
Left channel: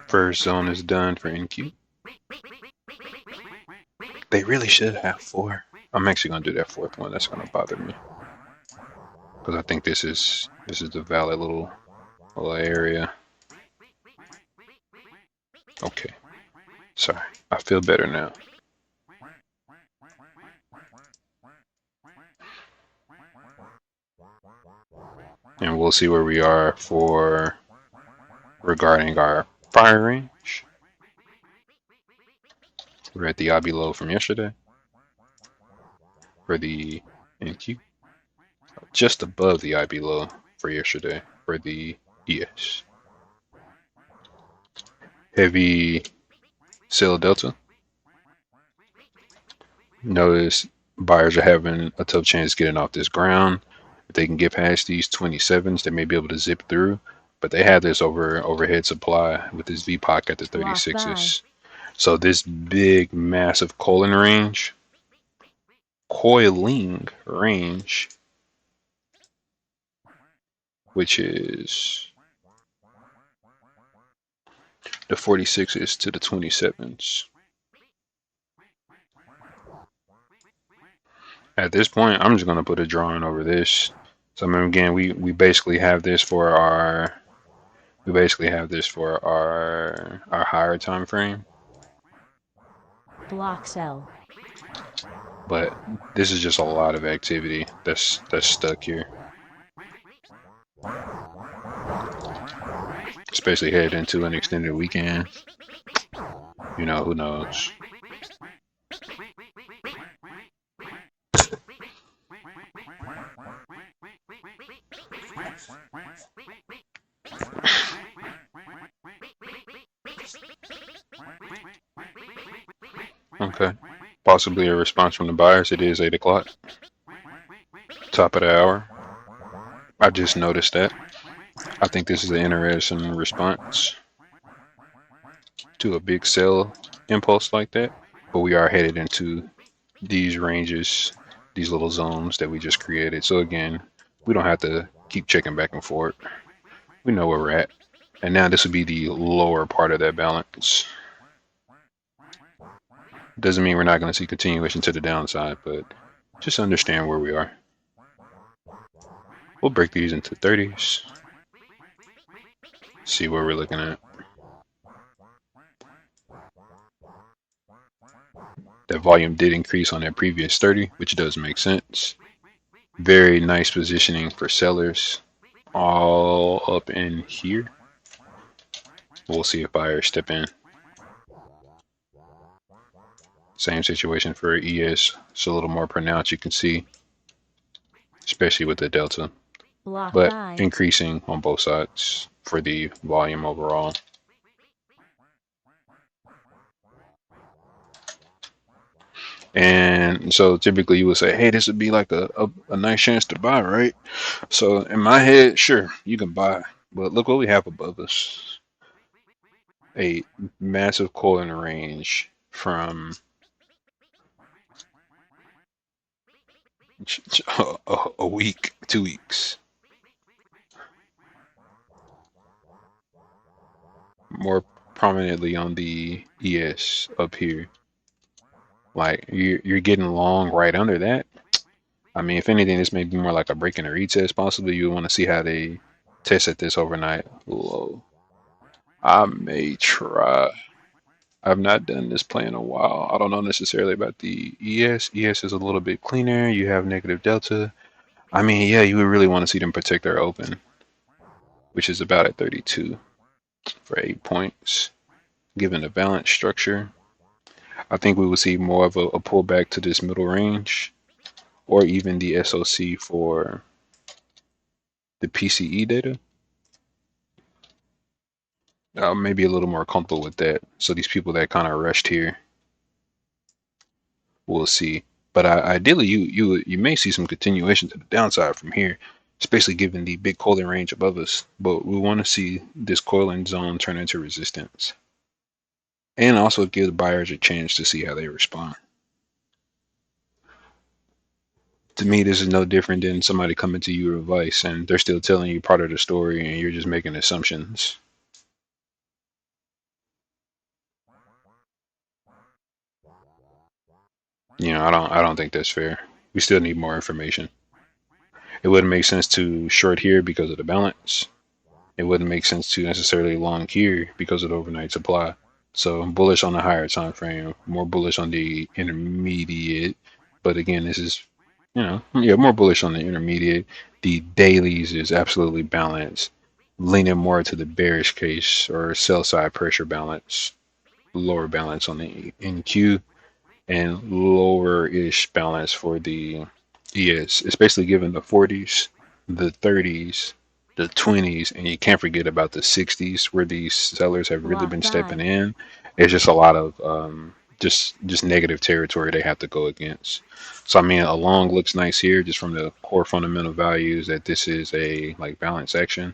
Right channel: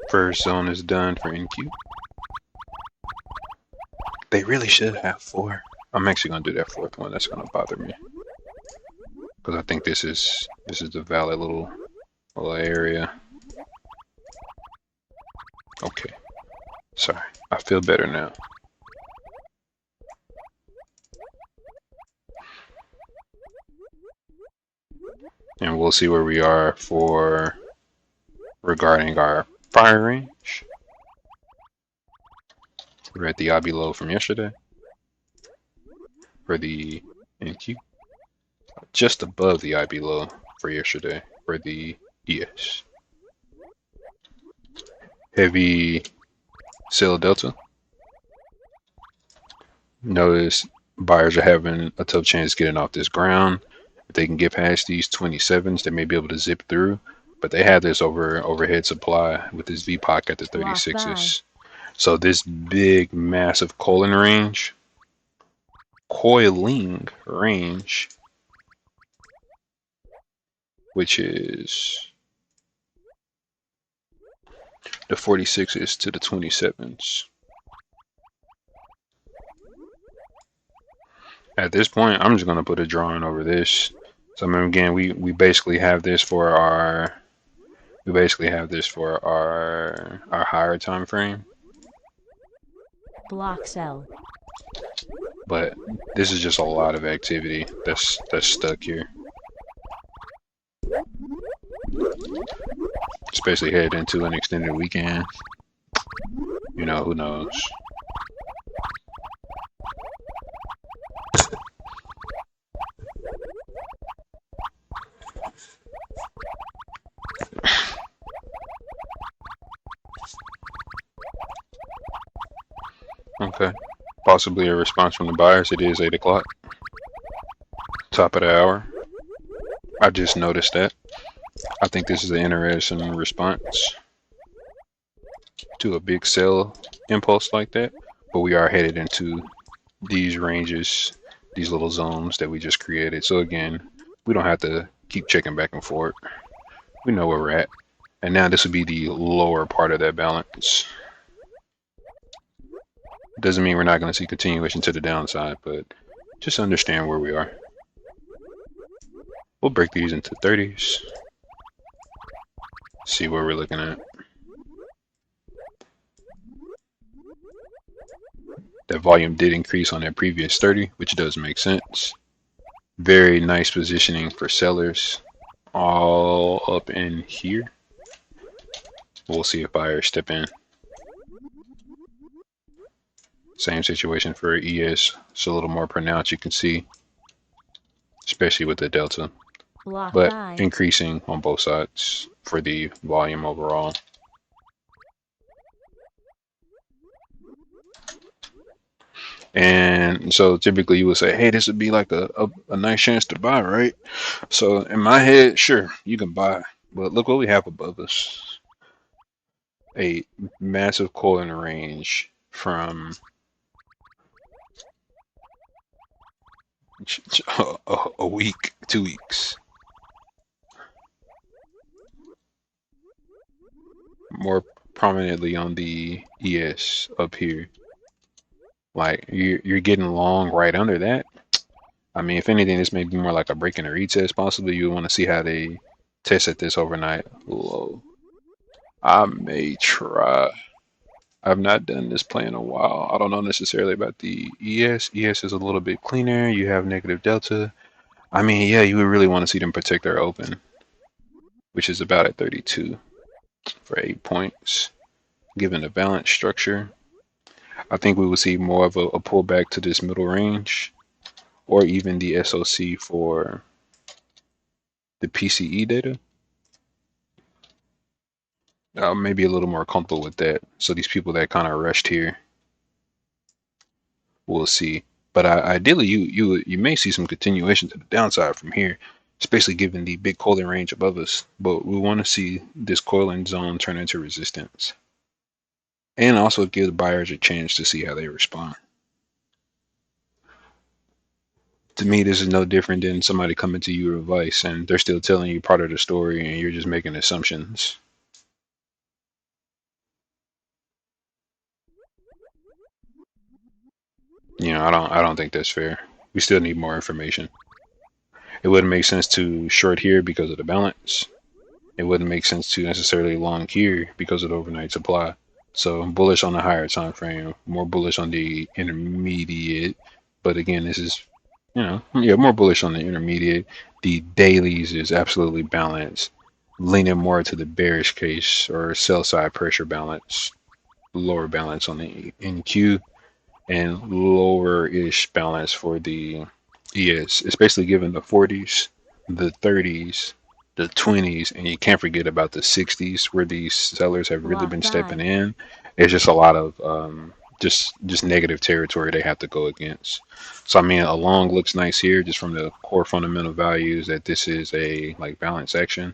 First zone is done for NQ. They really should have 4. I'm actually going to do that 4th one. That's going to bother me. Because I think this is the valid little area. Okay. Sorry. I feel better now. And we'll see where we are for regarding our fire range. We're at the obby low from yesterday for the NQ. Just above the IB low for yesterday for the ES. Heavy sell delta. Notice buyers are having a tough chance getting off this ground. If they can get past these 27s, they may be able to zip through. But they have this overhead supply with this VPOC at the 36s. So this big, massive coiling range, which is the 46s to the 27s. At this point, I'm just gonna put a drawing over this. So I mean, again, we basically have this for our higher time frame. Block sell. But this is just a lot of activity that's stuck here. Especially headed into an extended weekend. You know, who knows? Okay. Possibly a response from the buyers. It is 8 o'clock. Top of the hour. I just noticed that. I think this is an interesting response to a big sell impulse like that. But we are headed into these ranges, these little zones that we just created. So again, we don't have to keep checking back and forth. We know where we're at. And now this would be the lower part of that balance. Doesn't mean we're not going to see continuation to the downside, but just understand where we are. We'll break these into 30s. See where we're looking at. That volume did increase on that previous 30, which does make sense. Very nice positioning for sellers all up in here. We'll see if buyers step in. Same situation for ES. It's a little more pronounced, you can see, especially with the delta. Block but buy. increasing on both sides for the volume overall. And so typically you would say, hey, this would be like a nice chance to buy, right? So in my head, sure, you can buy. But look what we have above us. A massive coiling range from a week, 2 weeks. More prominently on the ES up here. Like you're getting long right under that. I mean, if anything, this may be more like a break and a retest. Possibly you want to see how they test at this overnight low. I may try. I've not done this play in a while. I don't know necessarily about the ES. ES is a little bit cleaner. You have negative delta. I mean, yeah, you would really want to see them protect their open, which is about at 32 for 8 points. Given the balance structure, I think we will see more of a pullback to this middle range, or even the SOC for the PCE data. Maybe a little more comfortable with that. So these people that kind of rushed here, we'll see. But ideally, you may see some continuation to the downside from here, especially given the big coiling range above us. But we want to see this coiling zone turn into resistance, and also give buyers a chance to see how they respond. To me, this is no different than somebody coming to you with advice and they're still telling you part of the story, and you're just making assumptions. I don't think that's fair. We still need more information. It wouldn't make sense to short here because of the balance. It wouldn't make sense to necessarily long here because of the overnight supply. So bullish on the higher time frame, more bullish on the intermediate. But again, this is, yeah, more bullish on the intermediate. The dailies is absolutely balanced, leaning more to the bearish case or sell side pressure balance, lower balance on the NQ, and lower-ish balance for the ES, especially given the 40s, the 30s, the 20s, and you can't forget about the 60s where these sellers have really Block been stepping buy. in. It's just a lot of just negative territory they have to go against. So I mean, a long looks nice here, just from the core fundamental values that this is a like balance action.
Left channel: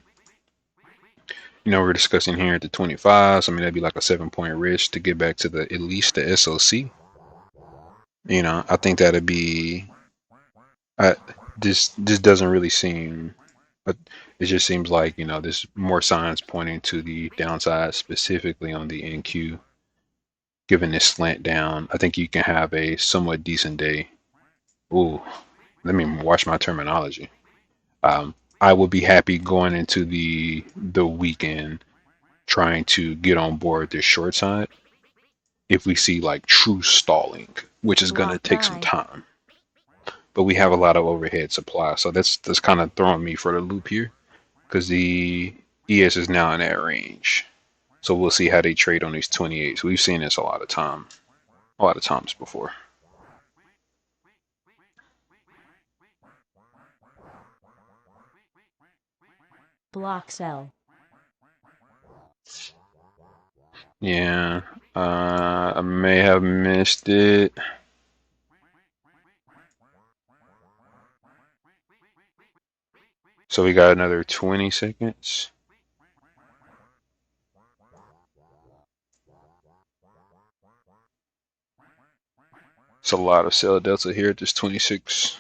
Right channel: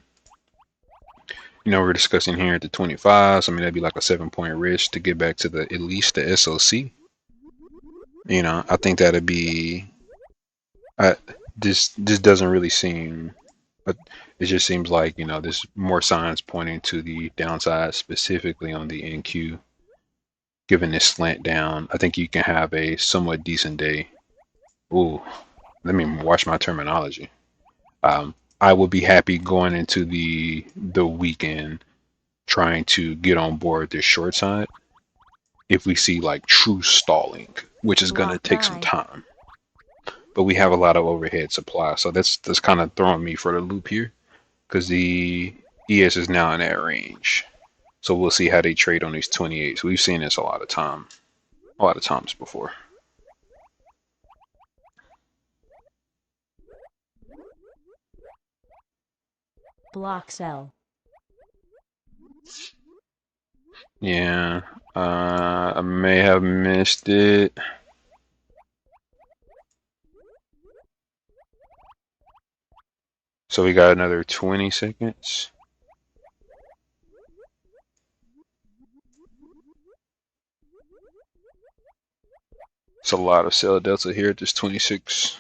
We're discussing here at the 25. So I mean, that'd be like a 7 point risk to get back to the at least the SOC. I think that'd be. I, this doesn't really seem, but it just seems like there's more signs pointing to the downside, specifically on the NQ. Given this slant down, I think you can have a somewhat decent day. Ooh, let me watch my terminology. I would be happy going into the weekend trying to get on board this short side if we see like true stalling, which is gonna Block take some buy. time. But we have a lot of overhead supply, so that's kind of throwing me for the loop here because the ES is now in that range. So we'll see how they trade on these 28s. We've seen this a lot of times before. Block sell. Yeah, I may have missed it. So we got another 20 seconds. It's a lot of sell delta here at this 26.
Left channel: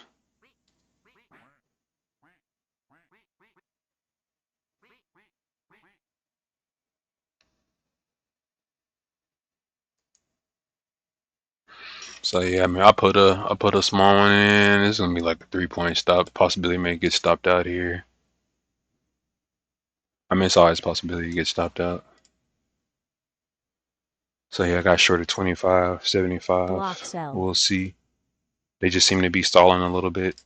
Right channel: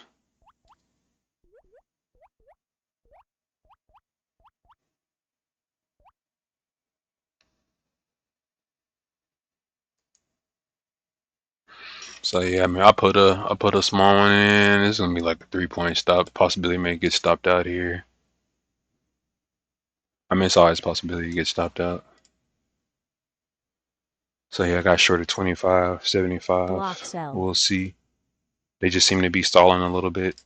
So yeah, I mean, I put a small one in. It's gonna be like a 3 point stop. Possibility may get stopped out here. I mean, it's always a possibility to get stopped out. So yeah, I got short of 25, Block 75. sell. We'll see. They just seem to be stalling a little bit.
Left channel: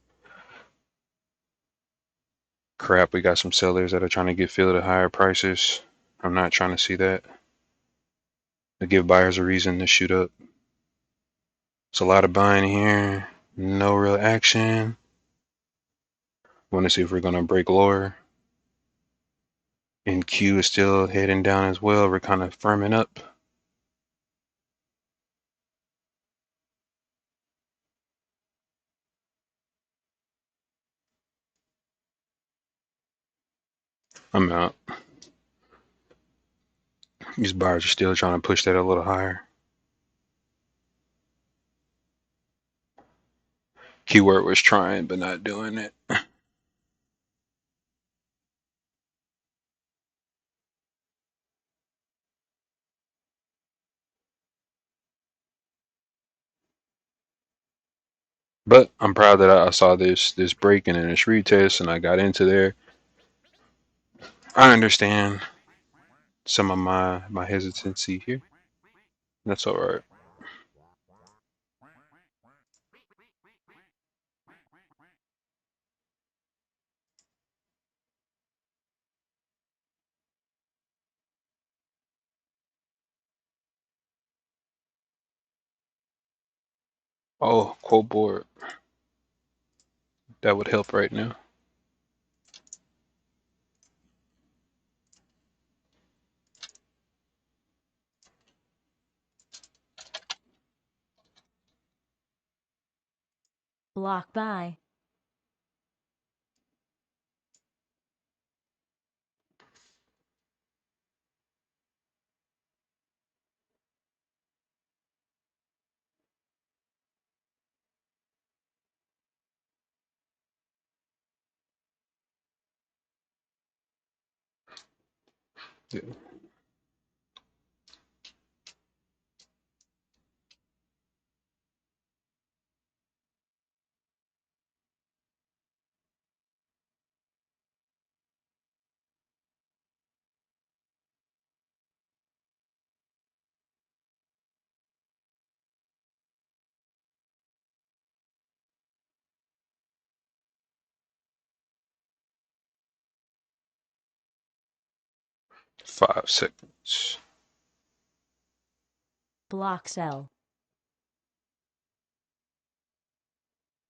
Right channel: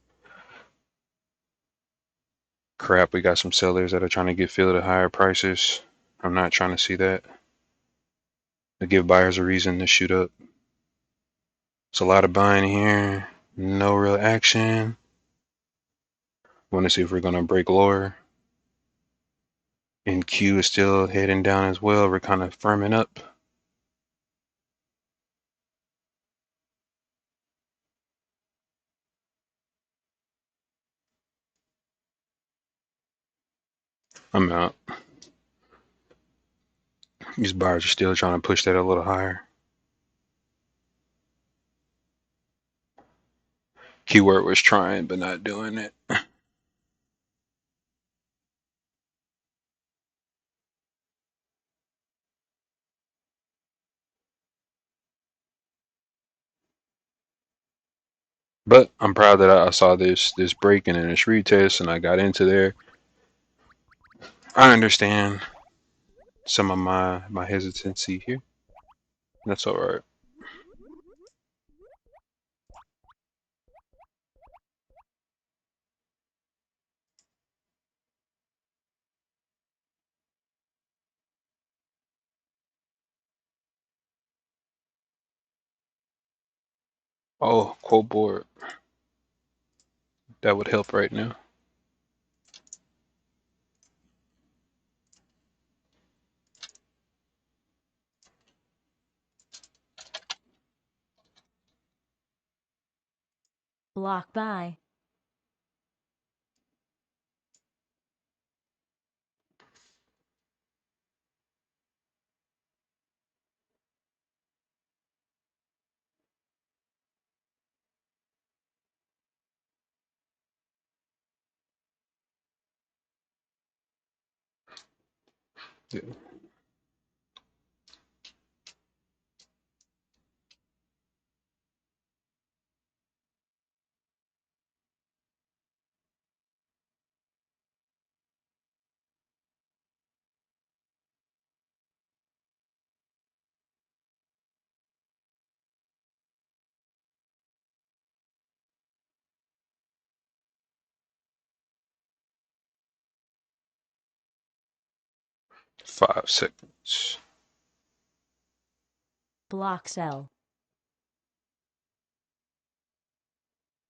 Crap, we got some sellers that are trying to get filled at higher prices. I'm not trying to see that. To give buyers a reason to shoot up. It's a lot of buying here. No real action. Want to see if we're going to break lower. And Q is still heading down as well. We're kind of firming up. I'm out. These buyers are still trying to push that a little higher. Keyword was trying, but not doing it. But I'm proud that I saw this breaking and this retest, and I got into there. I understand some of my hesitancy here. That's all right. Oh, quote board. That would help right now. Block buy. Yeah. Five seconds. Block sell.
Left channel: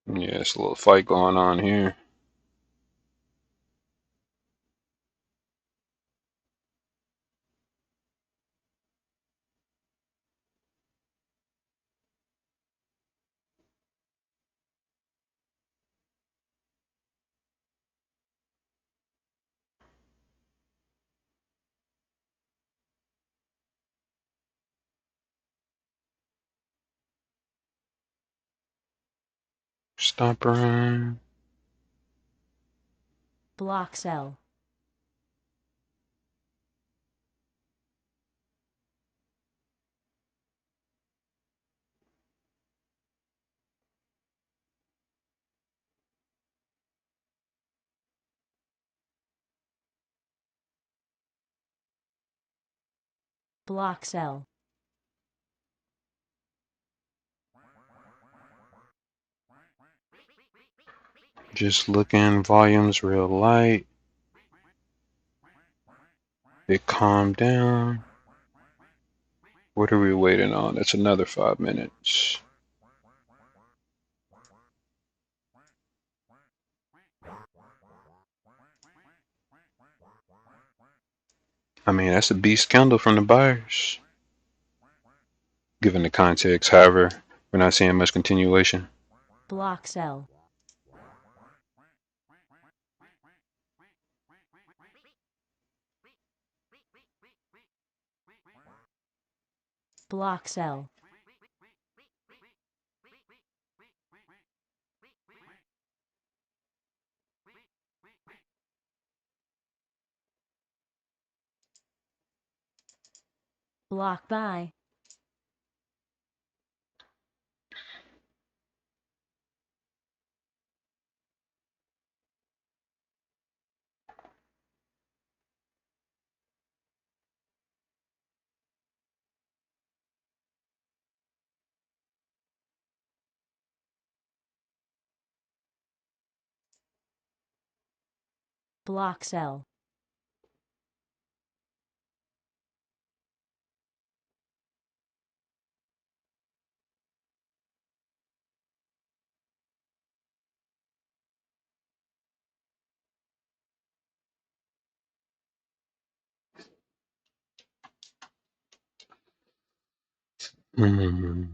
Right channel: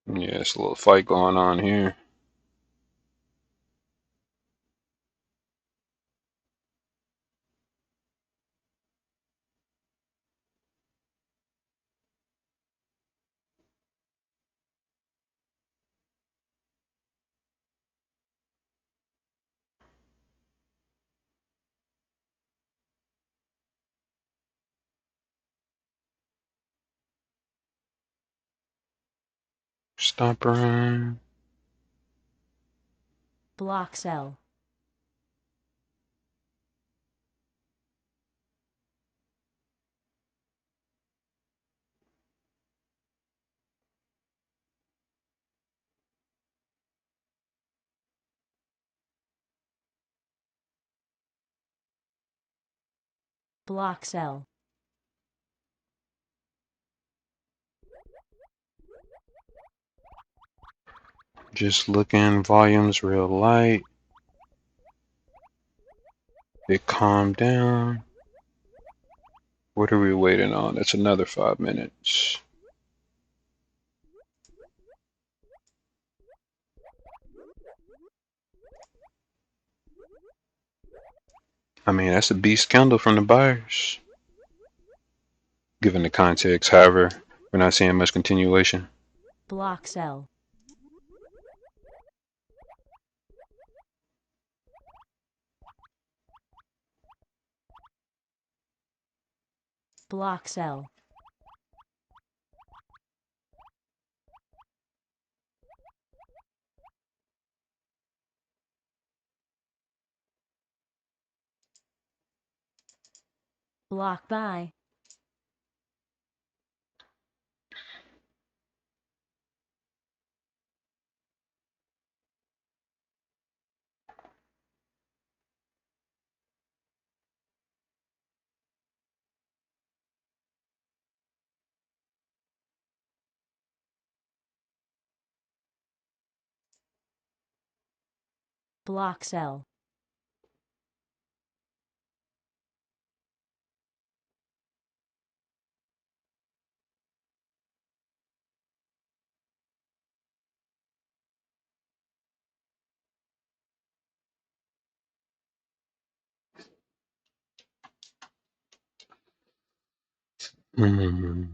Yeah, it's a little fight going on here. Stop around. Block sell. Block sell. Just looking, volumes real light. It calmed down. What are we waiting on? It's another 5 minutes. I mean, that's a beast candle from the buyers. Given the context, however, we're not seeing much continuation. Block sell. Block sell. Block buy. Block sell. Mm.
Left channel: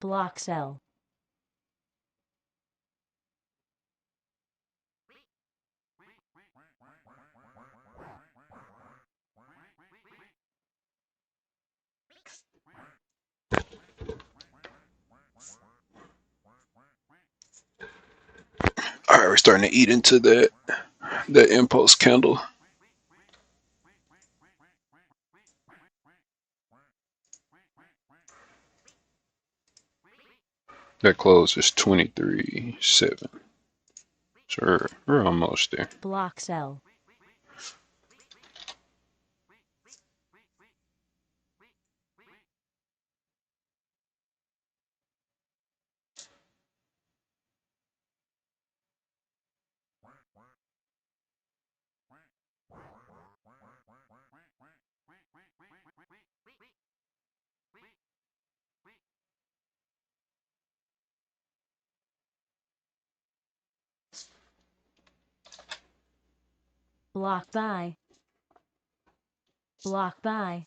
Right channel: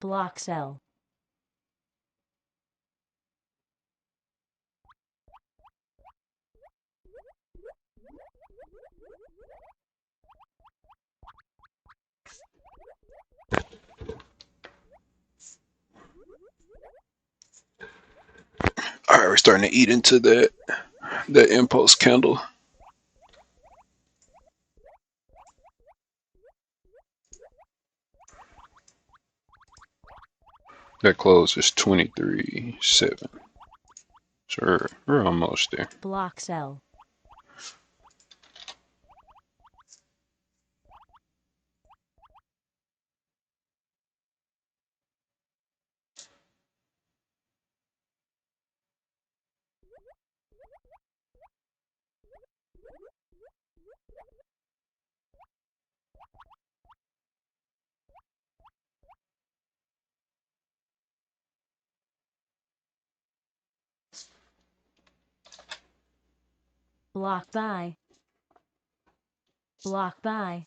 Block cell. All right, we're starting to eat into that impulse candle. That close is 23.7. So we're almost there. Block cell. Block buy. Block buy.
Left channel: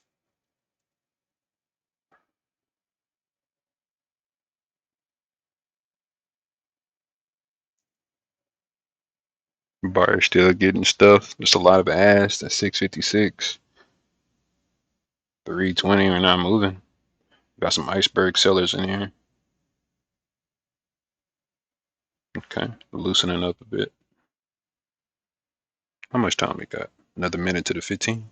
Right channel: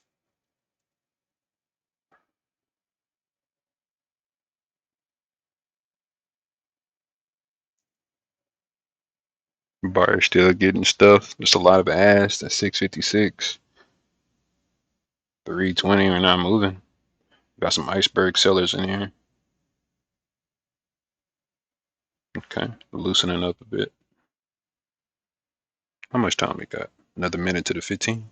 Buyer still getting stuff. Just a lot of ass. That's 656. 320. We're not moving. Got some iceberg sellers in here. Okay, loosening up a bit. How much time we got? Another minute to the 15.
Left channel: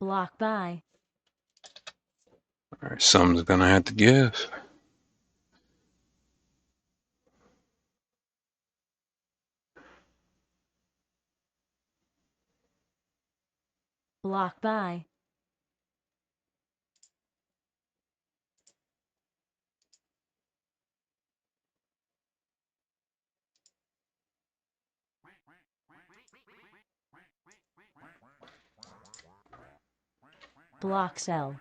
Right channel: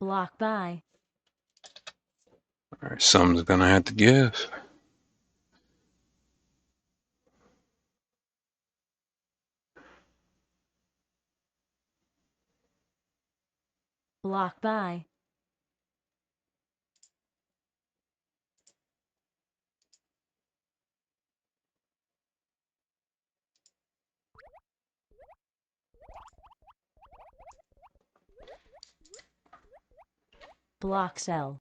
Block buy. All right, something's gonna have to give. Block buy. Block cell.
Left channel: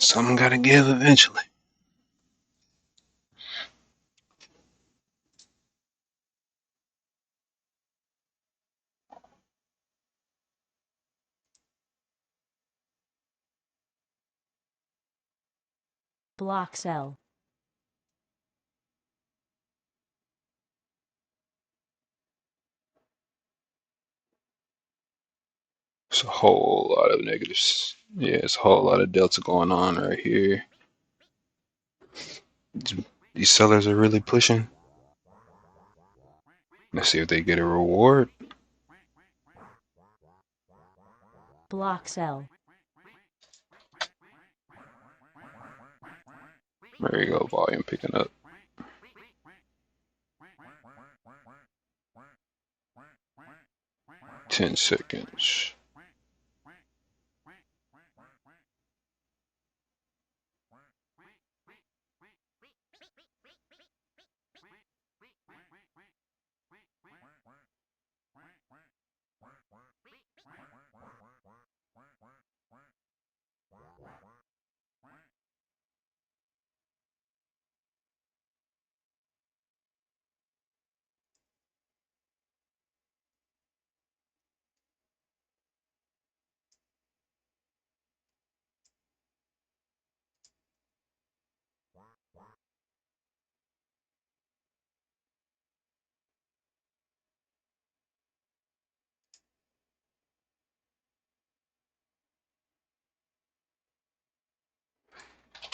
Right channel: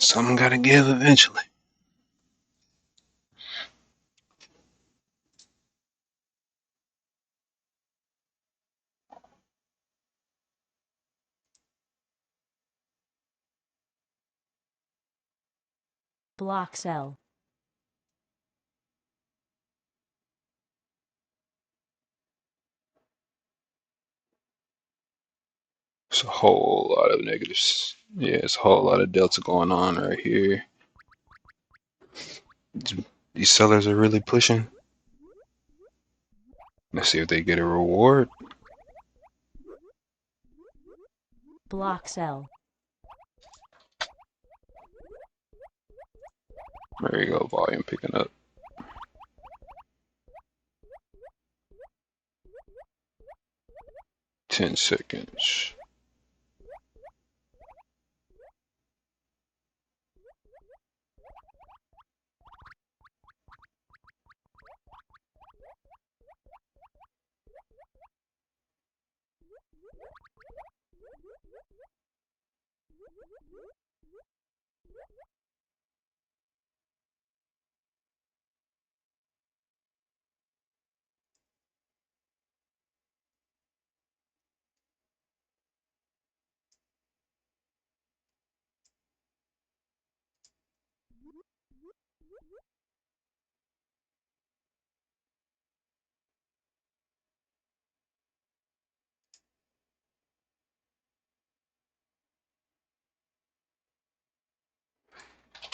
Something gotta give eventually. Block cell. It's a whole lot of negatives. Yeah, it's a whole lot of delta going on right here. These sellers are really pushing. Let's see if they get a reward. Block cell. There you go, volume picking up. Ten seconds.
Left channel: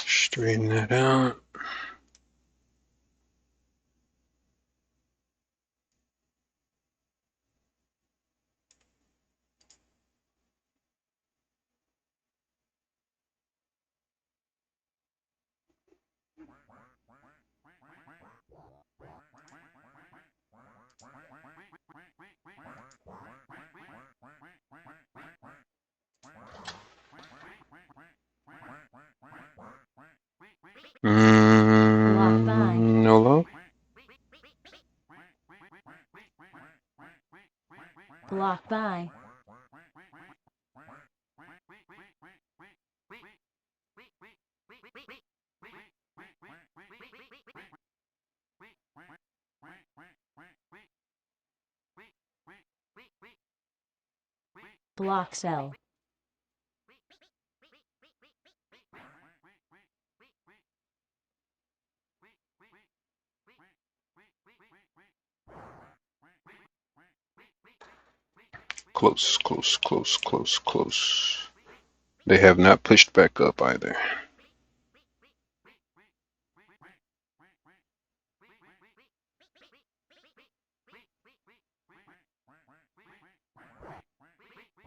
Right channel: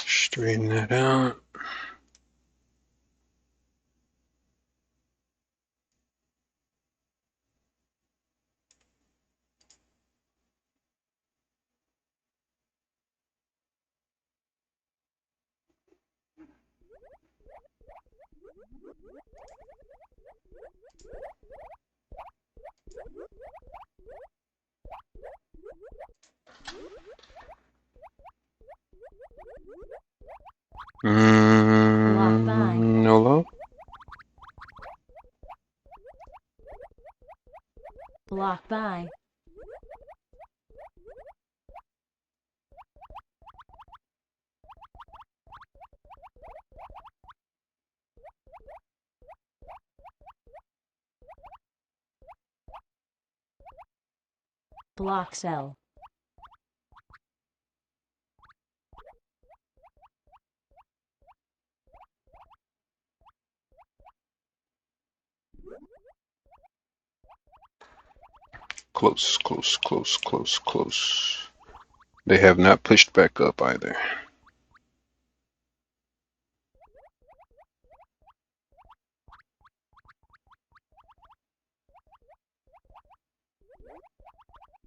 Straighten that out. No low. Block by. Block sell. Close, close, close, close, close. They have not pushed back up either.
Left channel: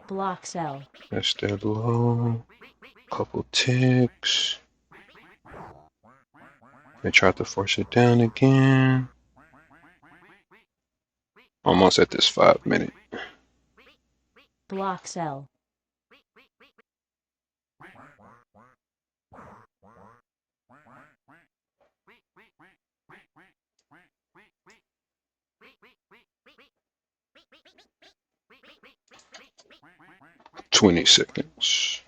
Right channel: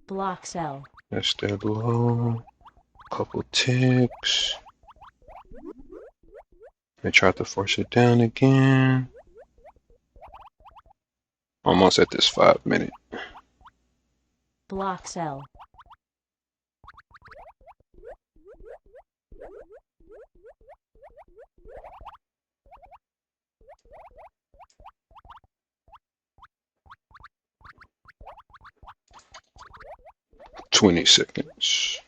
Block sell. That's dead low. Couple ticks. They tried to force it down again. Almost at this 5 minute. Block sell. Twenty seconds.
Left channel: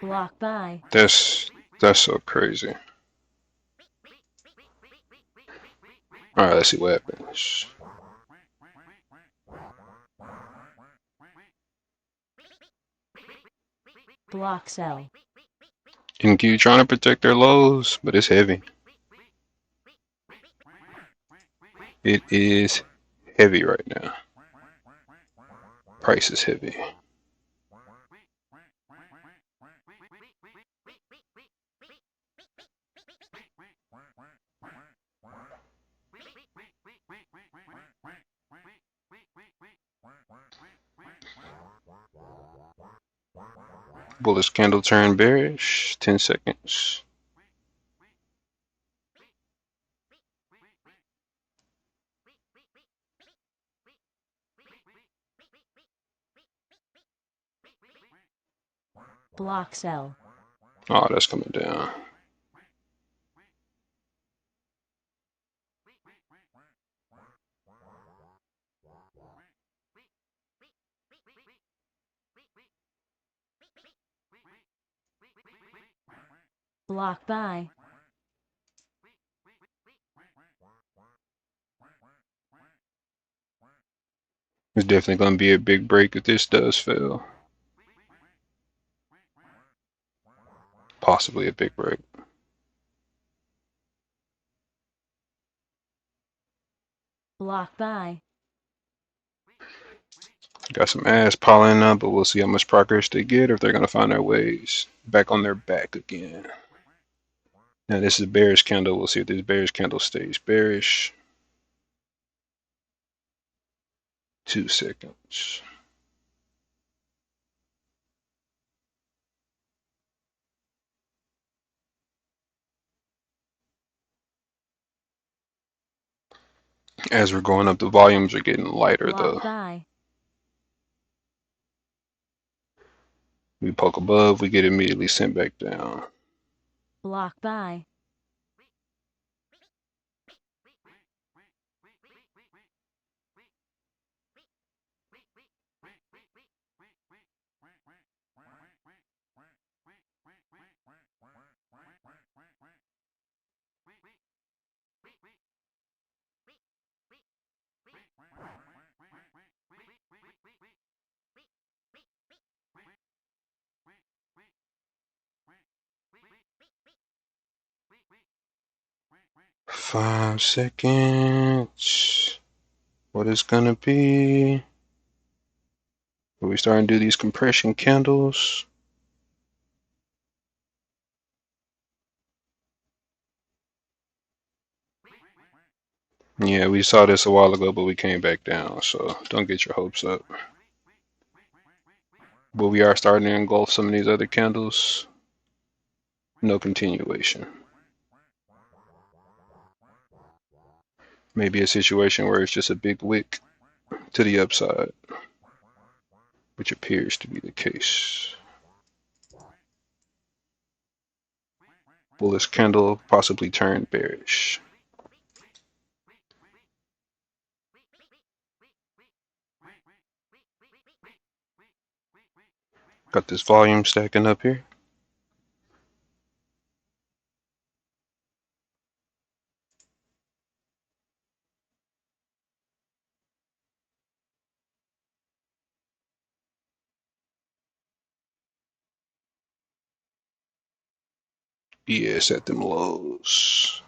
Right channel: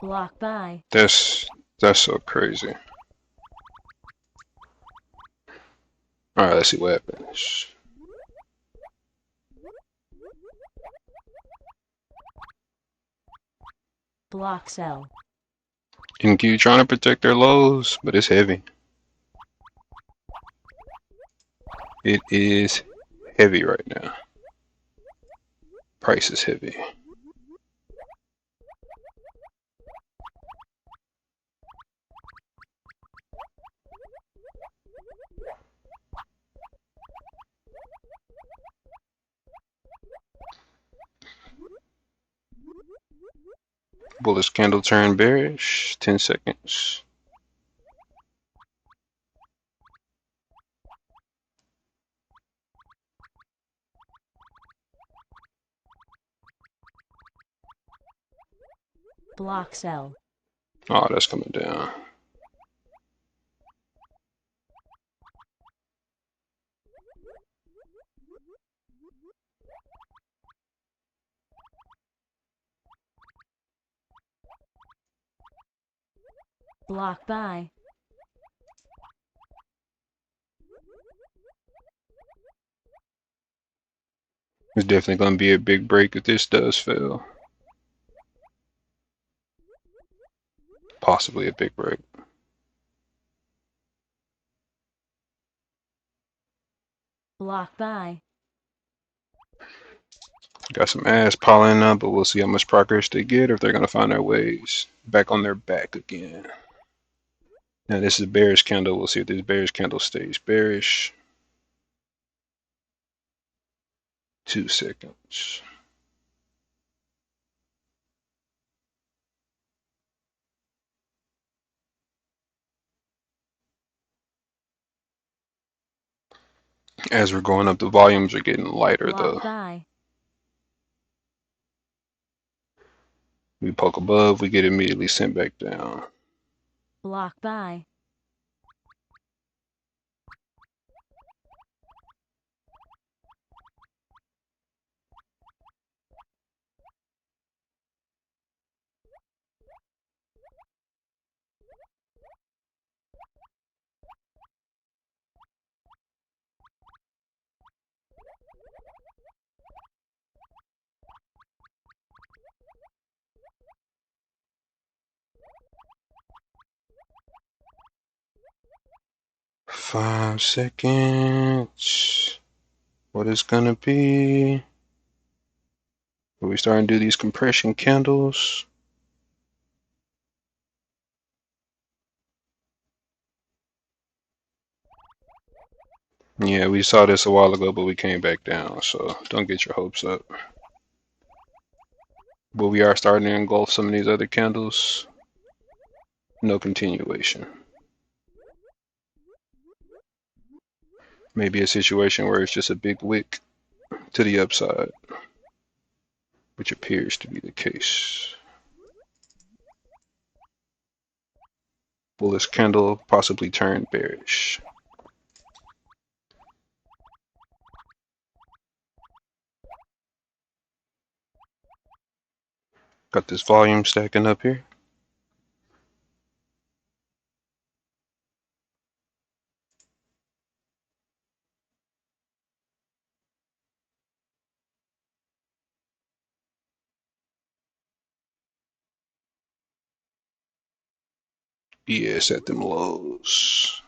Block by. That's so crazy. Alright, let's see what happens. Block sell. NQ trying to protect their lows, but it's heavy. It is heavy right now. Price is heavy. Bullish candle turn bearish. 10 seconds. Block sell. Oh, that's coming down. Block buy. It's definitely going to be a big break if this does fail. Possibly a big break. Block buy. Got some ass piling up, but we'll see how much progress they get, or if they're going to find their ways back on their back again. Now this is a bearish candle. We'll see if this bearish candle stays bearish. 2 seconds. As we're going up, the volumes are getting lighter though. Block buy. We poke above, we get immediately sent back down. Block buy. Five seconds. What is gonna be? Are we starting to do these compression candles? Yeah, we saw this a while ago, but we came back down, so don't get your hopes up. But we are starting to engulf some of these other candles. No continuation. Maybe a situation where it's just a big wick to the upside, which appears to be the case. Bullish candle possibly turned bearish. Got this volume stacking up here. ES at them lows.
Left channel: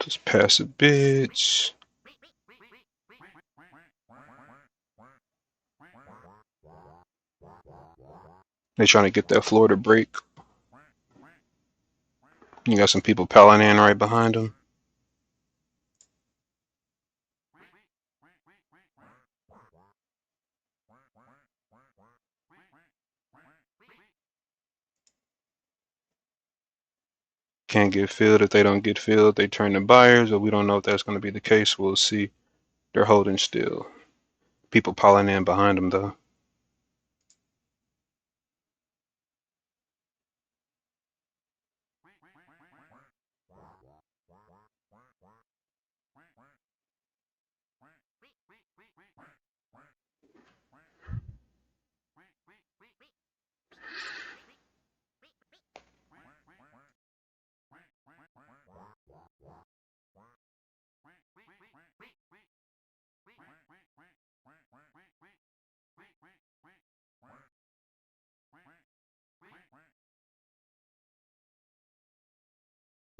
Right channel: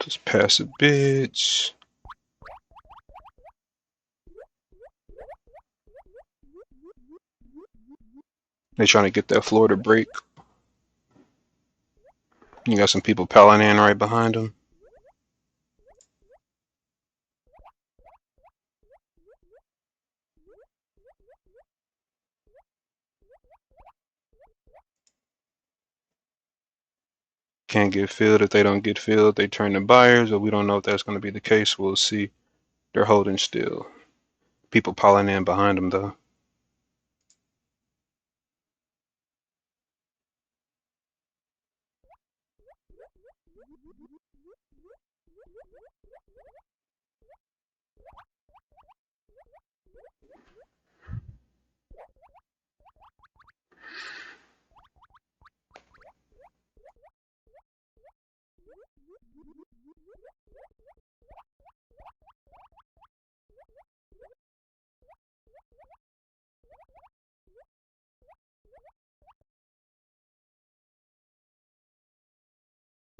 Just passive bids. They're trying to get that floor to break. You got some people piling in right behind them. Can't get filled. If they don't get filled, they turn to buyers, but we don't know if that's going to be the case. We'll see. They're holding still. People piling in behind them, though.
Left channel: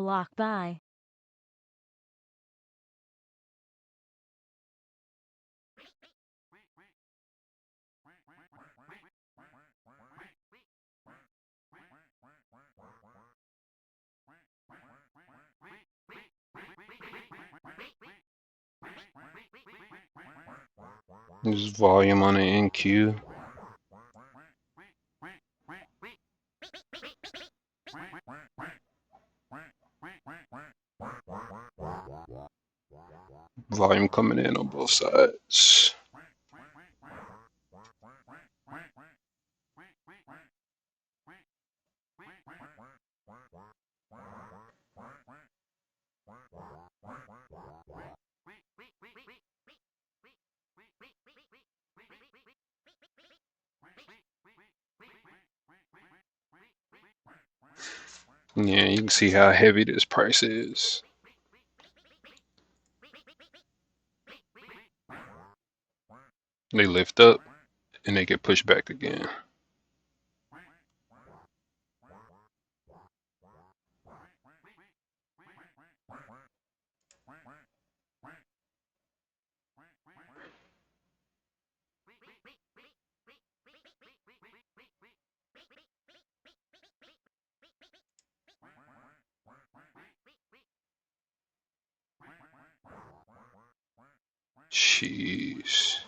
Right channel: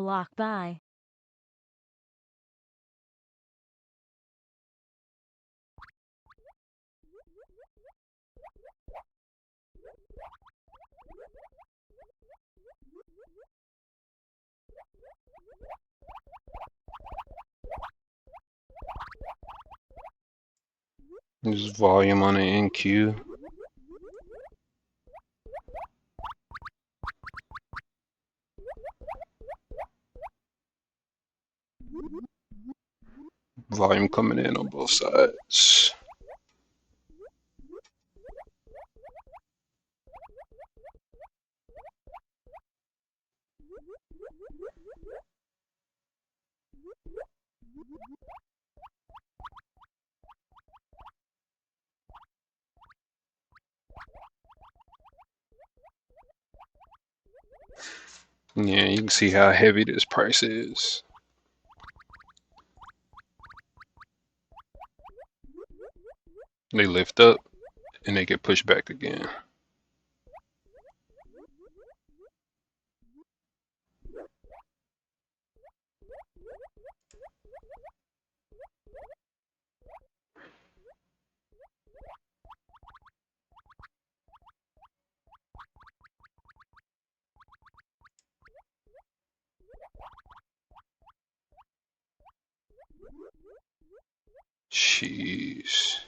Block buy. There's volume on the NQ. Volume coming in on both sides. Yeah, you can see how heavy this price is. They lift up and they get pushed back again. Jeez.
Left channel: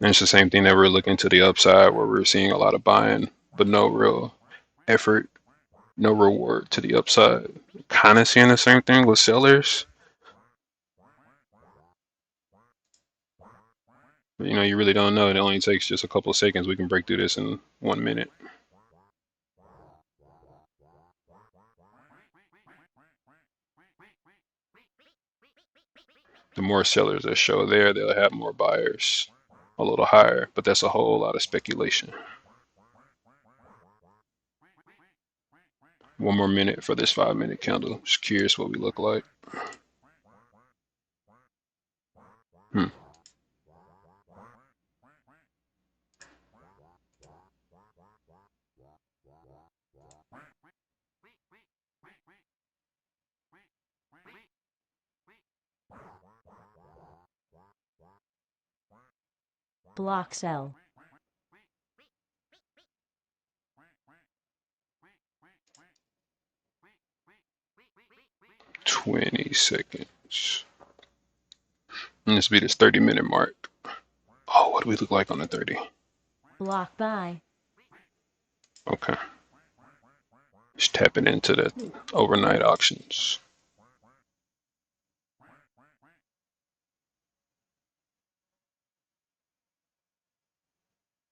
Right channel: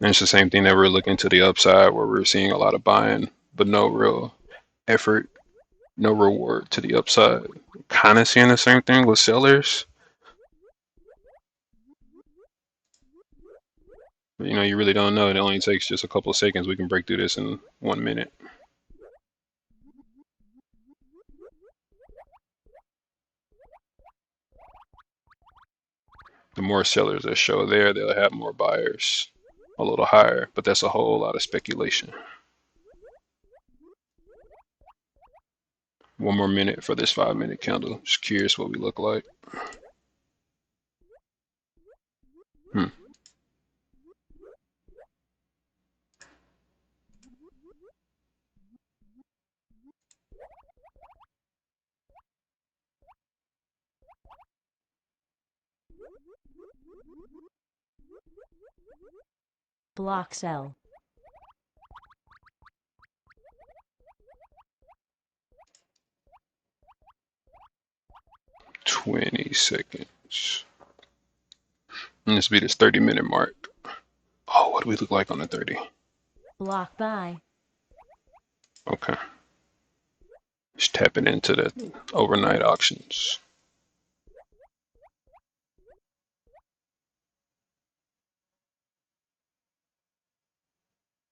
And it's the same thing that we're looking to the upside where we're seeing a lot of buying, but no real effort, no reward to the upside. Kind of seeing the same thing with sellers. But, you know, you really don't know. It only takes just a couple of seconds. We can break through this in 1 minute. The more sellers that show there, they'll have more buyers a little higher, but that's a whole lot of speculation. 1 more minute for this 5-minute candle. Just curious what we look like. Hmm. Block sell. "20 seconds. And this will be this 30-minute mark. Oh, what do we look like on the 30? Block buy. Okay. Just tapping into the overnight auctions.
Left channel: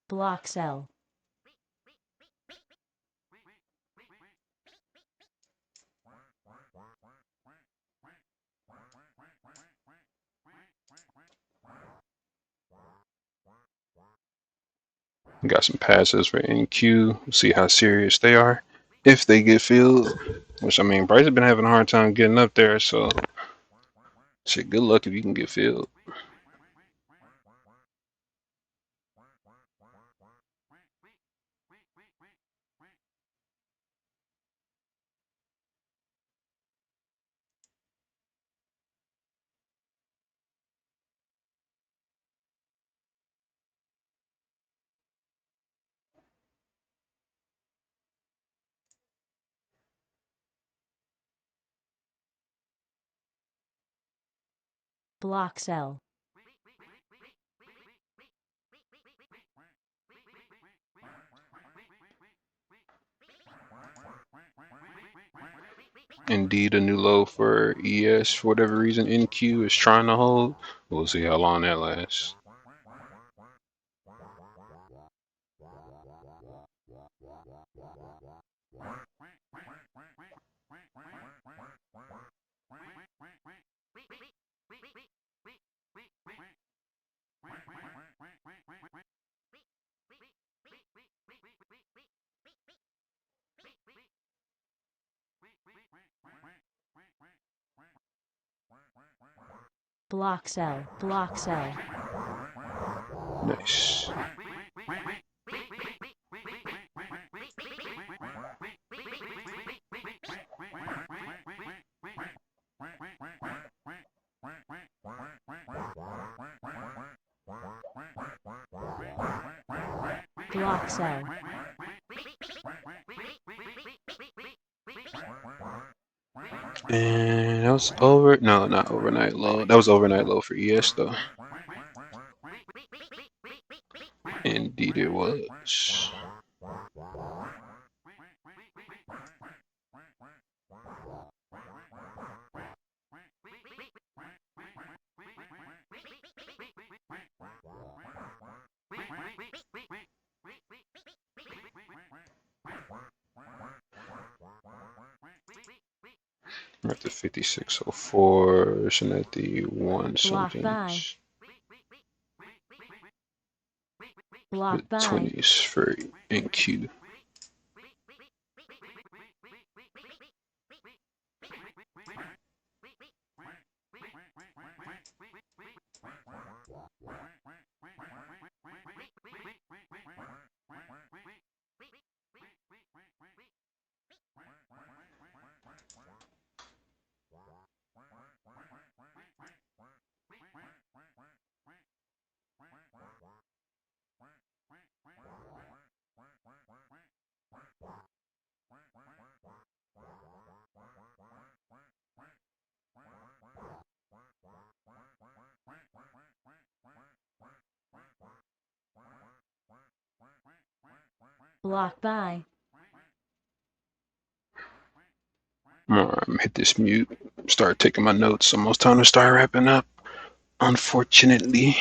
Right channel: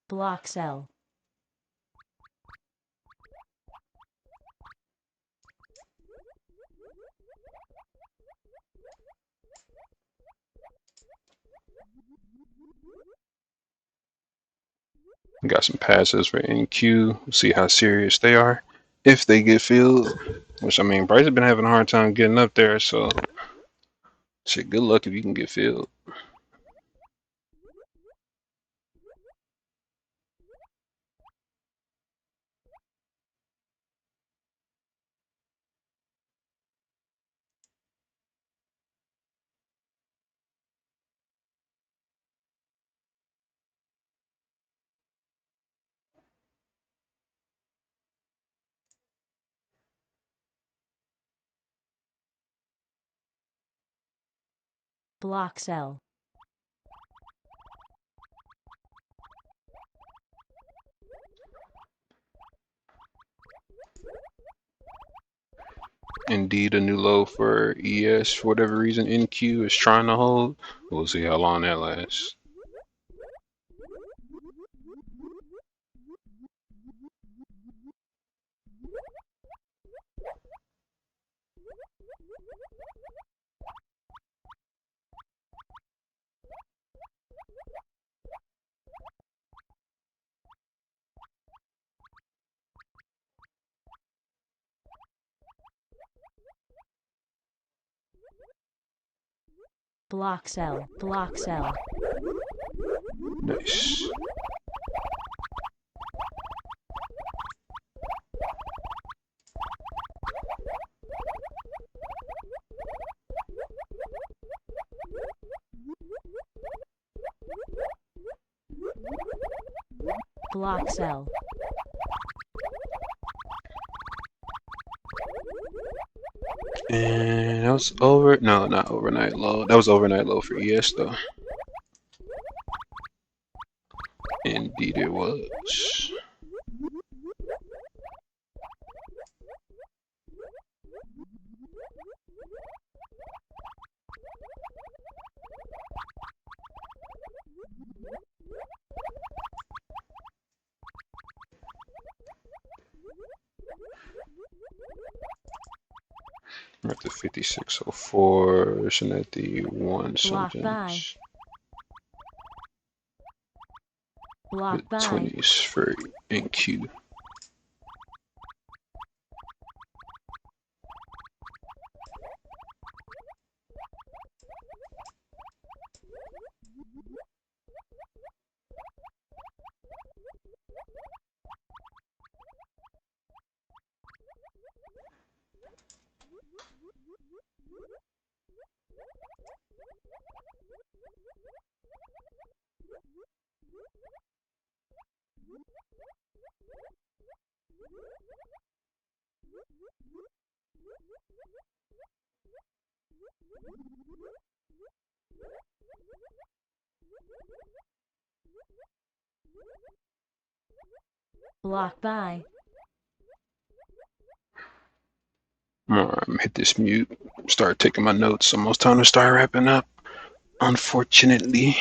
Block sell. Got some passes for NQ. See how serious they are. If they get filled, which I mean, Bryce has been having a hard time getting up there, so shit, good luck if you can get filled. Block sell. Indeed, a new low for ES for whatever reason. NQ is trying to hold. We'll see how long that lasts. Block sell. Block sell. Nice. Block sell. And that was over. No, not overnight low. That was overnight low for ES though. Indeed, it was. We're at the 5604, and at the one Block buy. somethings. Block The buy. 20s for NQ. Block buy. Hit this mute. Start taking my notes. Almost time to start wrapping up. Unfortunately.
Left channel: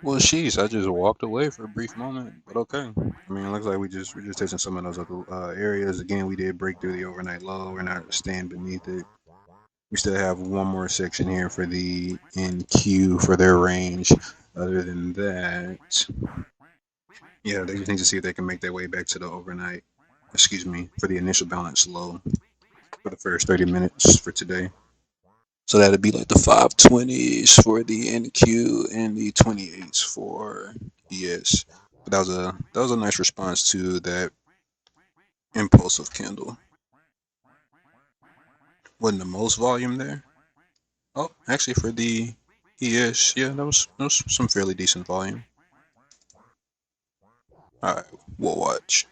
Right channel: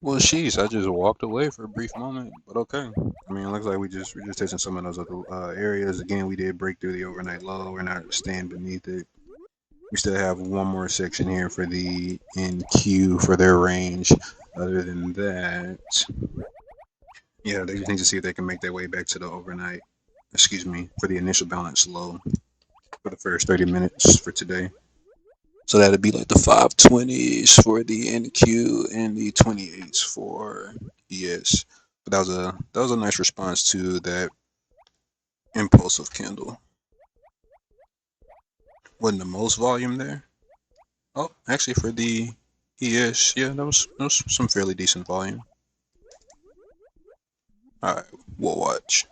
Well, sheesh, I just walked away for a brief moment, but okay. I mean, it looks like we're just testing some of those other areas. Again, we did break through the overnight low. We're not staying beneath it. We still have one more section here for the NQ for their range. Other than that, yeah, they just need to see if they can make their way back to the overnight. Excuse me, for the initial balance low for the first 30 minutes for today. So that'd be like the 520s for the NQ and the 28s for ES. But that was a nice response to that impulsive candle. Wasn't the most volume there. Oh, actually for the ES, yeah, that was some fairly decent volume. All right, we'll watch.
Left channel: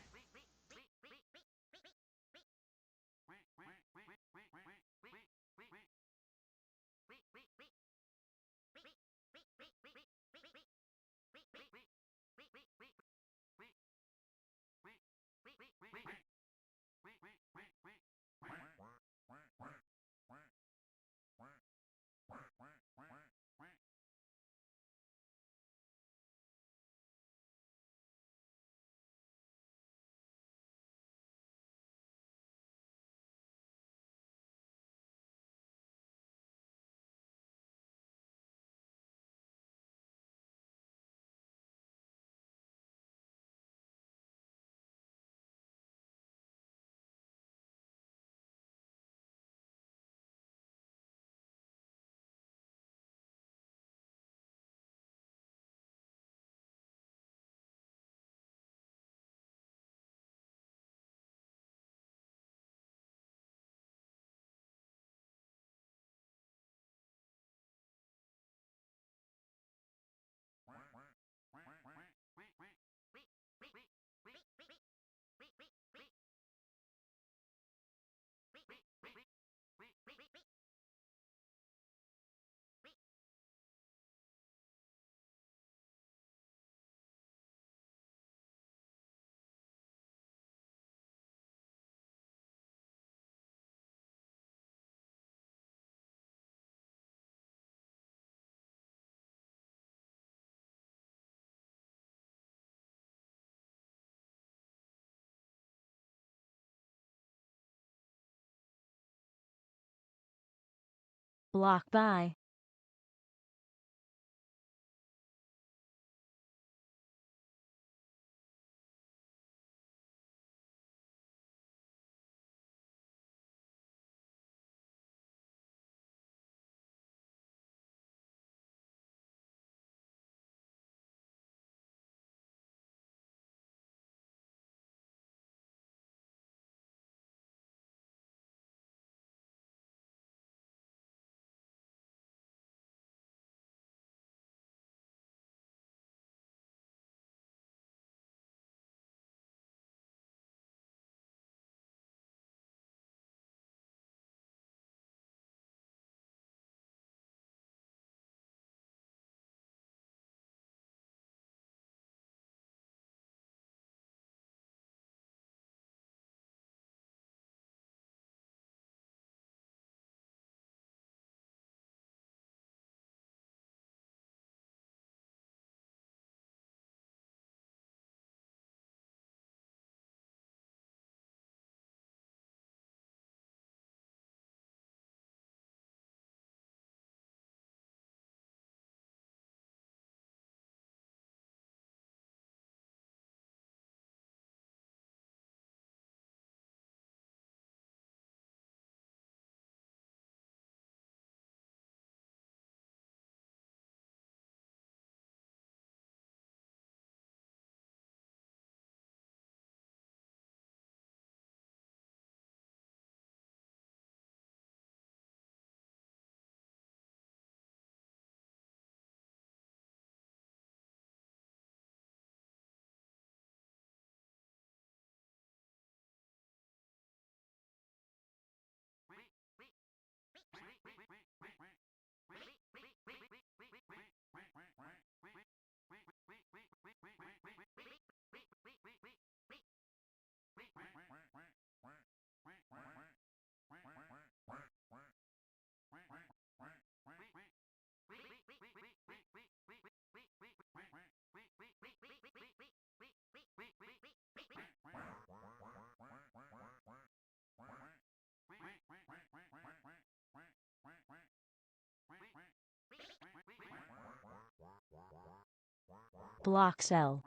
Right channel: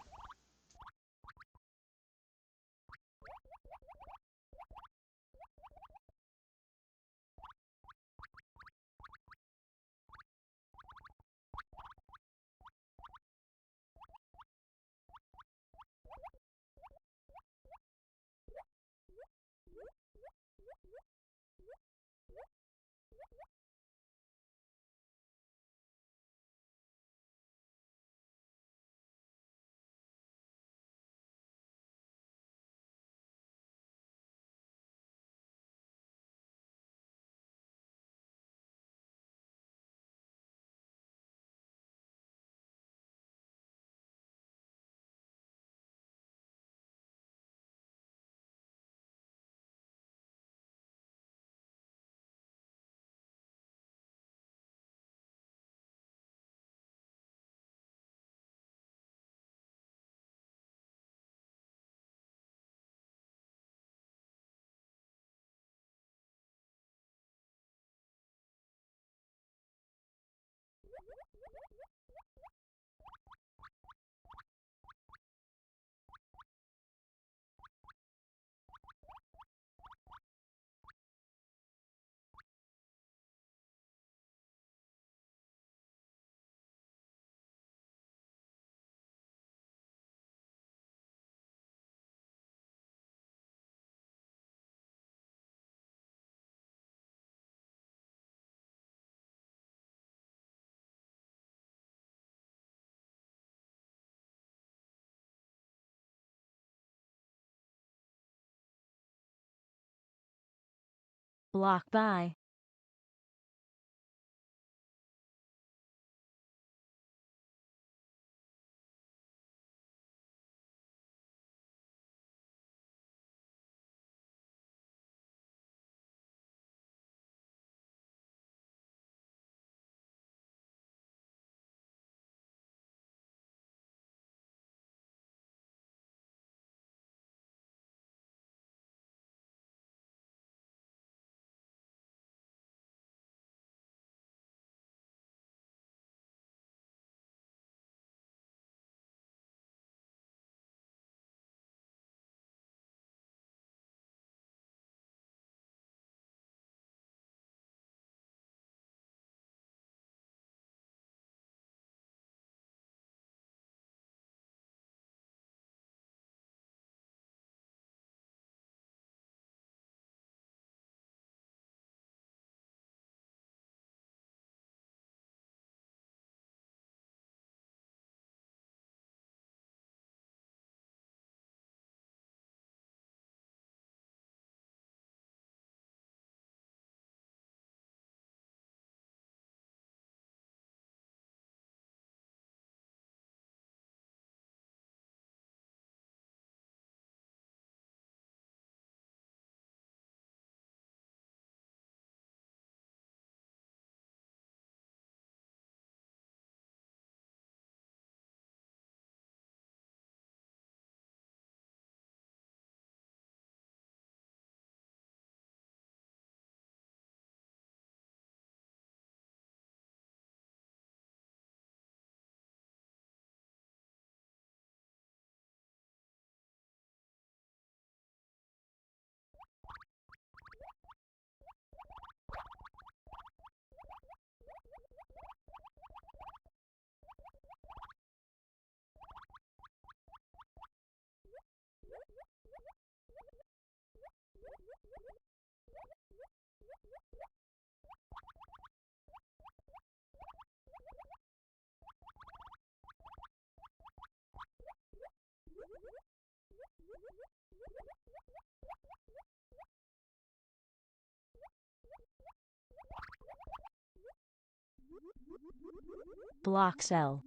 Block by. Block cell.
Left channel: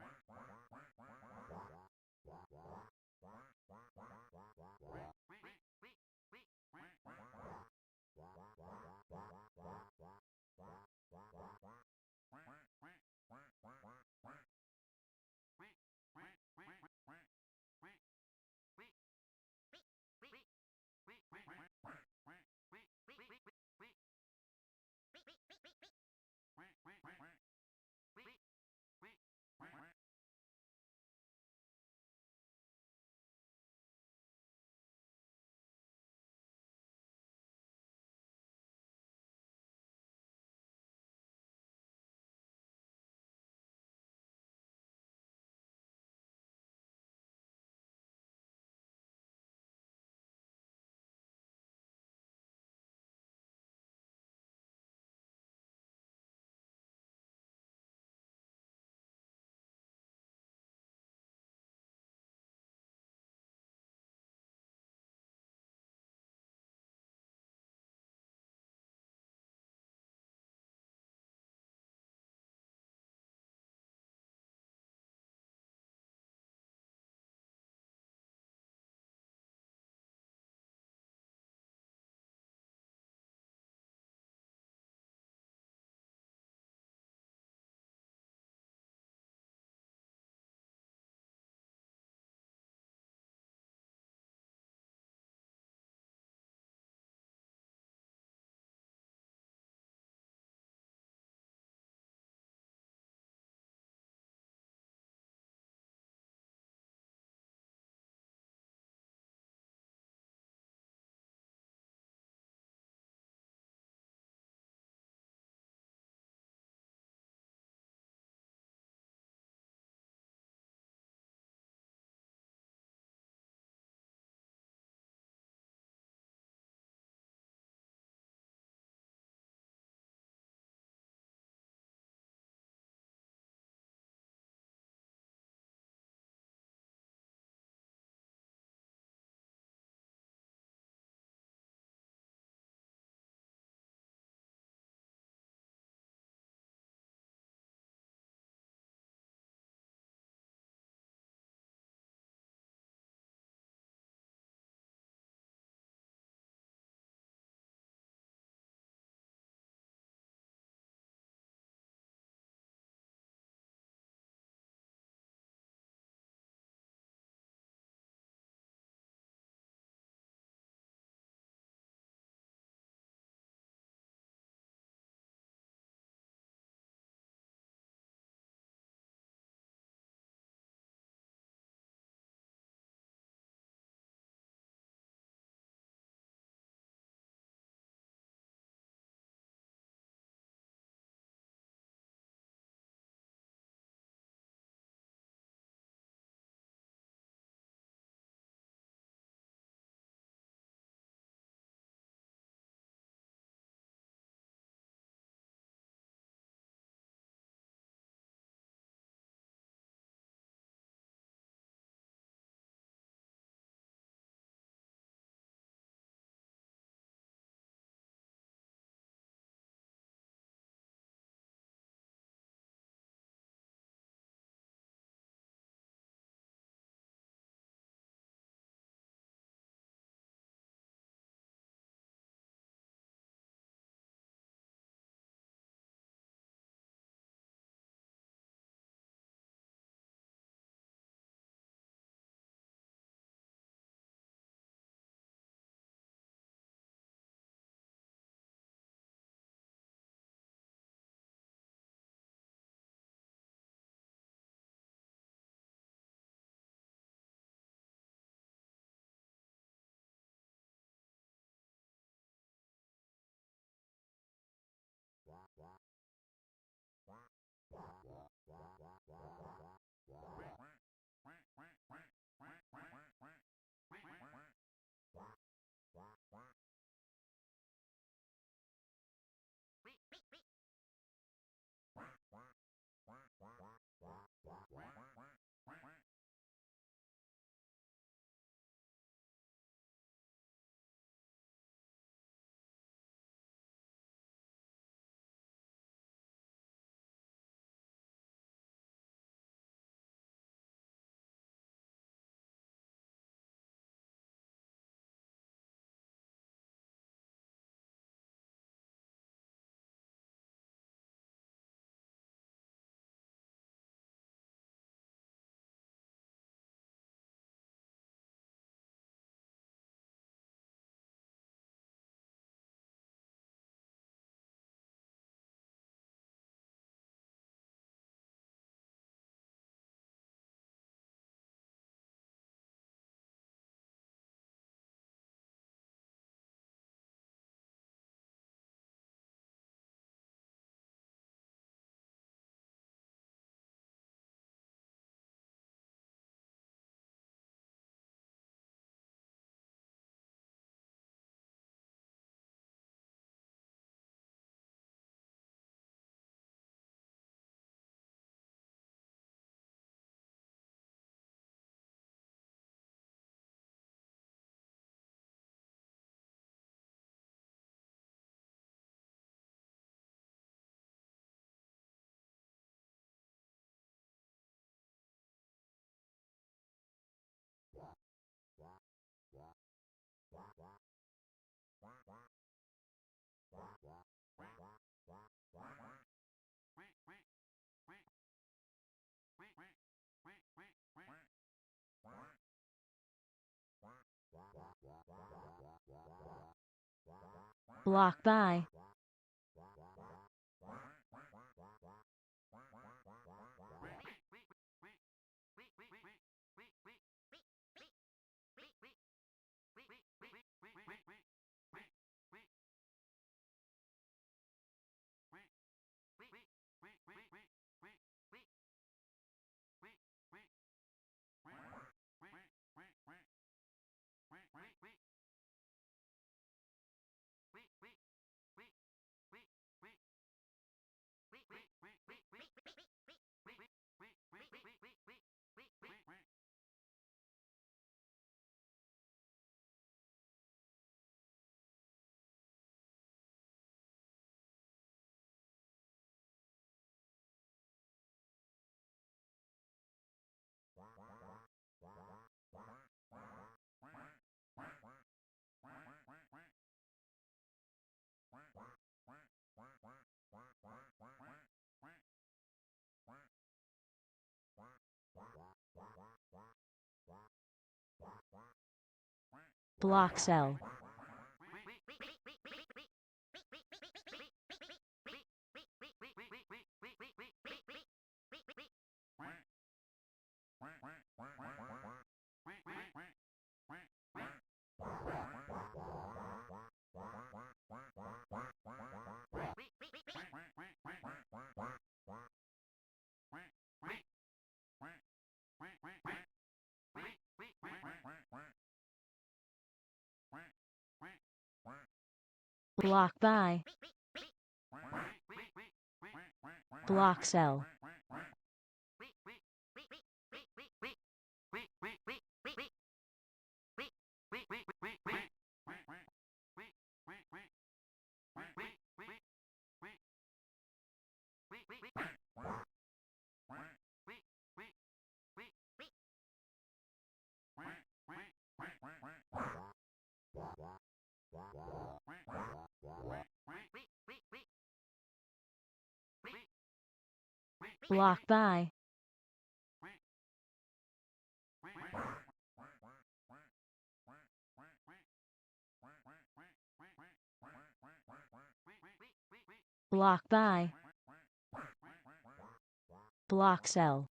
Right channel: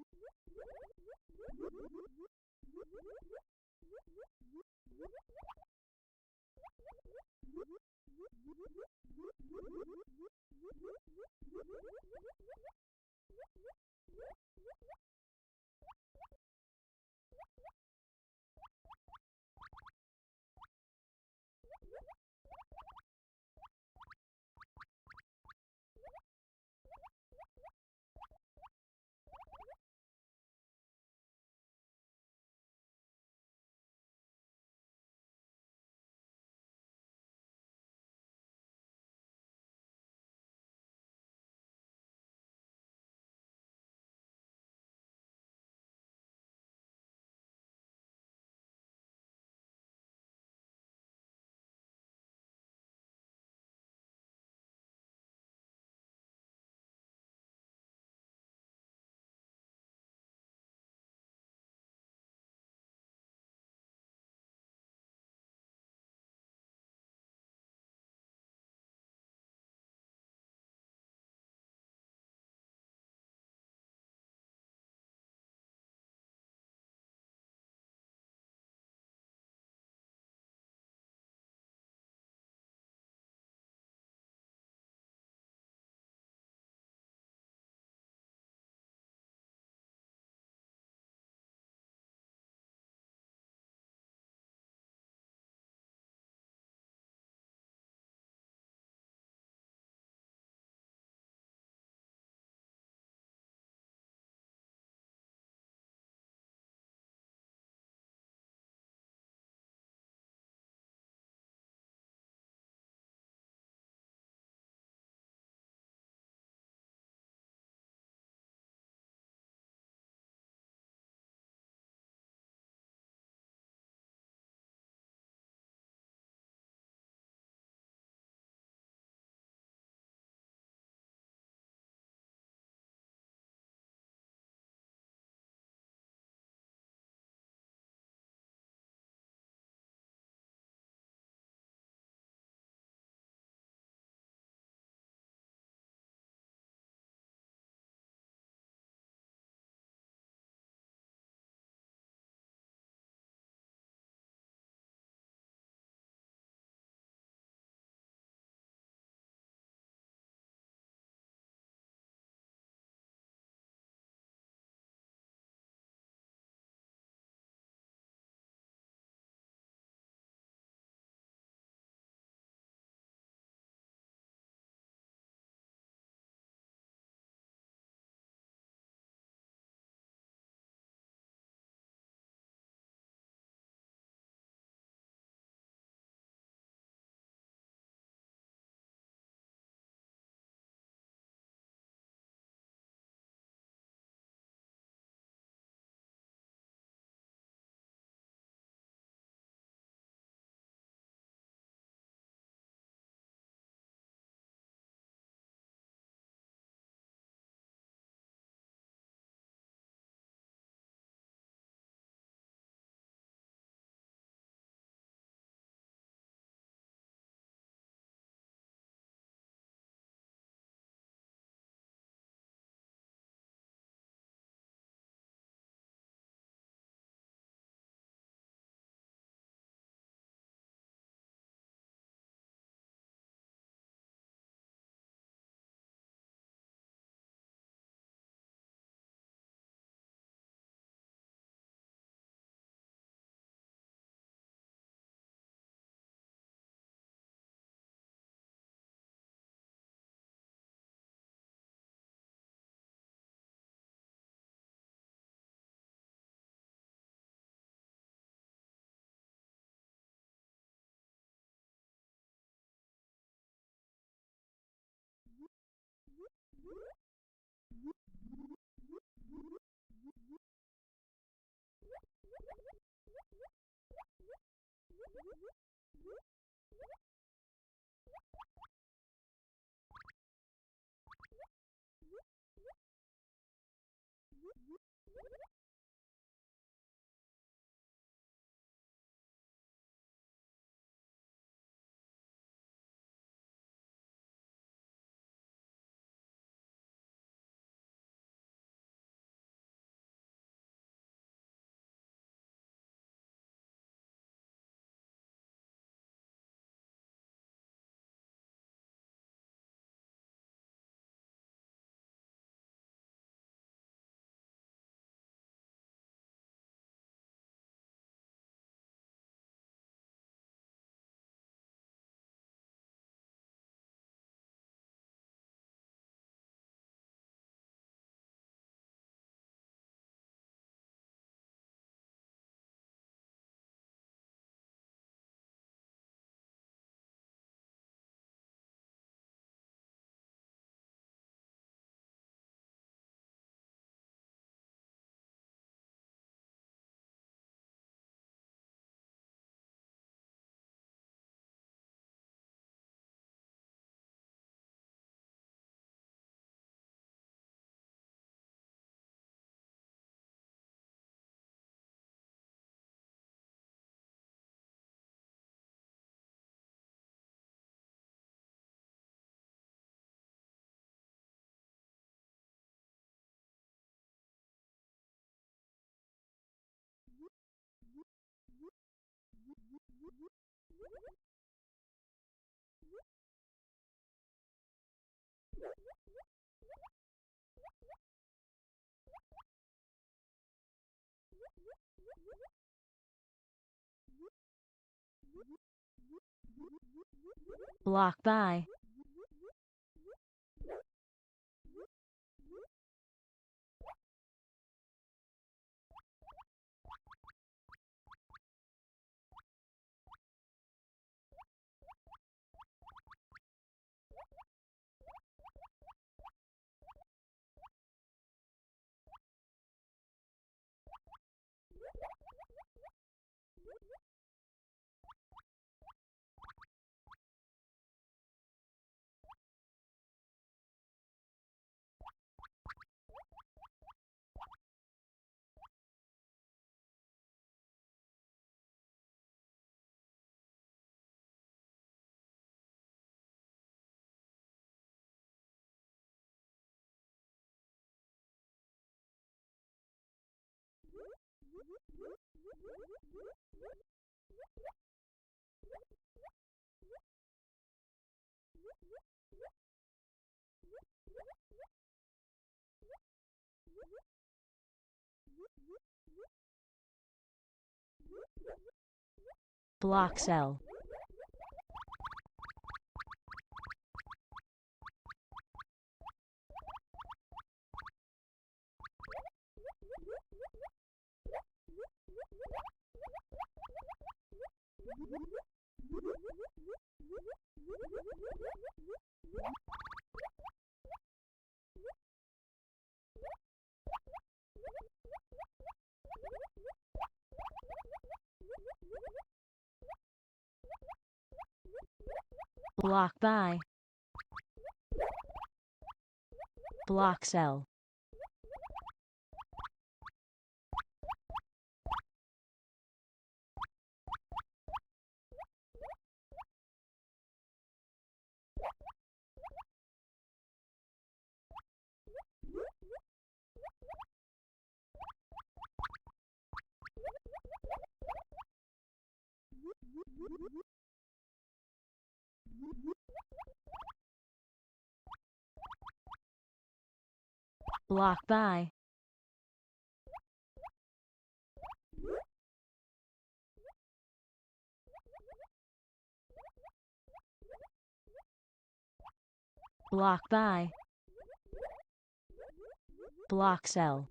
Block by. Block cell. Block by. Block cell. Block by. Block by. Block cell.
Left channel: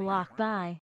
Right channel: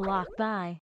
Block by.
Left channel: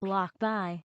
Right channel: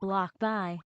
Block by.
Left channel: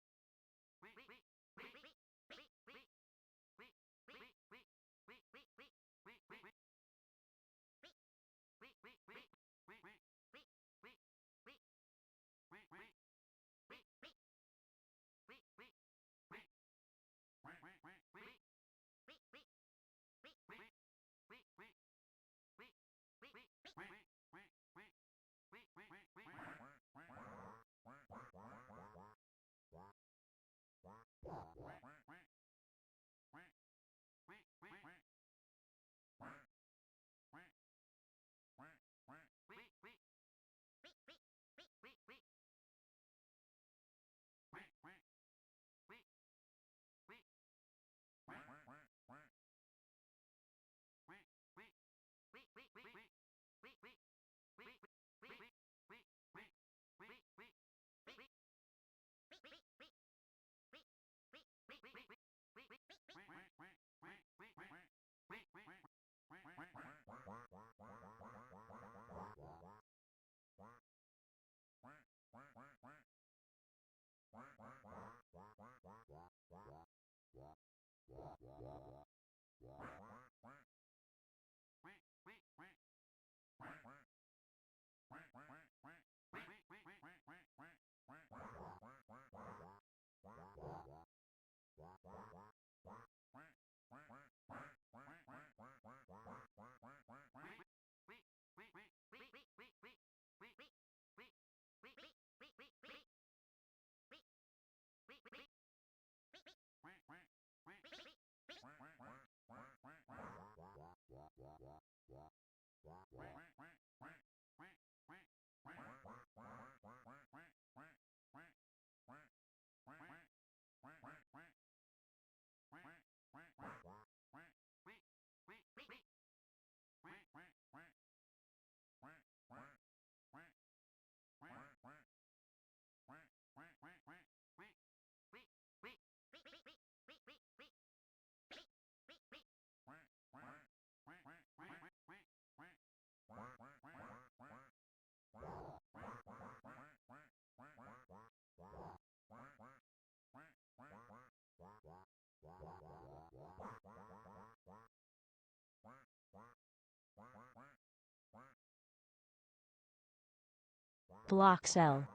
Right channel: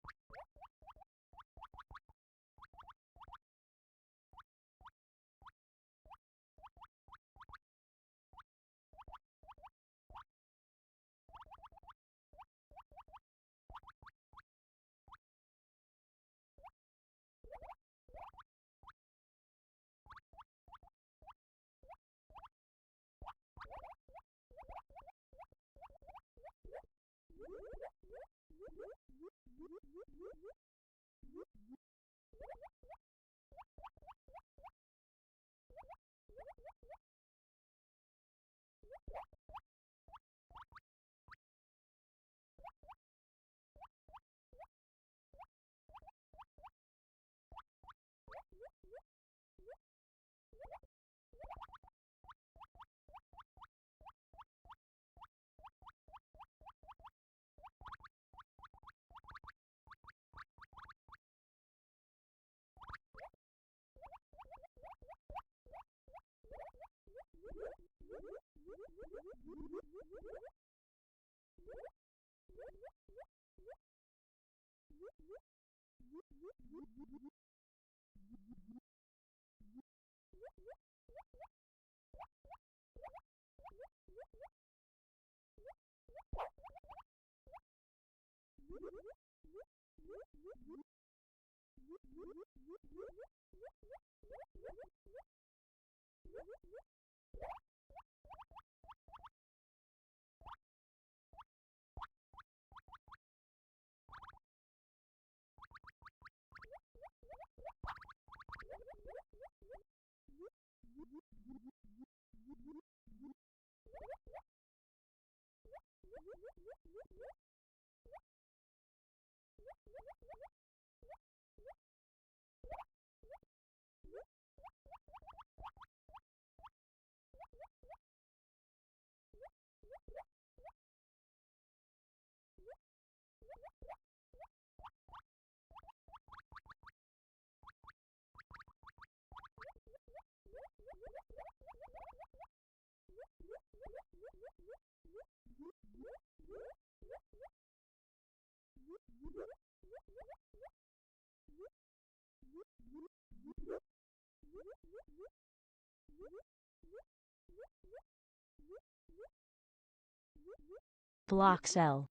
Block cell.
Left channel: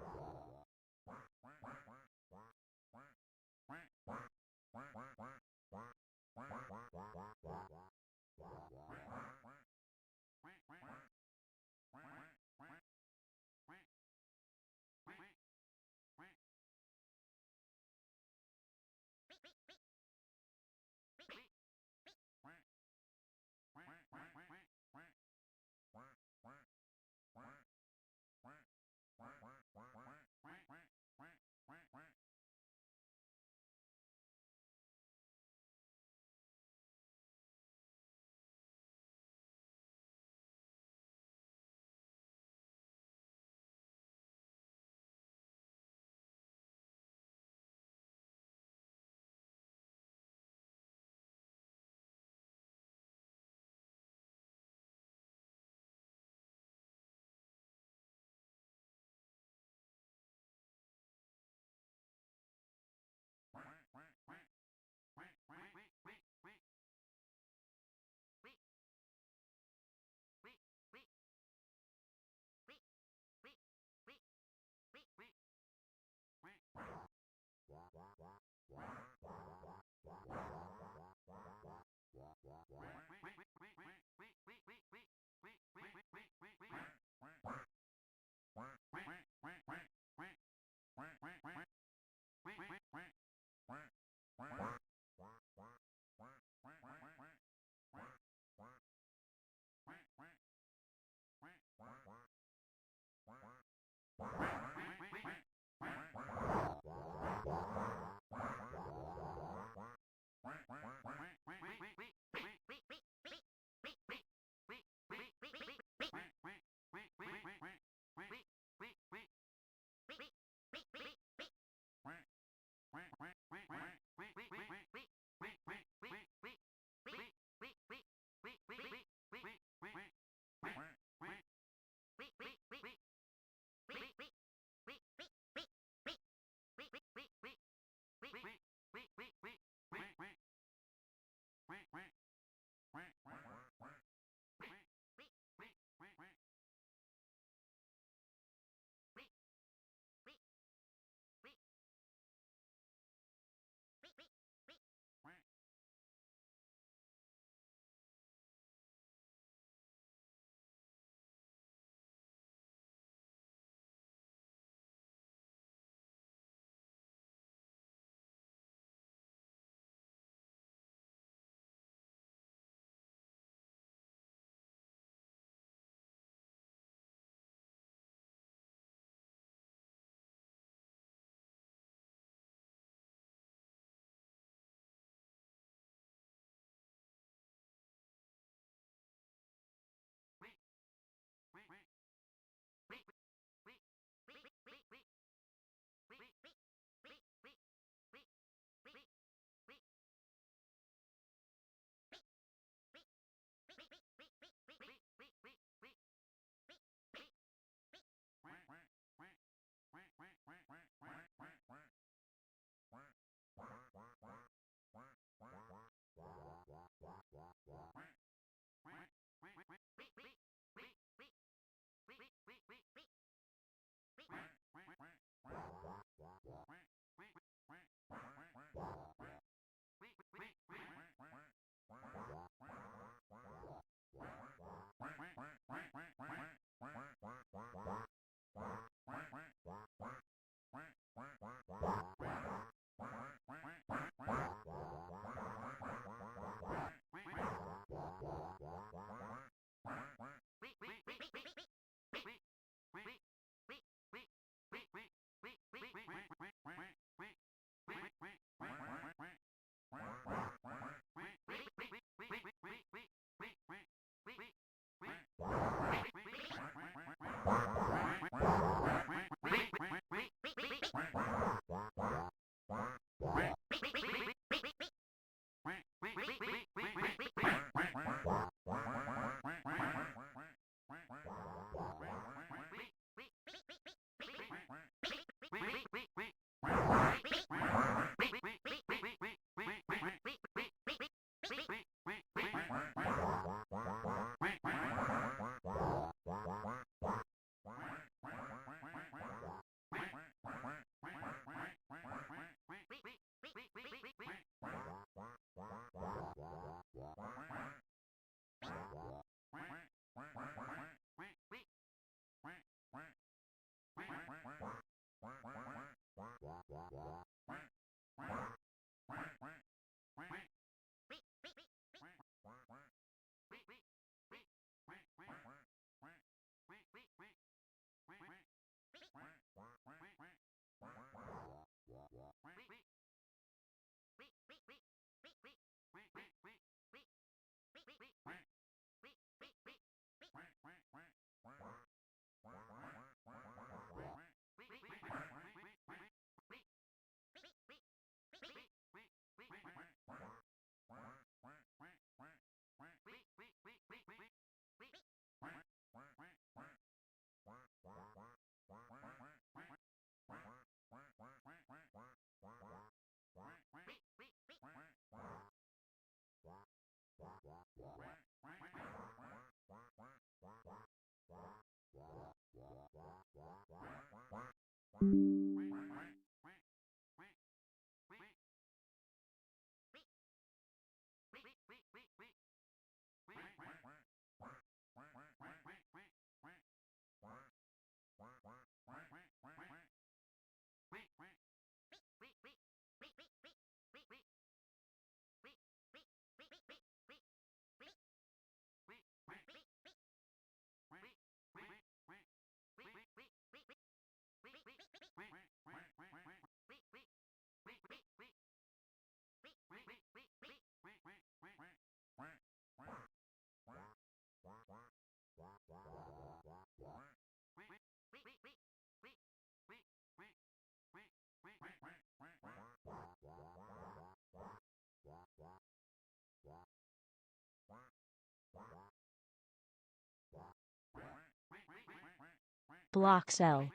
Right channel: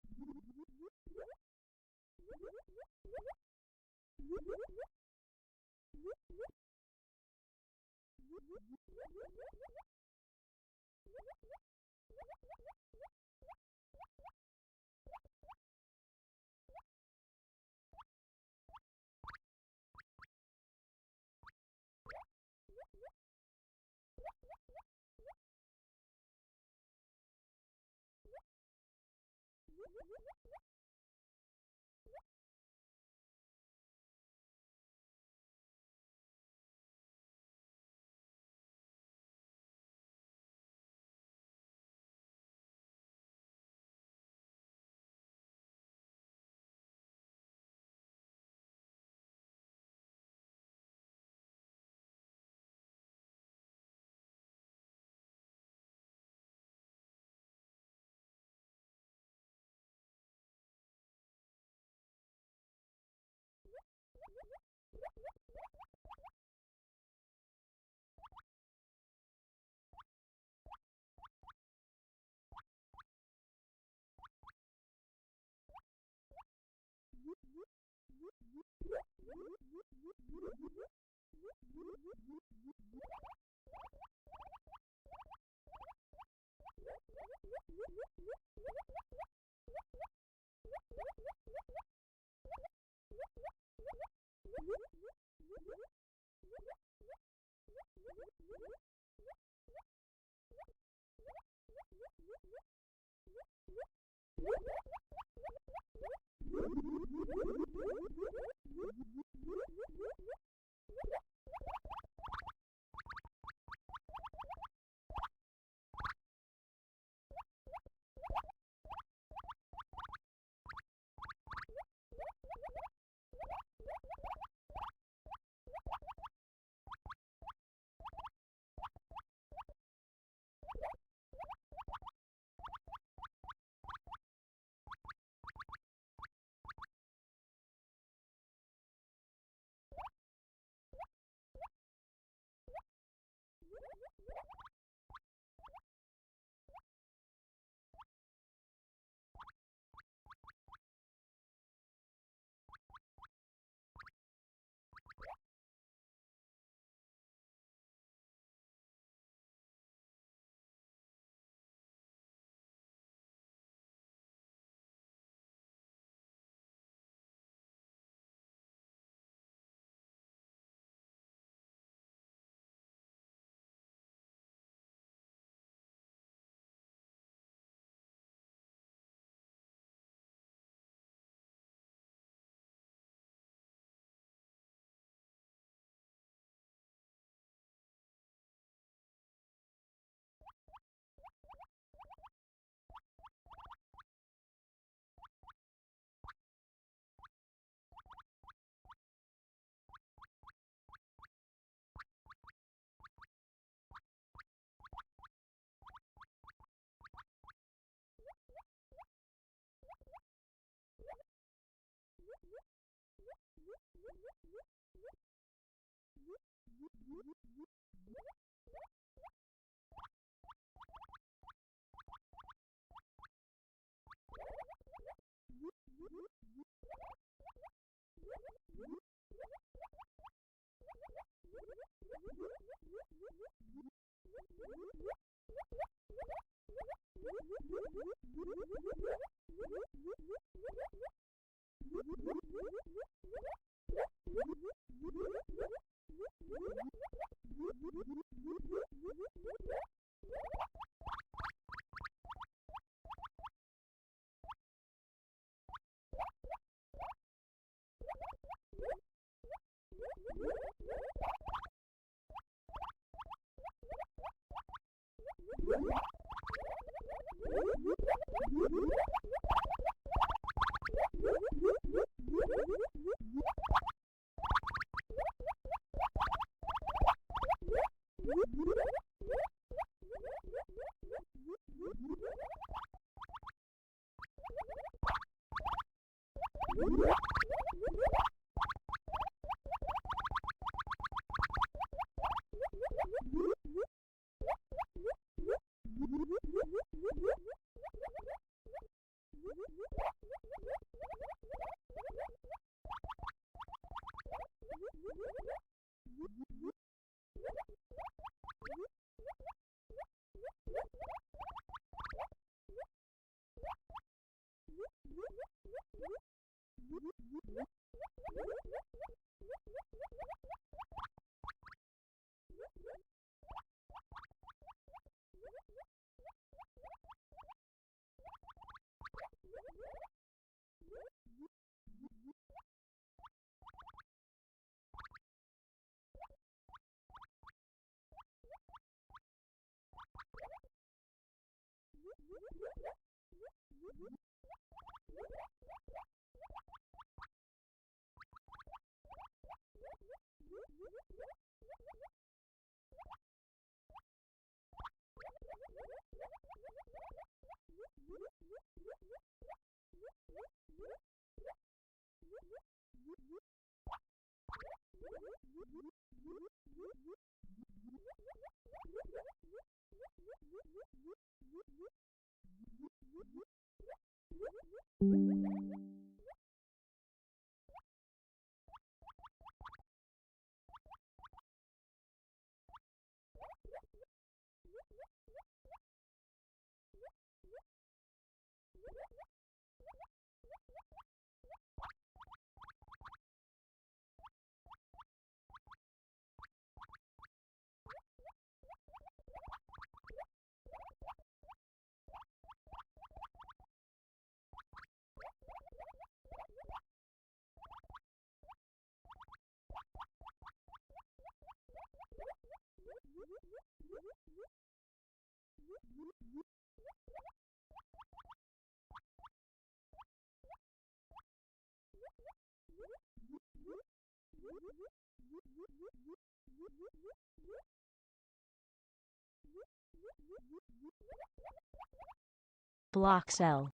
Block cell.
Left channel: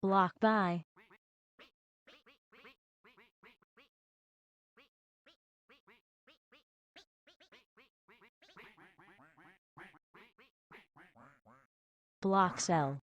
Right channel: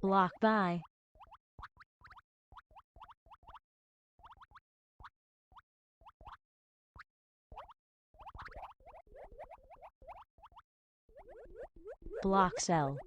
Block by. Block cell.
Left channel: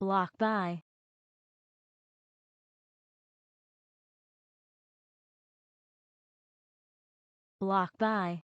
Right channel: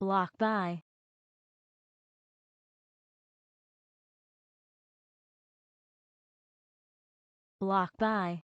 Block by. Block by.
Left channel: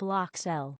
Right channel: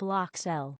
Block cell.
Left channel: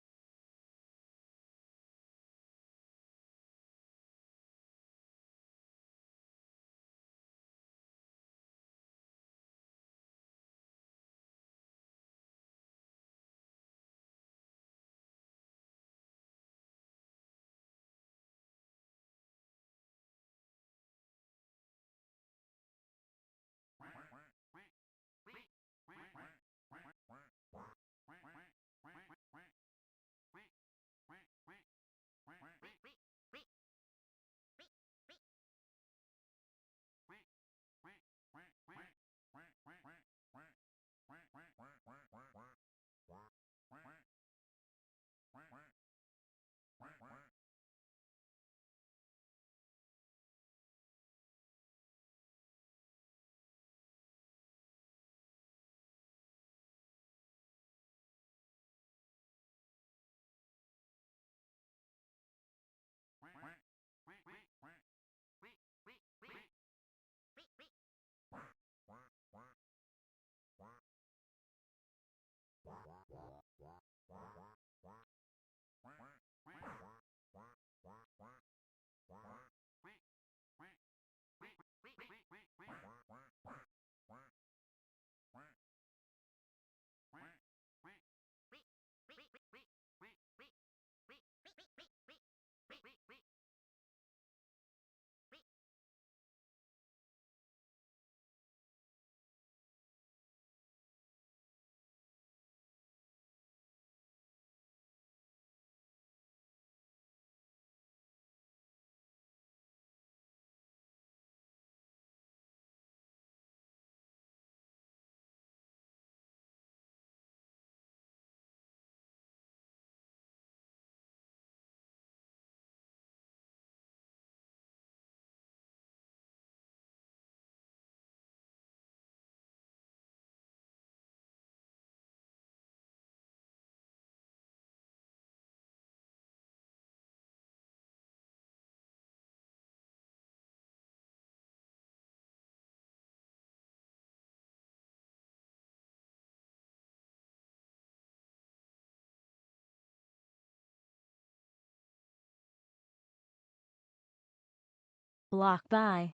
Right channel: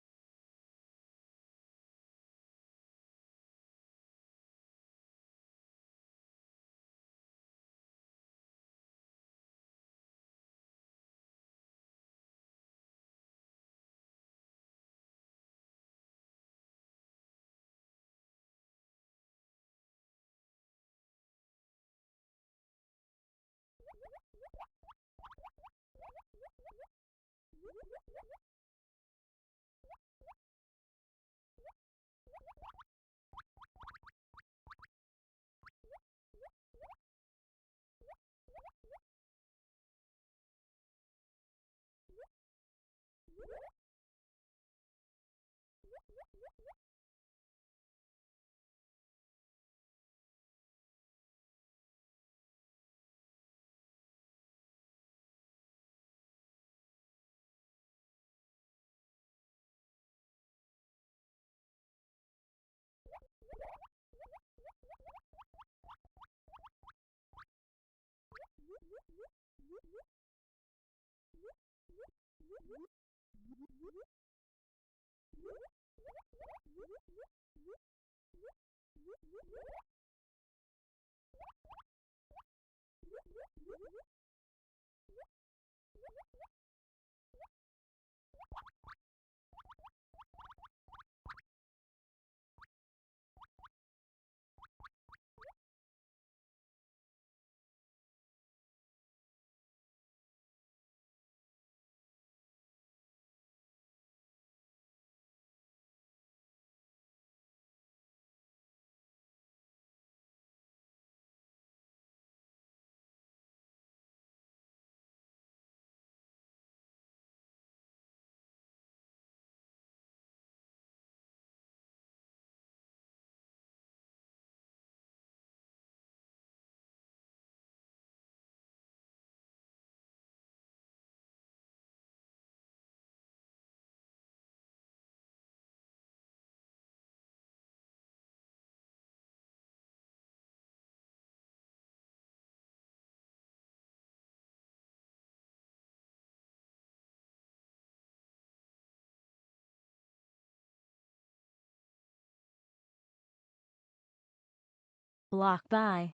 Block by.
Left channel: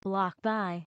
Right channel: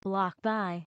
Block by.